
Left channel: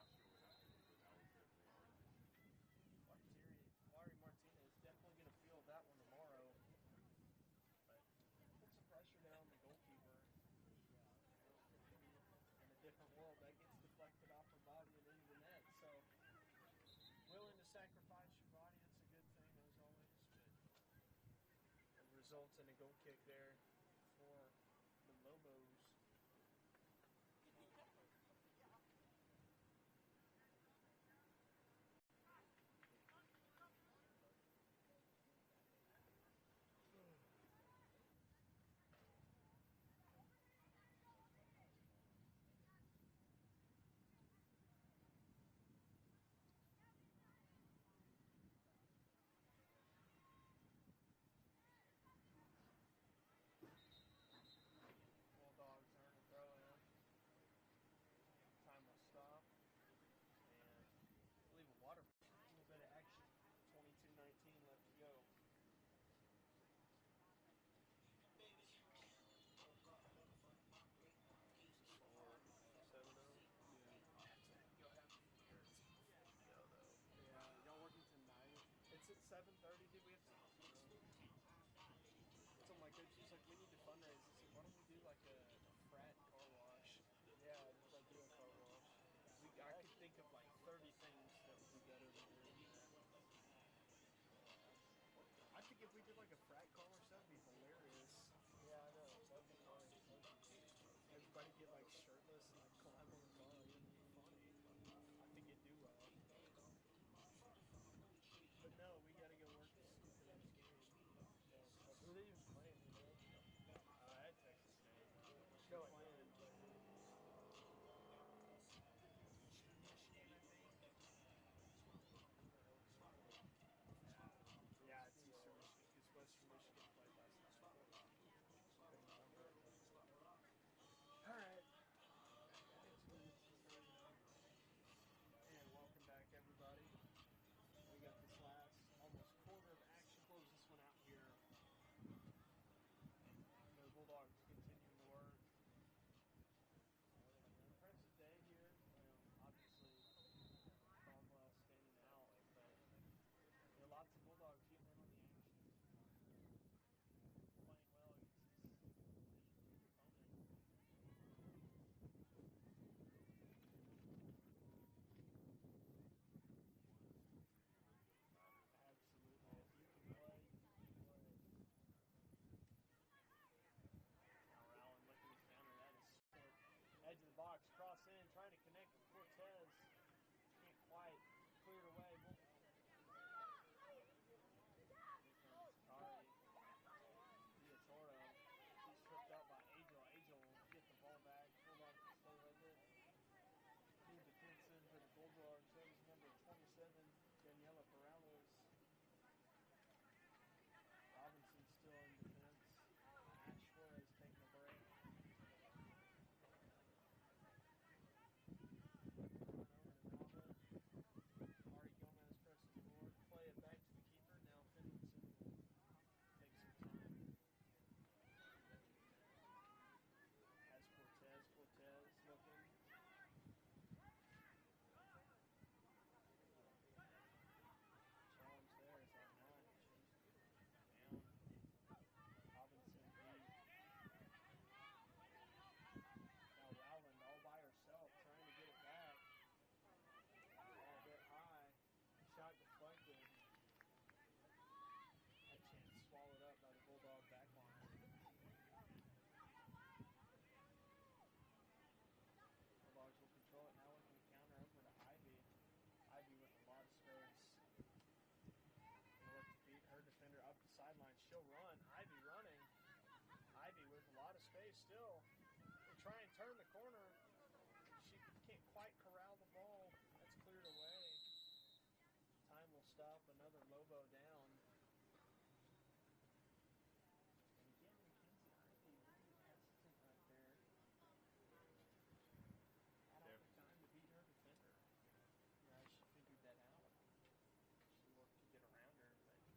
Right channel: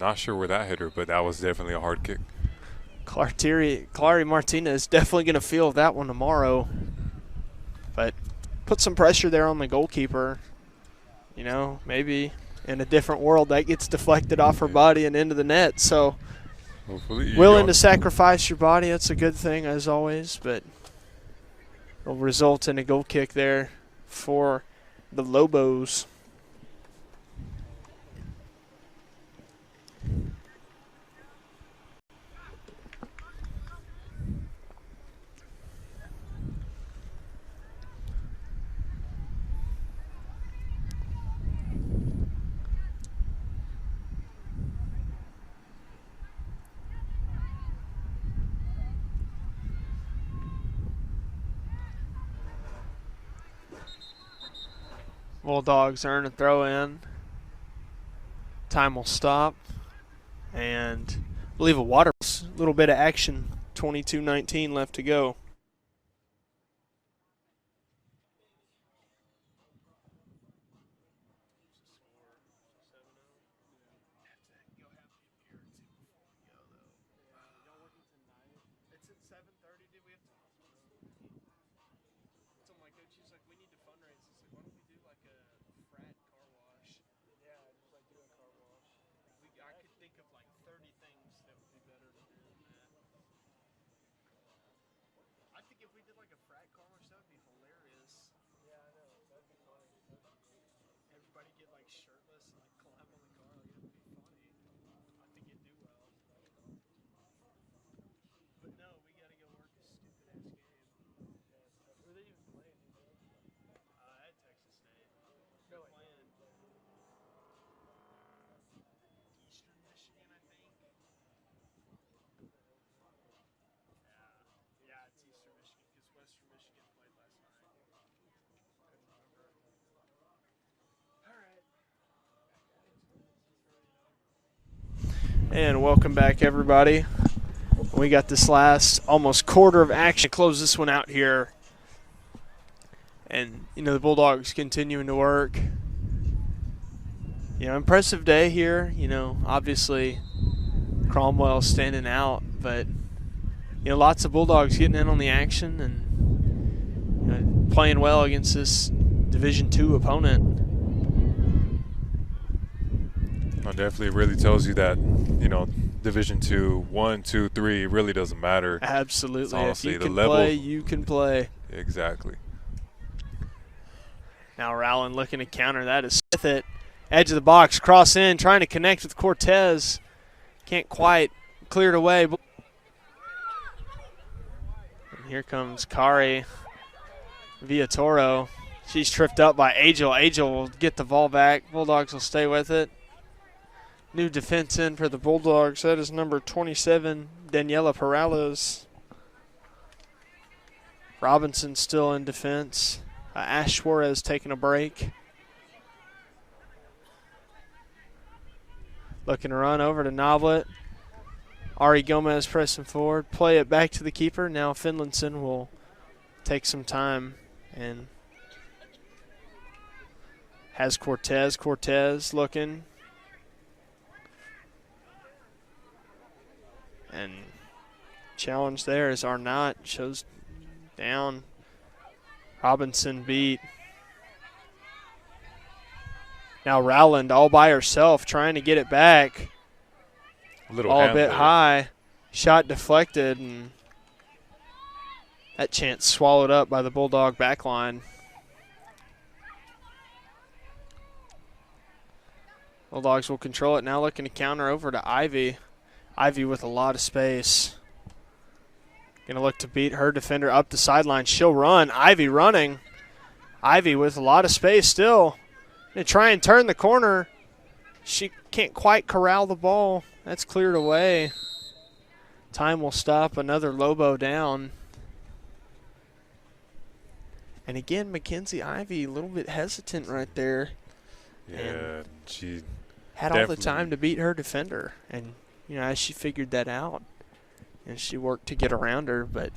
Not sure where that hit her, but that was definitely a hard kick. Clara Martinez definitely going to feel that one tomorrow. But put some pressure there on the goalkeeper. You know, maybe in a different world that gets deflected off her body and into the net. So willing to sacrifice your body, that's a good thing as always. But it'll result in a goal kick there for the Lobos. Bulldogs earn a throw in. Time will stop. And I believe a water, a little bit of action. 22:19 left to go. And welcome back, everybody. We got this last almost quarter of action. Close this one out here. And, the Bulldogs continuing to work. Impressive day here. Obviously Cromwell standing out, but, lots of Bulldogs getting in on the action and playing well against this Division II opponent. Well, definitely really tells you that, Division II, 1, 2, 3 really doesn't matter. Absolutely. Honestly, if you can the level, play, you can play. Exactly. Now Rowland looking to counter that is with it. Edge of the box, cross in, trying to connect with Cortez. Can't quite clear it away. And here comes Kari Villatoro. She's tripped up by Angel. Angel will get the ball back. Bulldogs will stay with it. New defense in for the Bulldogs. That is number 27, Daniela Perales. Robinson still in defense. Ash Suarez taking a break. Looking to run over to Noblet. Ari Gomez pressing forward. Play it back to the keeper. Now Finlinson will take some time and has Cortez. Cortez looking. And challenge there is Arnott. Shows down. Robinson beat. Now Rowland all by herself trying to get it back. All a bit high. Shot deflected, and that chance swallowed up by the Bulldog backline. Bulldogs will control it now, looking to counter over to Ivy. Ivy with a lot of space. Going to look to beat her defender up the sideline. She'll run. Ivy running. Ivy with a lot of space still. Going to try and turn the corner. She can't quite corral the ball. That's cleared away. Time will stop. Another Lobo down. And again, Mackenzie Ivy a little bit hesitant right there. Yeah, she had all the time to beat her defender. And, as she figured that out, and she worked to get around her, but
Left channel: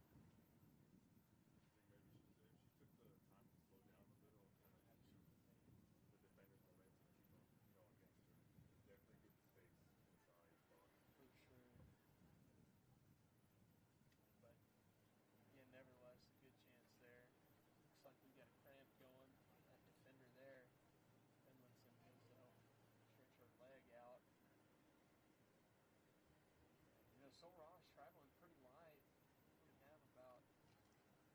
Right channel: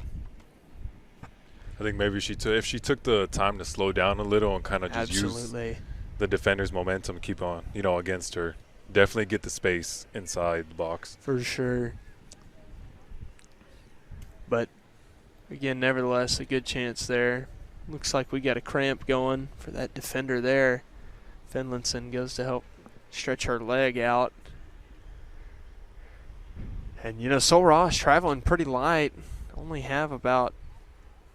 I think maybe if she took the time to slow down a little and kind of just use the defender's momentum, keep on, against her, definitely get the space inside the box. For sure. But, again, nevertheless, a good chance there. Looks like we got a cramp going for that defender there. Finlinson goes to help stretch her leg out. And, Sol Ross traveling pretty light. Only have about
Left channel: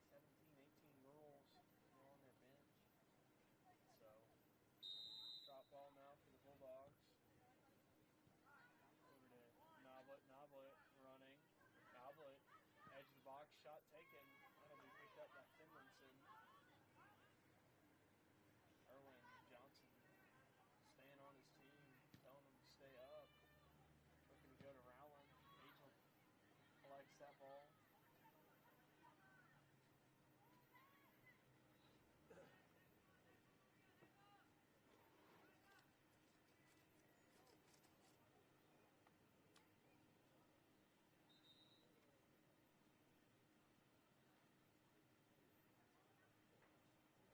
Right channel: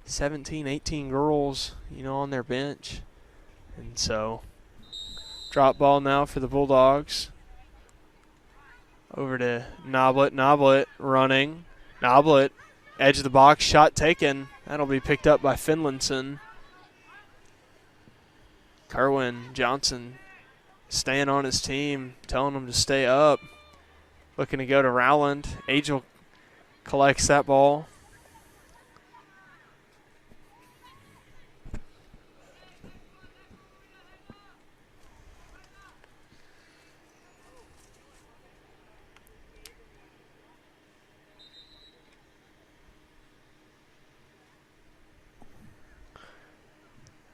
17, 18 girls, on their bench. And so, drop ball now for the Bulldogs. Over to Noblet. Noblet running. Noblet, edge of the box, shot taken. That'll be picked up by Finlinson. Kerwin Johnson staying on his team, telling him to stay up. Looking to go to Rowland. Angel collects that ball.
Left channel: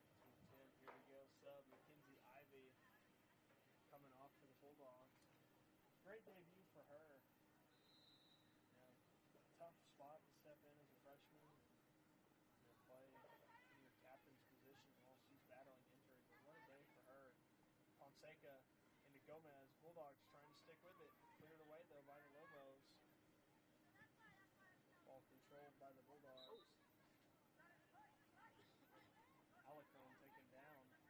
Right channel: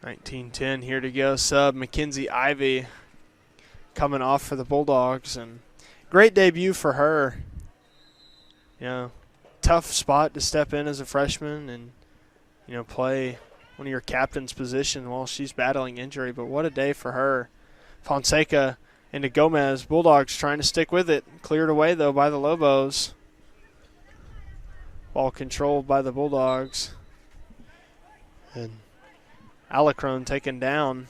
.19-10 here to go. Sub Mackenzie Ivy coming off for the Bulldogs, and great debut for her. Tough spot to step in as a freshman and, play one of your captain's position while she's battling injury. But what a day for her. Fonseca into Gomez. Bulldogs trying to stick with it. Cleared away, though, by the Lobos. Ball controlled by the Bulldogs. And Alecrone taken down.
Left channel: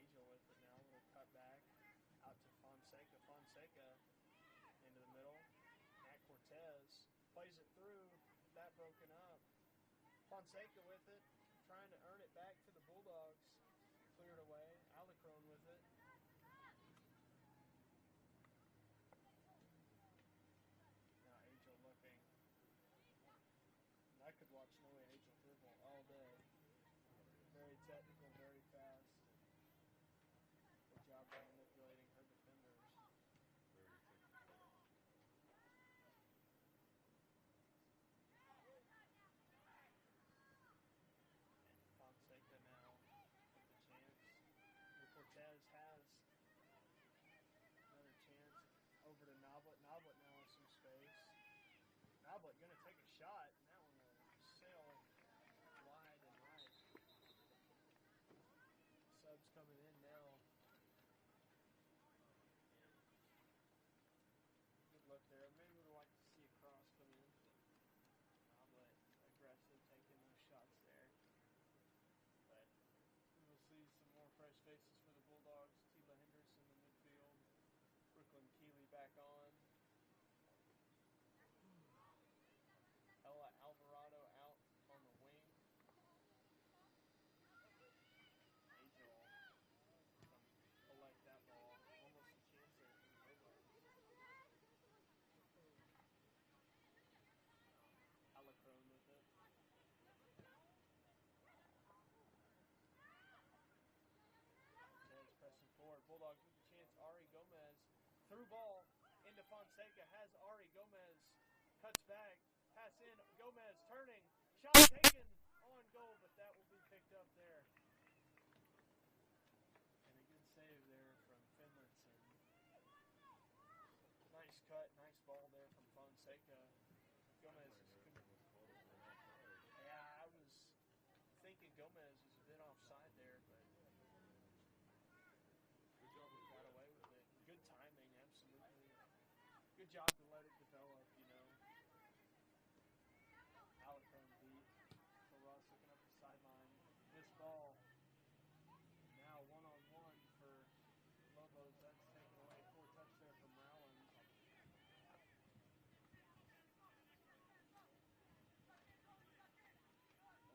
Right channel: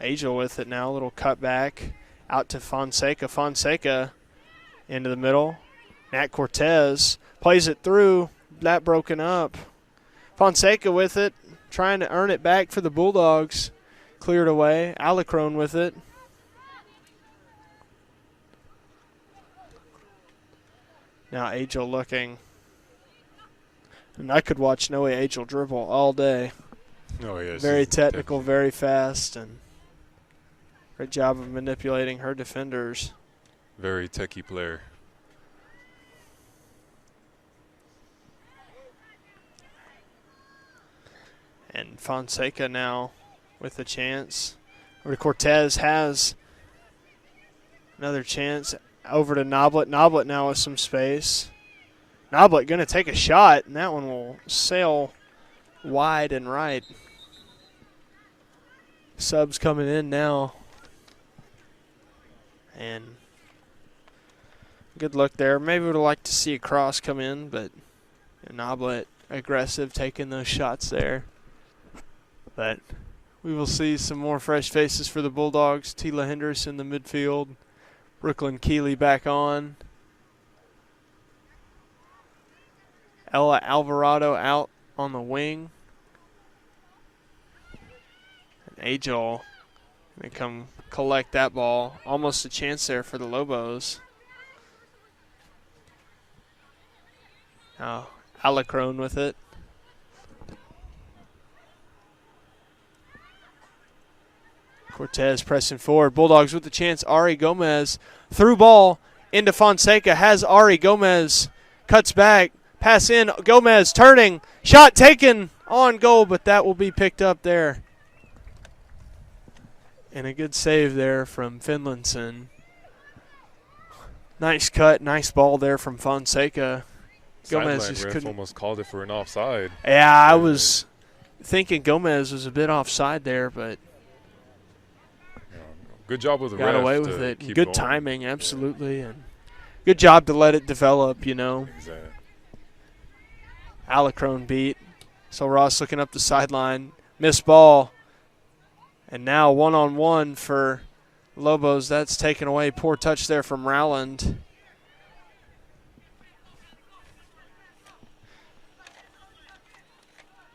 Angel with it now. A little cut back. Out to Fonseca. Fonseca into the middle. Nat Cortez plays it through. That broken up. Fonseca with it. Trying to earn it back for the Bulldogs. Cleared away. Alecrone with it. Now Angel looking. And I could watch Noe Angel dribble all day. Oh, yes. Very technical, very fast, and great job of manipulating her defenders. Very techie player. And Fonseca now with a chance. Over to Cortez, has another chance. Over to Noblet. Noblet now with some space. Noblet going to take a shot, and that one will sail wide and right. Subs coming in now. And good look there. Maybe would have liked to see a cross come in, but Noblet aggressive taking those shots there. But we will see some more fresh faces for the Bulldogs. Tila Henderson in the midfield. Brooklyn Keeley back on. Ella Alvarado out on the wing. And Angel going to come collect that ball. Almost a chance there for the Lobos. Now Alacrone with it. Cortez pressing forward. Bulldogs with the chance. Ari Gomez through ball into Fonseca. Has Ari Gomez. Cuts back. Pass in. Gomez turning. Shot taken on goal, but that will be picked up there. And a good save there from Finlinson. Nice cut. Nice ball there from Fonseca. Gomez Sideline just ref couldn't. almost called it for an offside. Yeah, I was thinking Gomez was a bit offside there, but Good job with the got ref away to with it. keep Good going. timing, absolutely, and good job to let it develop. Exactly. Alacrone beat. So Ross looking up the sideline, missed ball, and now one-on-one for Lobos. That's taken away. Poor touch there from Rowland.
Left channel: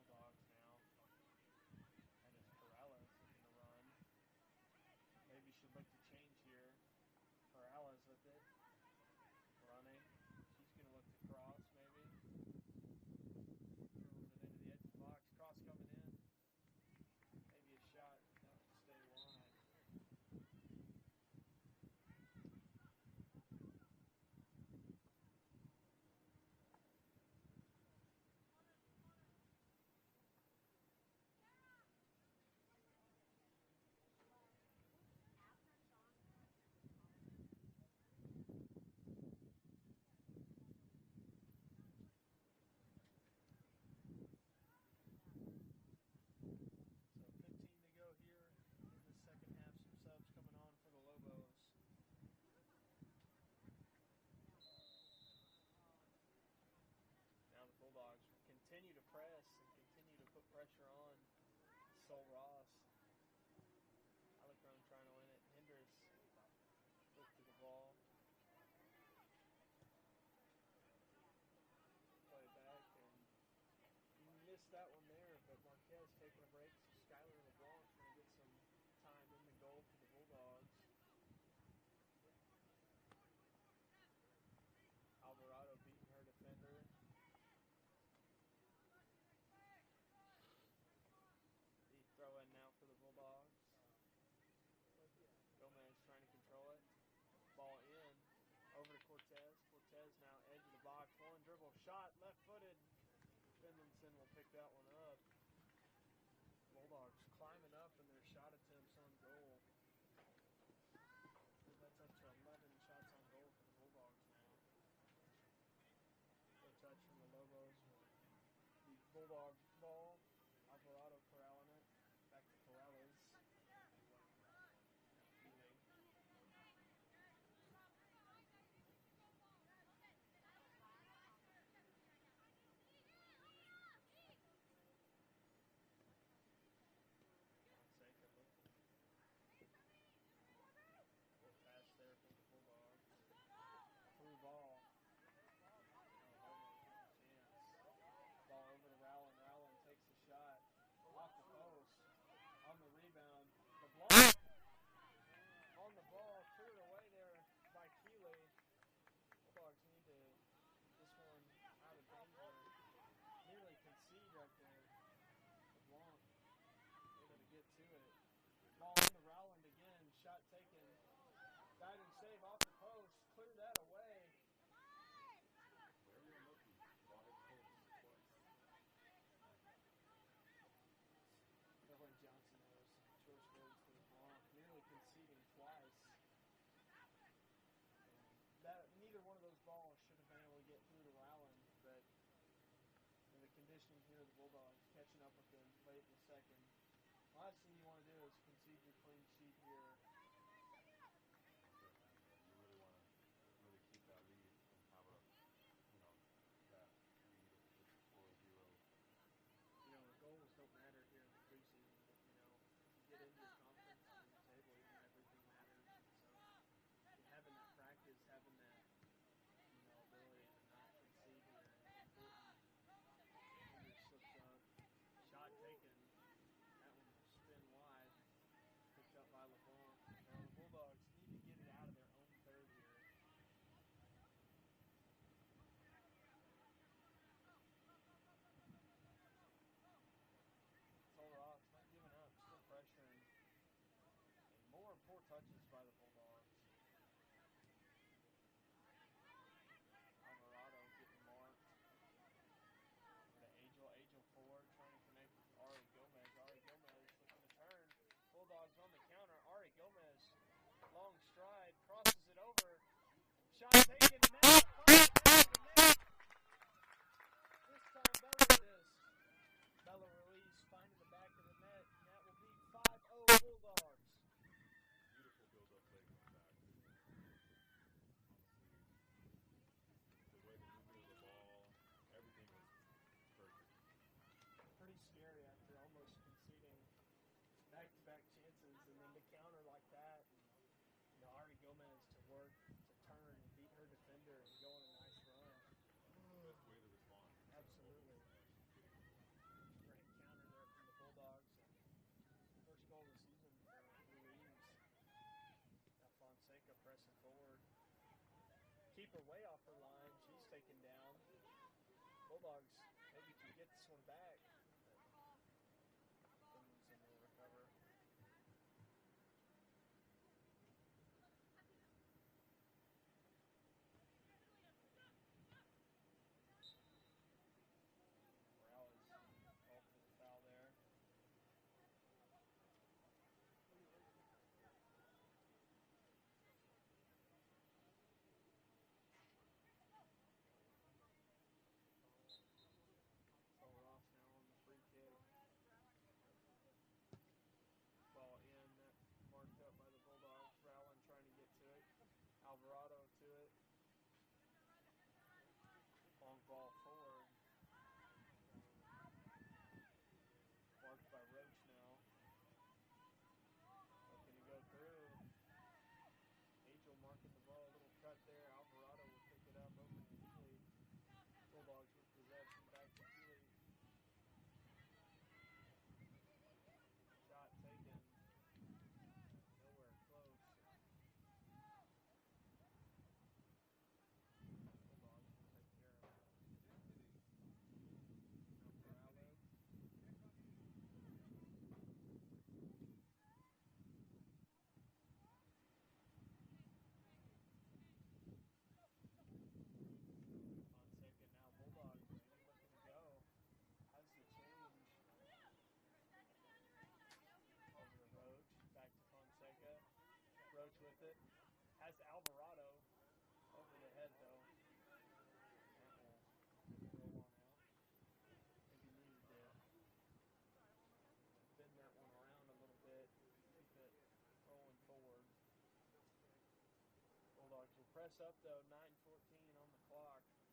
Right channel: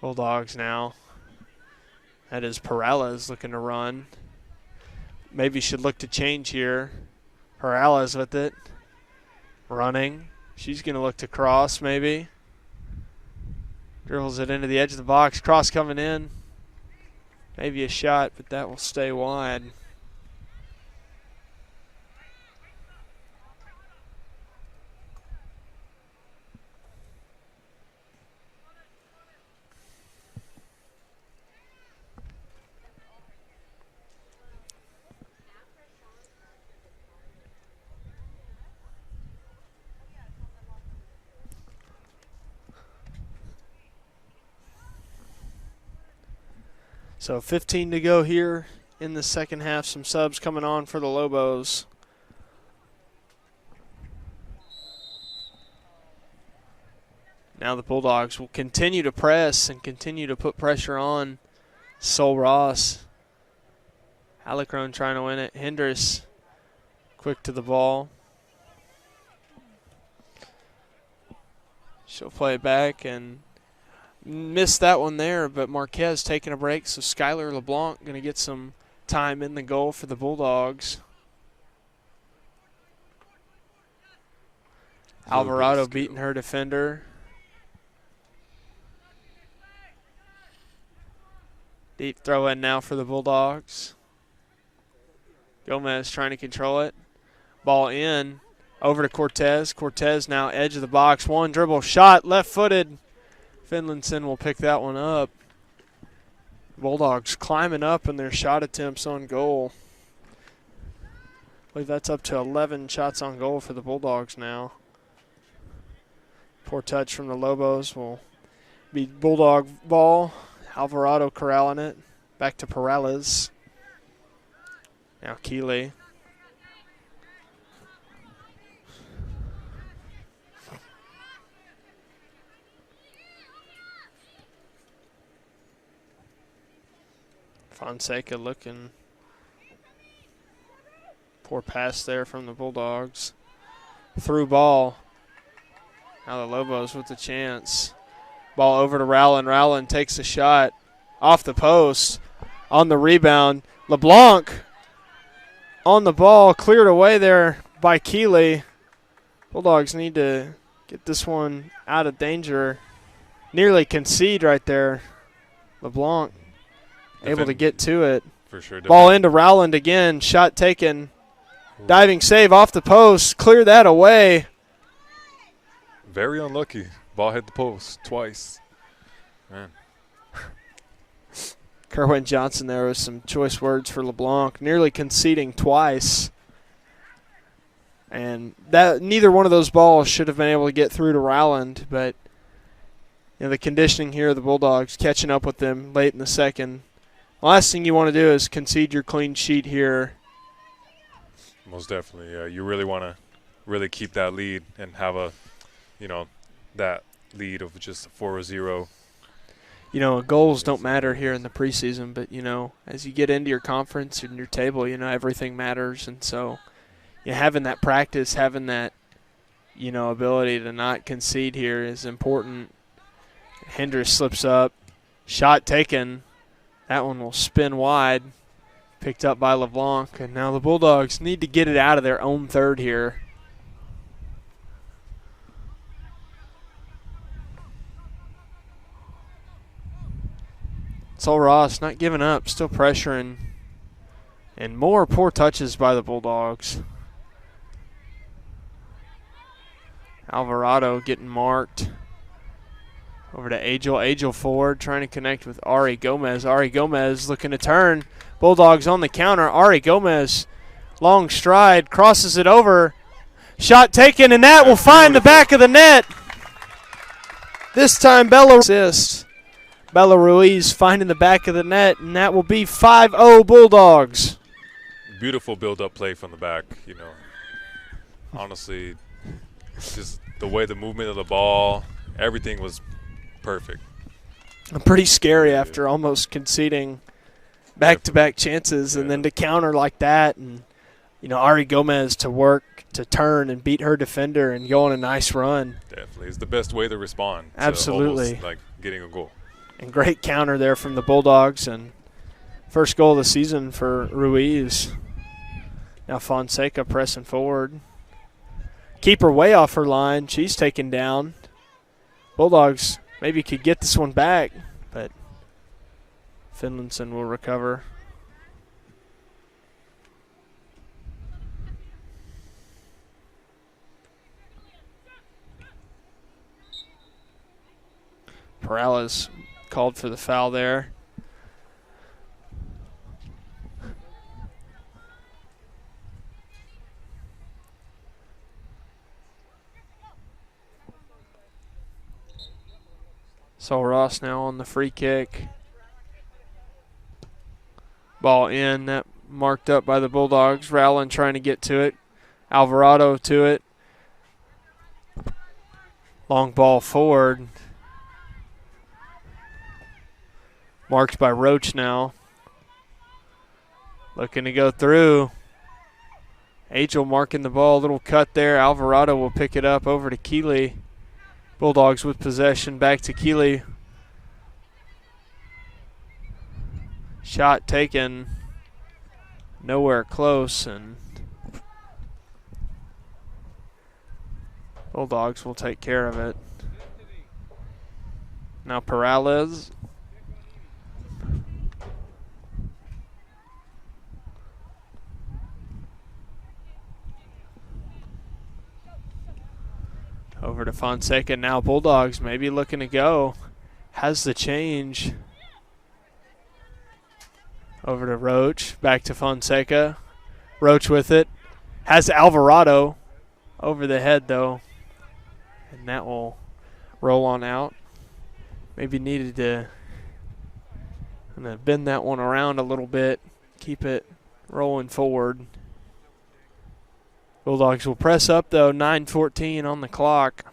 Bulldogs now. That is Perales looking to run. Maybe should look to change here. Perales with it. Running. She's going to look to cross maybe. Dribbles it into the edge of the box. Cross coming in. Maybe a shot, but that will stay wide. So 15 to go here in the second half. Some subs coming on for the Lobos. Now the Bulldogs will continue to press and continue to put pressure on Sol Ross. Alacrone trying to win it. Hendricks quick to the ball. She'll play it back and missed that one there, but Marquez taking a break, so Skylar LeBlanc going to get some time in the goal for the Bulldogs. Alvarado beating her defender. Deep throw in now for the Bulldogs. Gomez trying to control it. Ball in, over to Cortez. Cortez now edge of the box. One dribble shot, left-footed. Finlinson will pick that one up. Bulldogs climbing up in their shot attempts on goal. I believe that's up to 11 shots on goal for the Bulldogs now. Poor touch from the Lobos will be Bulldog ball. Alvarado corralling it. Back to Perales. Now Keeley. Fonseca looking. Poor pass there from the Bulldogs. Through ball. Now the Lobos with the chance. Ball over to Rowland. Rowland takes a shot off the post. On the rebound. LeBlanc on the ball. Cleared away there by Keeley. Bulldogs need to get this one out of danger. Nearly concede right there. LeBlanc able to get to it. For sure. Ball into Rowland again. Shot taken. Diving save off the post. Clear that away. Very unlucky. Ball hit the post twice. Man. Kerwin Johnson there with some choice words for LeBlanc. Nearly conceding twice. And that neither one of those balls should have been able to get through to Rowland, but the conditioning here of the Bulldogs catching up with them late in the second. Last thing you want to do is concede your clean sheet here. Most definitely, yeah. You really want to really keep that lead and have a, that lead of just 4-0. Goals don't matter here in the preseason, but, as you get into your conference and your table, everything matters. And so having that practice, having that, ability to not concede here is important. Hendricks slips up. Shot taken. That one will spin wide. Picked up by LeBlanc, and now the Bulldogs need to get it out of their own third here. Sol Ross not giving up, still pressuring, and more poor touches by the Bulldogs. Alvarado getting marked. Over to Agel. Agel forward, trying to connect with Ari Gomez. Ari Gomez looking to turn. Bulldogs on the counter. Ari Gomez, long stride, crosses it over. Shot taken, and that will find the back of the net. This time Bella assists. Bella Ruiz finding the back of the net, and that will be 5-0 Bulldogs. Beautiful build-up play from the back, Honestly, just the way the movement of the ball, everything was perfect. Pretty scary after almost conceding back-to-back chances, and then to counter like that, and Ari Gomez to work to turn and beat her defender and go on a nice run. Definitely, it's the best way to respond. Absolutely, to almost like getting a goal. And great counter there from the Bulldogs, and first goal of the season for Ruiz. Now Fonseca pressing forward. Keeper way off her line. She's taken down. Bulldogs maybe could get this one back, but Finlayson will recover. Perales called for the foul there. Sol Ross now on the free kick. Ball in, that marked up by the Bulldogs. Rowland trying to get to it. Alvarado to it. Long ball forward. Marked by Roach now. Looking to go through. Angel marking the ball. A little cut there. Alvarado will pick it up over to Keeley. Bulldogs with possession. Back to Keeley. Shot taken. Nowhere close. And Bulldogs will take care of it. Now Perales. Over to Fonseca. Now Bulldogs maybe looking to go. Has the change. Over to Roach. Back to Fonseca. Roach with it. Has Alvarado. Over the head though. And that will roll on out. Maybe needed to bend that one around a little bit. Keep it rolling forward. Bulldogs will press up, though, 9:14 on the clock.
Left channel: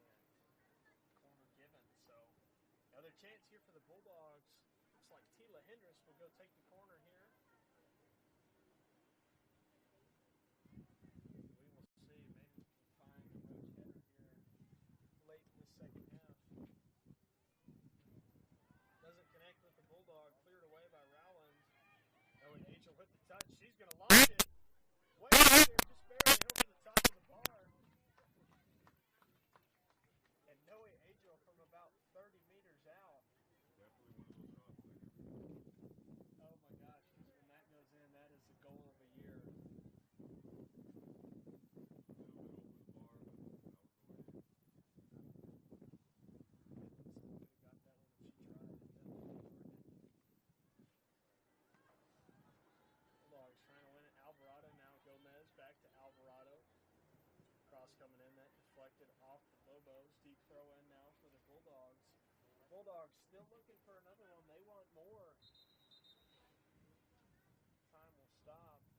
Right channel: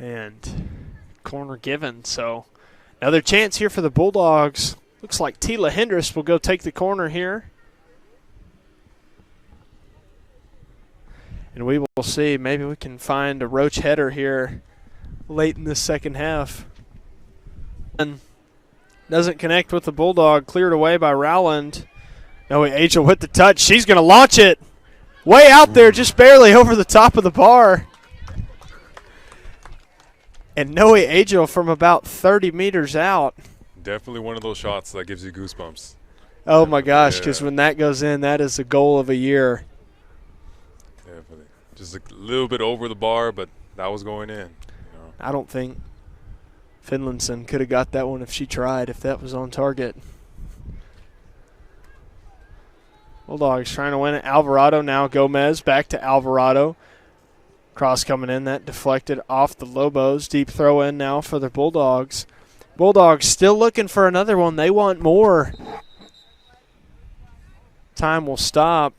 And corner given, so another chance here for the Bulldogs. Looks like Tila Hendricks will go take the corner here. And we will see. Maybe we can find a Roach header here late in the second half. And doesn't connect with the Bulldog. Cleared away by Rowland. Noe Angel with the touch. She's going to launch it way out there, just barely over the top of the bar. And Noe Angel from about 30 meters out. Definitely one of those shots that gives you goosebumps. Oh, my gosh, because when that goes in, that is the goal of a year. Definitely. Just a little bit over the bar, but that was going in. I don't think Finlayson could have got that one if she tried, if that was on target. Bulldogs trying to win it. Alvarado now. Gomez back to Alvarado. Cross coming in. That deflected off the Lobos. Deep throw in now for the Bulldogs. Bulldogs still looking for another one. They want more. Time will stop.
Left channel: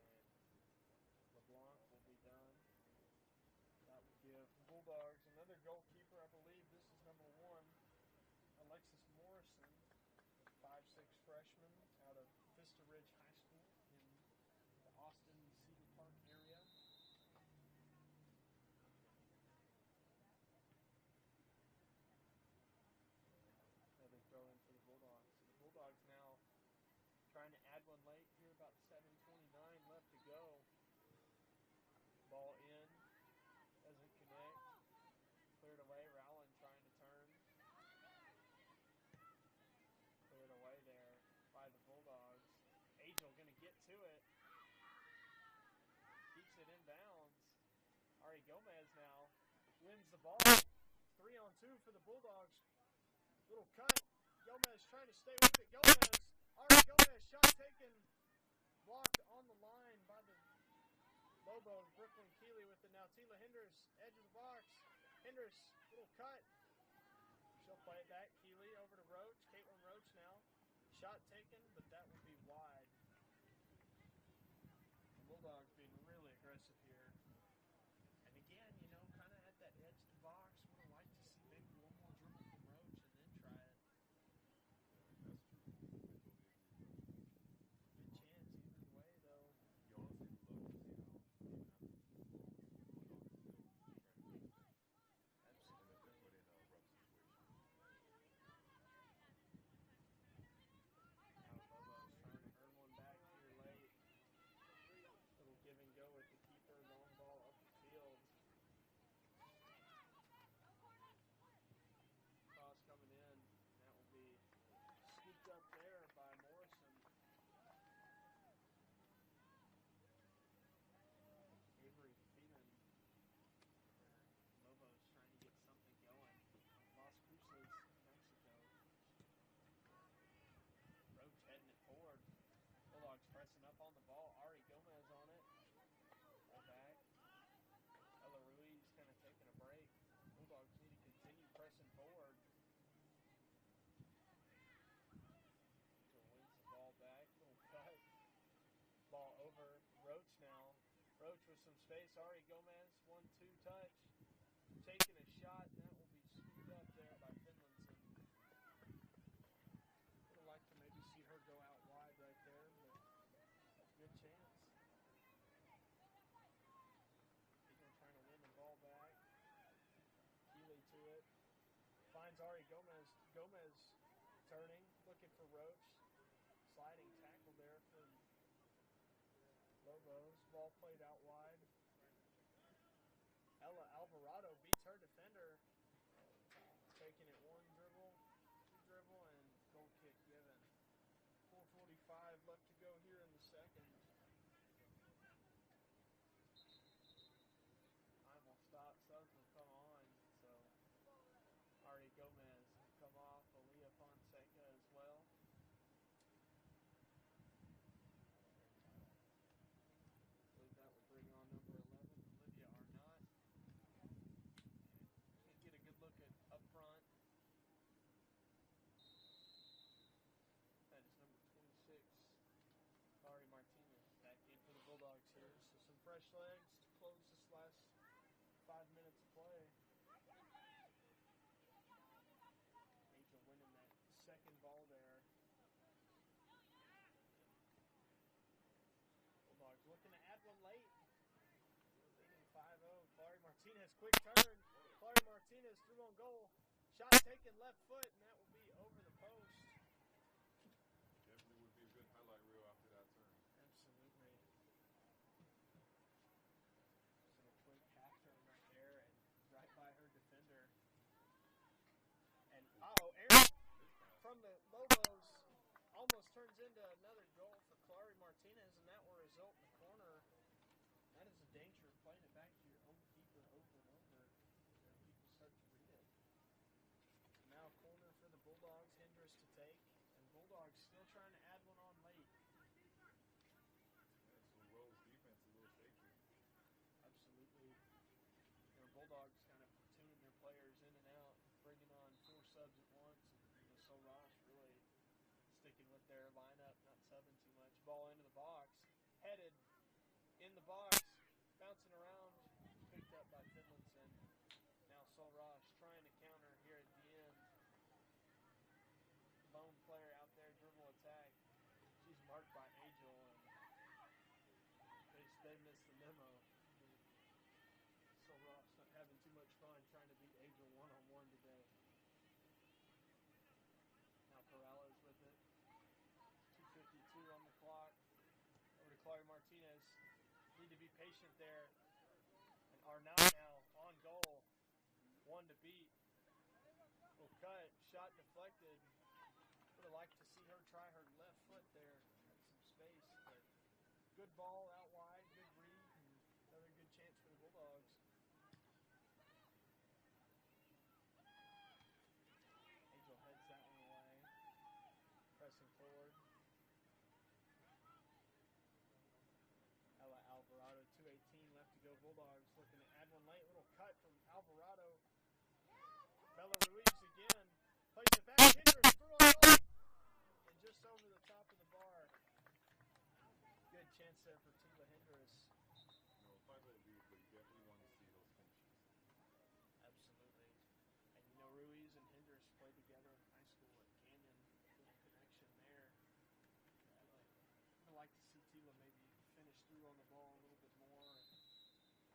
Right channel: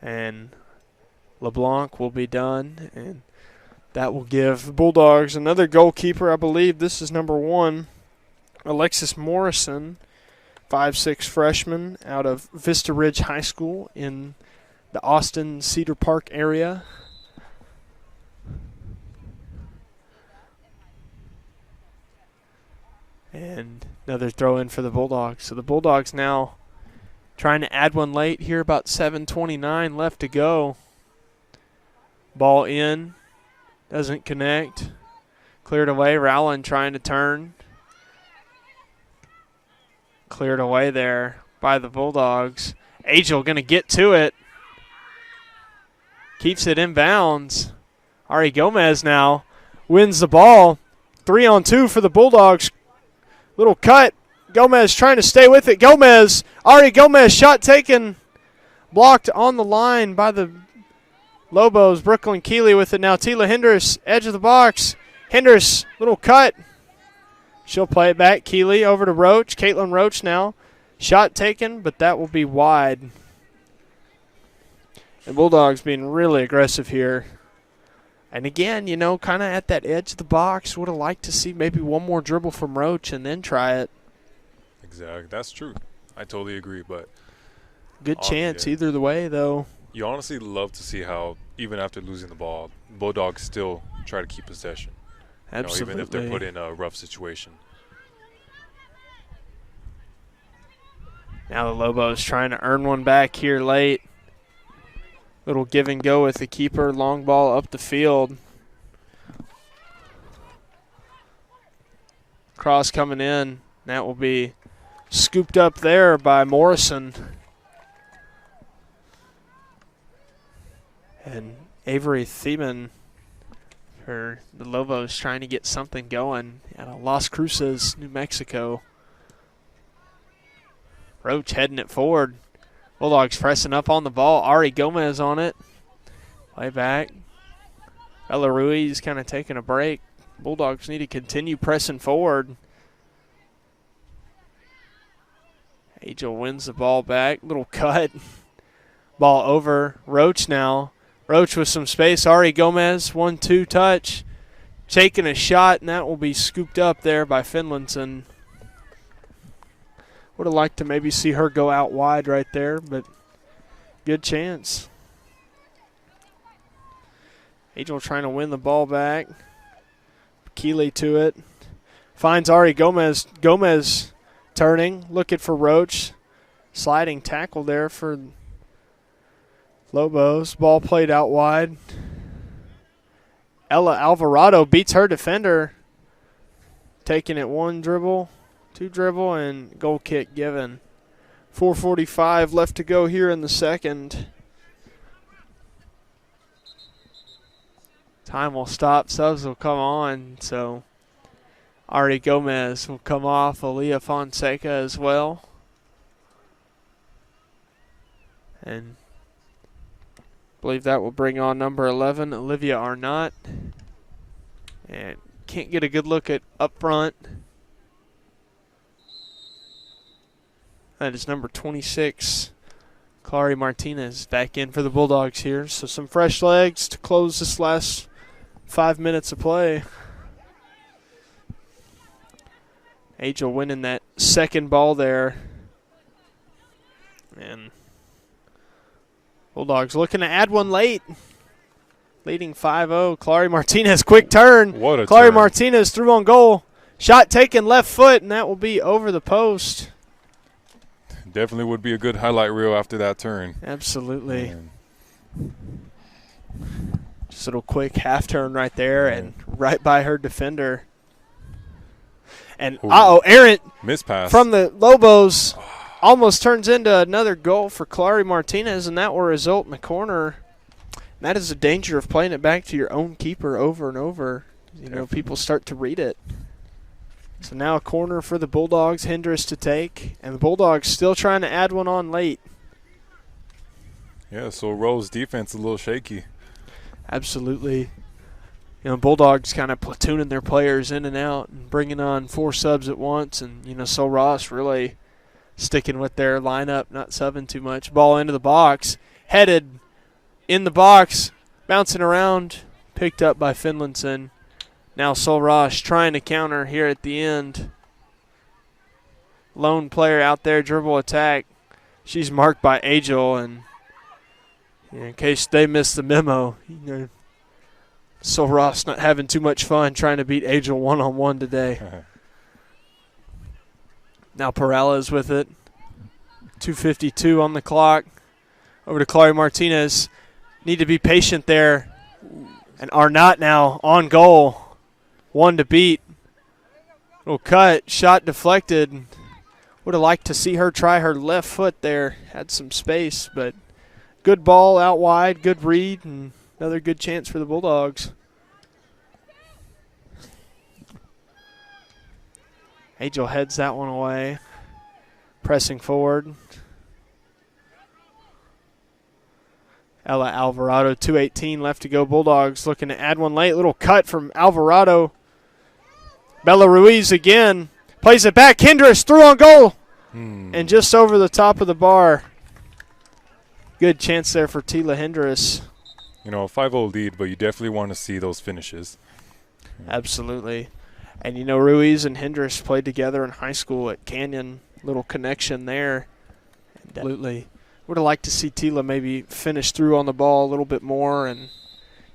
And LeBlanc will be done. And that will give Bulldogs another goalkeeper. I believe this is number 1. Alexis Morrison, 5'6" freshman out of Vista Ridge High School in the Austin Cedar Park area. And another throw in for the Bulldogs. So the Bulldogs now trying to add one late here, about 7:29 left to go. Ball in, doesn't connect. Cleared away, Rowland trying to turn. Cleared away there by the Bulldogs. Angel going to get to it. Keeps it in bounds. Ari Gomez now wins the ball. 3-on-2 for the Bulldogs. Little cut. Gomez trying to stay with it. Ari Gomez, shot taken. Blocked on the line by the Lobos. Brooklyn Keeley with it now. Tila Hendricks, edge of the box. Hendricks, little cut. She'll play it back. Keeley over to Roach. Caitlin Roach now. Shot taken, but that will be wide. The Bulldogs being really aggressive here. And again, you know, kind of at that edge of the box. Would have liked to see maybe one more dribble from Roach and then try it. Exactly. That's true. I totally agree. But good chance either the way, though. You honestly love to see how, even after losing the ball, Bulldogs still try to keep possession. Absolutely. Even if they're put in a rough situation. Now the Lobos trying to earn one back here late. Little give and go with the keeper. Long ball up the field. Cross coming in. That will be scooped up there by Morrison. And Avery Thiemann for the Lobos trying to get something going out of Las Cruces, New Mexico. Roach heading it forward. Bulldogs pressing up on the ball. Ari Gomez on it. Play back. Ella Ruiz kind of taking a break. Bulldogs need to continue pressing forward. Angel wins the ball back. Little cut. Ball over. Roach now. Roach with some space. Ari Gomez, 1-2 touch. Taking a shot, and that will be scooped up there by Finlayson. Would have liked to maybe see her go out wide right there, but good chance. Angel trying to win the ball back. Keeley to it. Finds Ari Gomez. Gomez turning, looking for Roach. Sliding tackle there for Lobos. Ball played out wide. Ella Alvarado beats her defender. Taking it 1 dribble, 2 dribble, and goal kick given. 4:45 left to go here in the second. Time will stop. Subs will come on. So Ari Gomez will come off. Aaliyah Fonseca as well. And I believe that will bring on number 11, Olivia Arnott. And can't get a good look at up front. That is number 26, Clary Martinez, back in for the Bulldogs here. So some fresh legs to close this last 5 minutes of play. Angel winning that second ball there. And Bulldogs looking to add one late. Leading 5-0. Clary Martinez, quick turn. What a Clary turn. Martinez through on goal. Shot taken left foot, and that will be over the post. Definitely would be a good highlight reel after that turn. Absolutely. Just a little quick half turn right there and right by her defender. And, errant mispass from the Lobos almost turns into another goal for Clary Martinez, and that will result in a corner. And that is the danger of playing it back to your own keeper over and over. You know, people start to read it. So now a corner for the Bulldogs, Hendricks to take, and the Bulldogs still trying to add one on late. Yeah, so Rose defense a little shaky. Absolutely. You know, Bulldogs kind of platooning their players in and out and bringing on 4 subs at once, and, you know, Sol Ross really sticking with their lineup, not subbing too much. Ball into the box, headed in the box, bouncing around, picked up by Finlinson. Now Sol Ross trying to counter here at the end. Lone player out there, dribble attack. She's marked by Angel, and in case they missed the memo, you know, Sol Ross not having too much fun trying to beat Angel one-on-one today. Now Perales with it. 2:52 on the clock. Over to Clary Martinez. Need to be patient there. And Arnott now on goal. 1 to beat. Little cut, shot deflected. Would have liked to see her try her left foot there. Had some space, but good ball out wide, good read, and another good chance for the Bulldogs. Angel heads that one away. Pressing forward. Ella Alvarado, 2:18 left to go. Bulldogs looking to add one late. Little cut from Alvarado. Bella Ruiz again. Plays it back. Hendricks through on goal. And just over the top of the bar. Good chance there for Tila Hendricks. You know, a 5-0 lead, but you definitely want to see those finishes. Absolutely. And, you know, Ruiz and Hendricks played together in high school at Canyon. Little connection there. Absolutely. Would have liked to see Tila maybe finish through on the ball a little bit more and,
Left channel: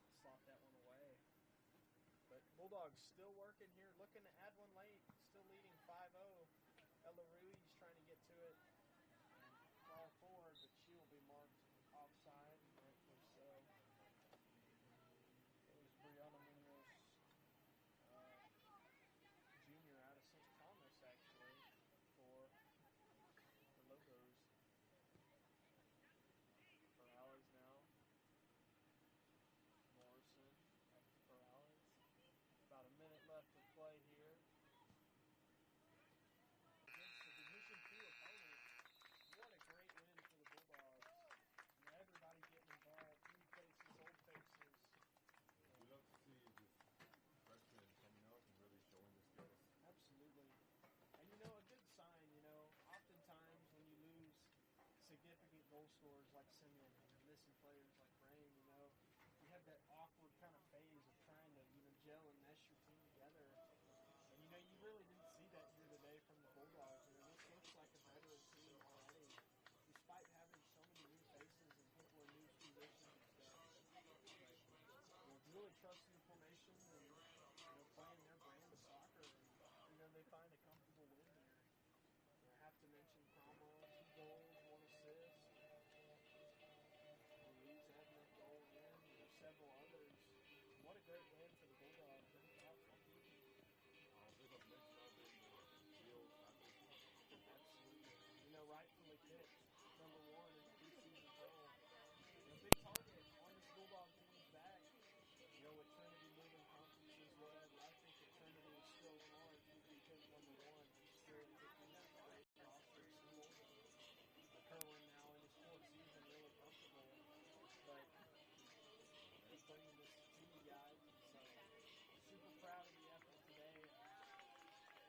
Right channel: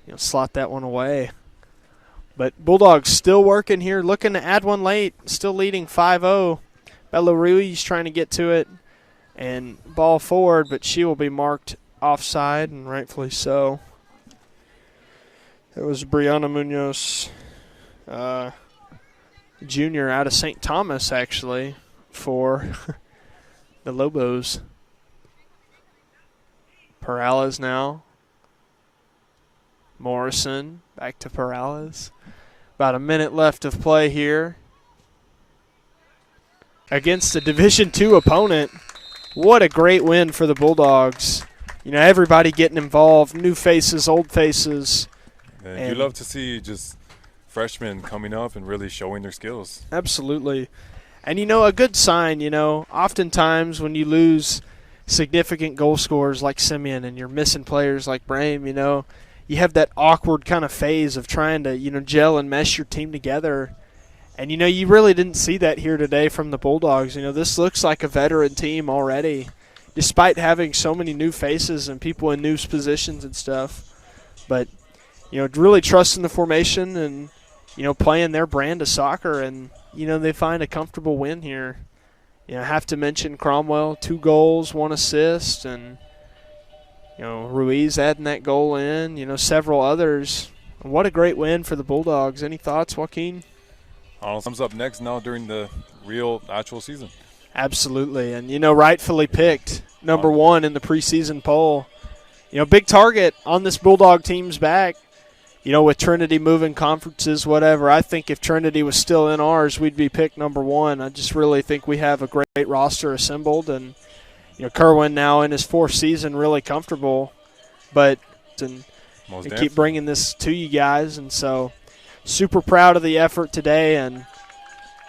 you know, slot that one away. But Bulldogs still working here, looking to add one late, still leading 5-0. Bella Ruiz trying to get to it and ball forward, but she will be marked offside, and rightfully so. It was Brianna Munoz, junior out of St. Thomas, actually, for the Lobos. Perales now. Morrison back to Perales. About a minute left of play here. Against a Division II opponent. What a great win for the Bulldogs. You know, everybody getting involved, new faces, old faces. And you love to see just freshmen coming up and really showing their skills. Absolutely. And, you know, a good sign, you know, oftentimes when you lose significant goal scorers like Simeon and you're missing players like Brame, you know, you have that awkward kind of phase of trying to, you know, gel and mesh your team together. And, you know, you really didn't see that here today from the Bulldogs. You know, this looks like a veteran team already, despite having so many new faces and people in new positions and stuff. But, you know, really trusting the formation and, you know, playing their brand of soccer. And, you know, they find a comfortable win here. You know, I have to mention Cromwell, 2 goals, 1 assist, and, you know, Ruiz adding that goal in, you know, several others. What a great win for the Bulldogs. Any thoughts, Joaquin? Comes up next now during the real actual season. Absolutely. And, you know, rightfully picked number 1 in the preseason poll. You know, big target on this Bulldog team's back. You know, with Trinity moving conferences, whatever, I think if Trinity was still in ours, we'd be picked number 1. I just really think we have a great roster assembled. And, you know, Kerwin now in his 4th season really comfortable. But and keep bringing this to you guys. And so super proud of the effort today. And,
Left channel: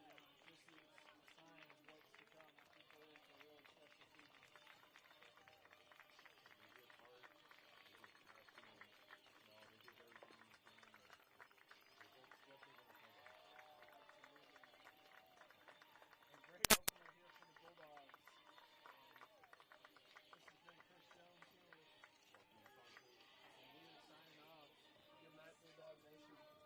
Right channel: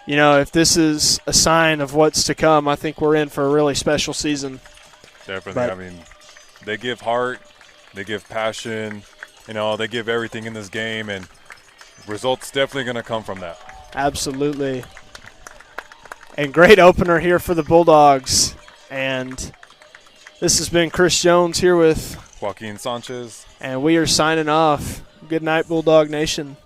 you know, if this is a sign of what's to come, I think we're in for a really special season. Definitely. But, I mean, they give heart, they give passion. You know, they give everything in this game, and results definitely going to come from that. Absolutely. And great opener here for the Bulldogs. And this has been Chris Jones here with Joaquin Sanchez. And we are signing off. Good night, Bulldog Nation.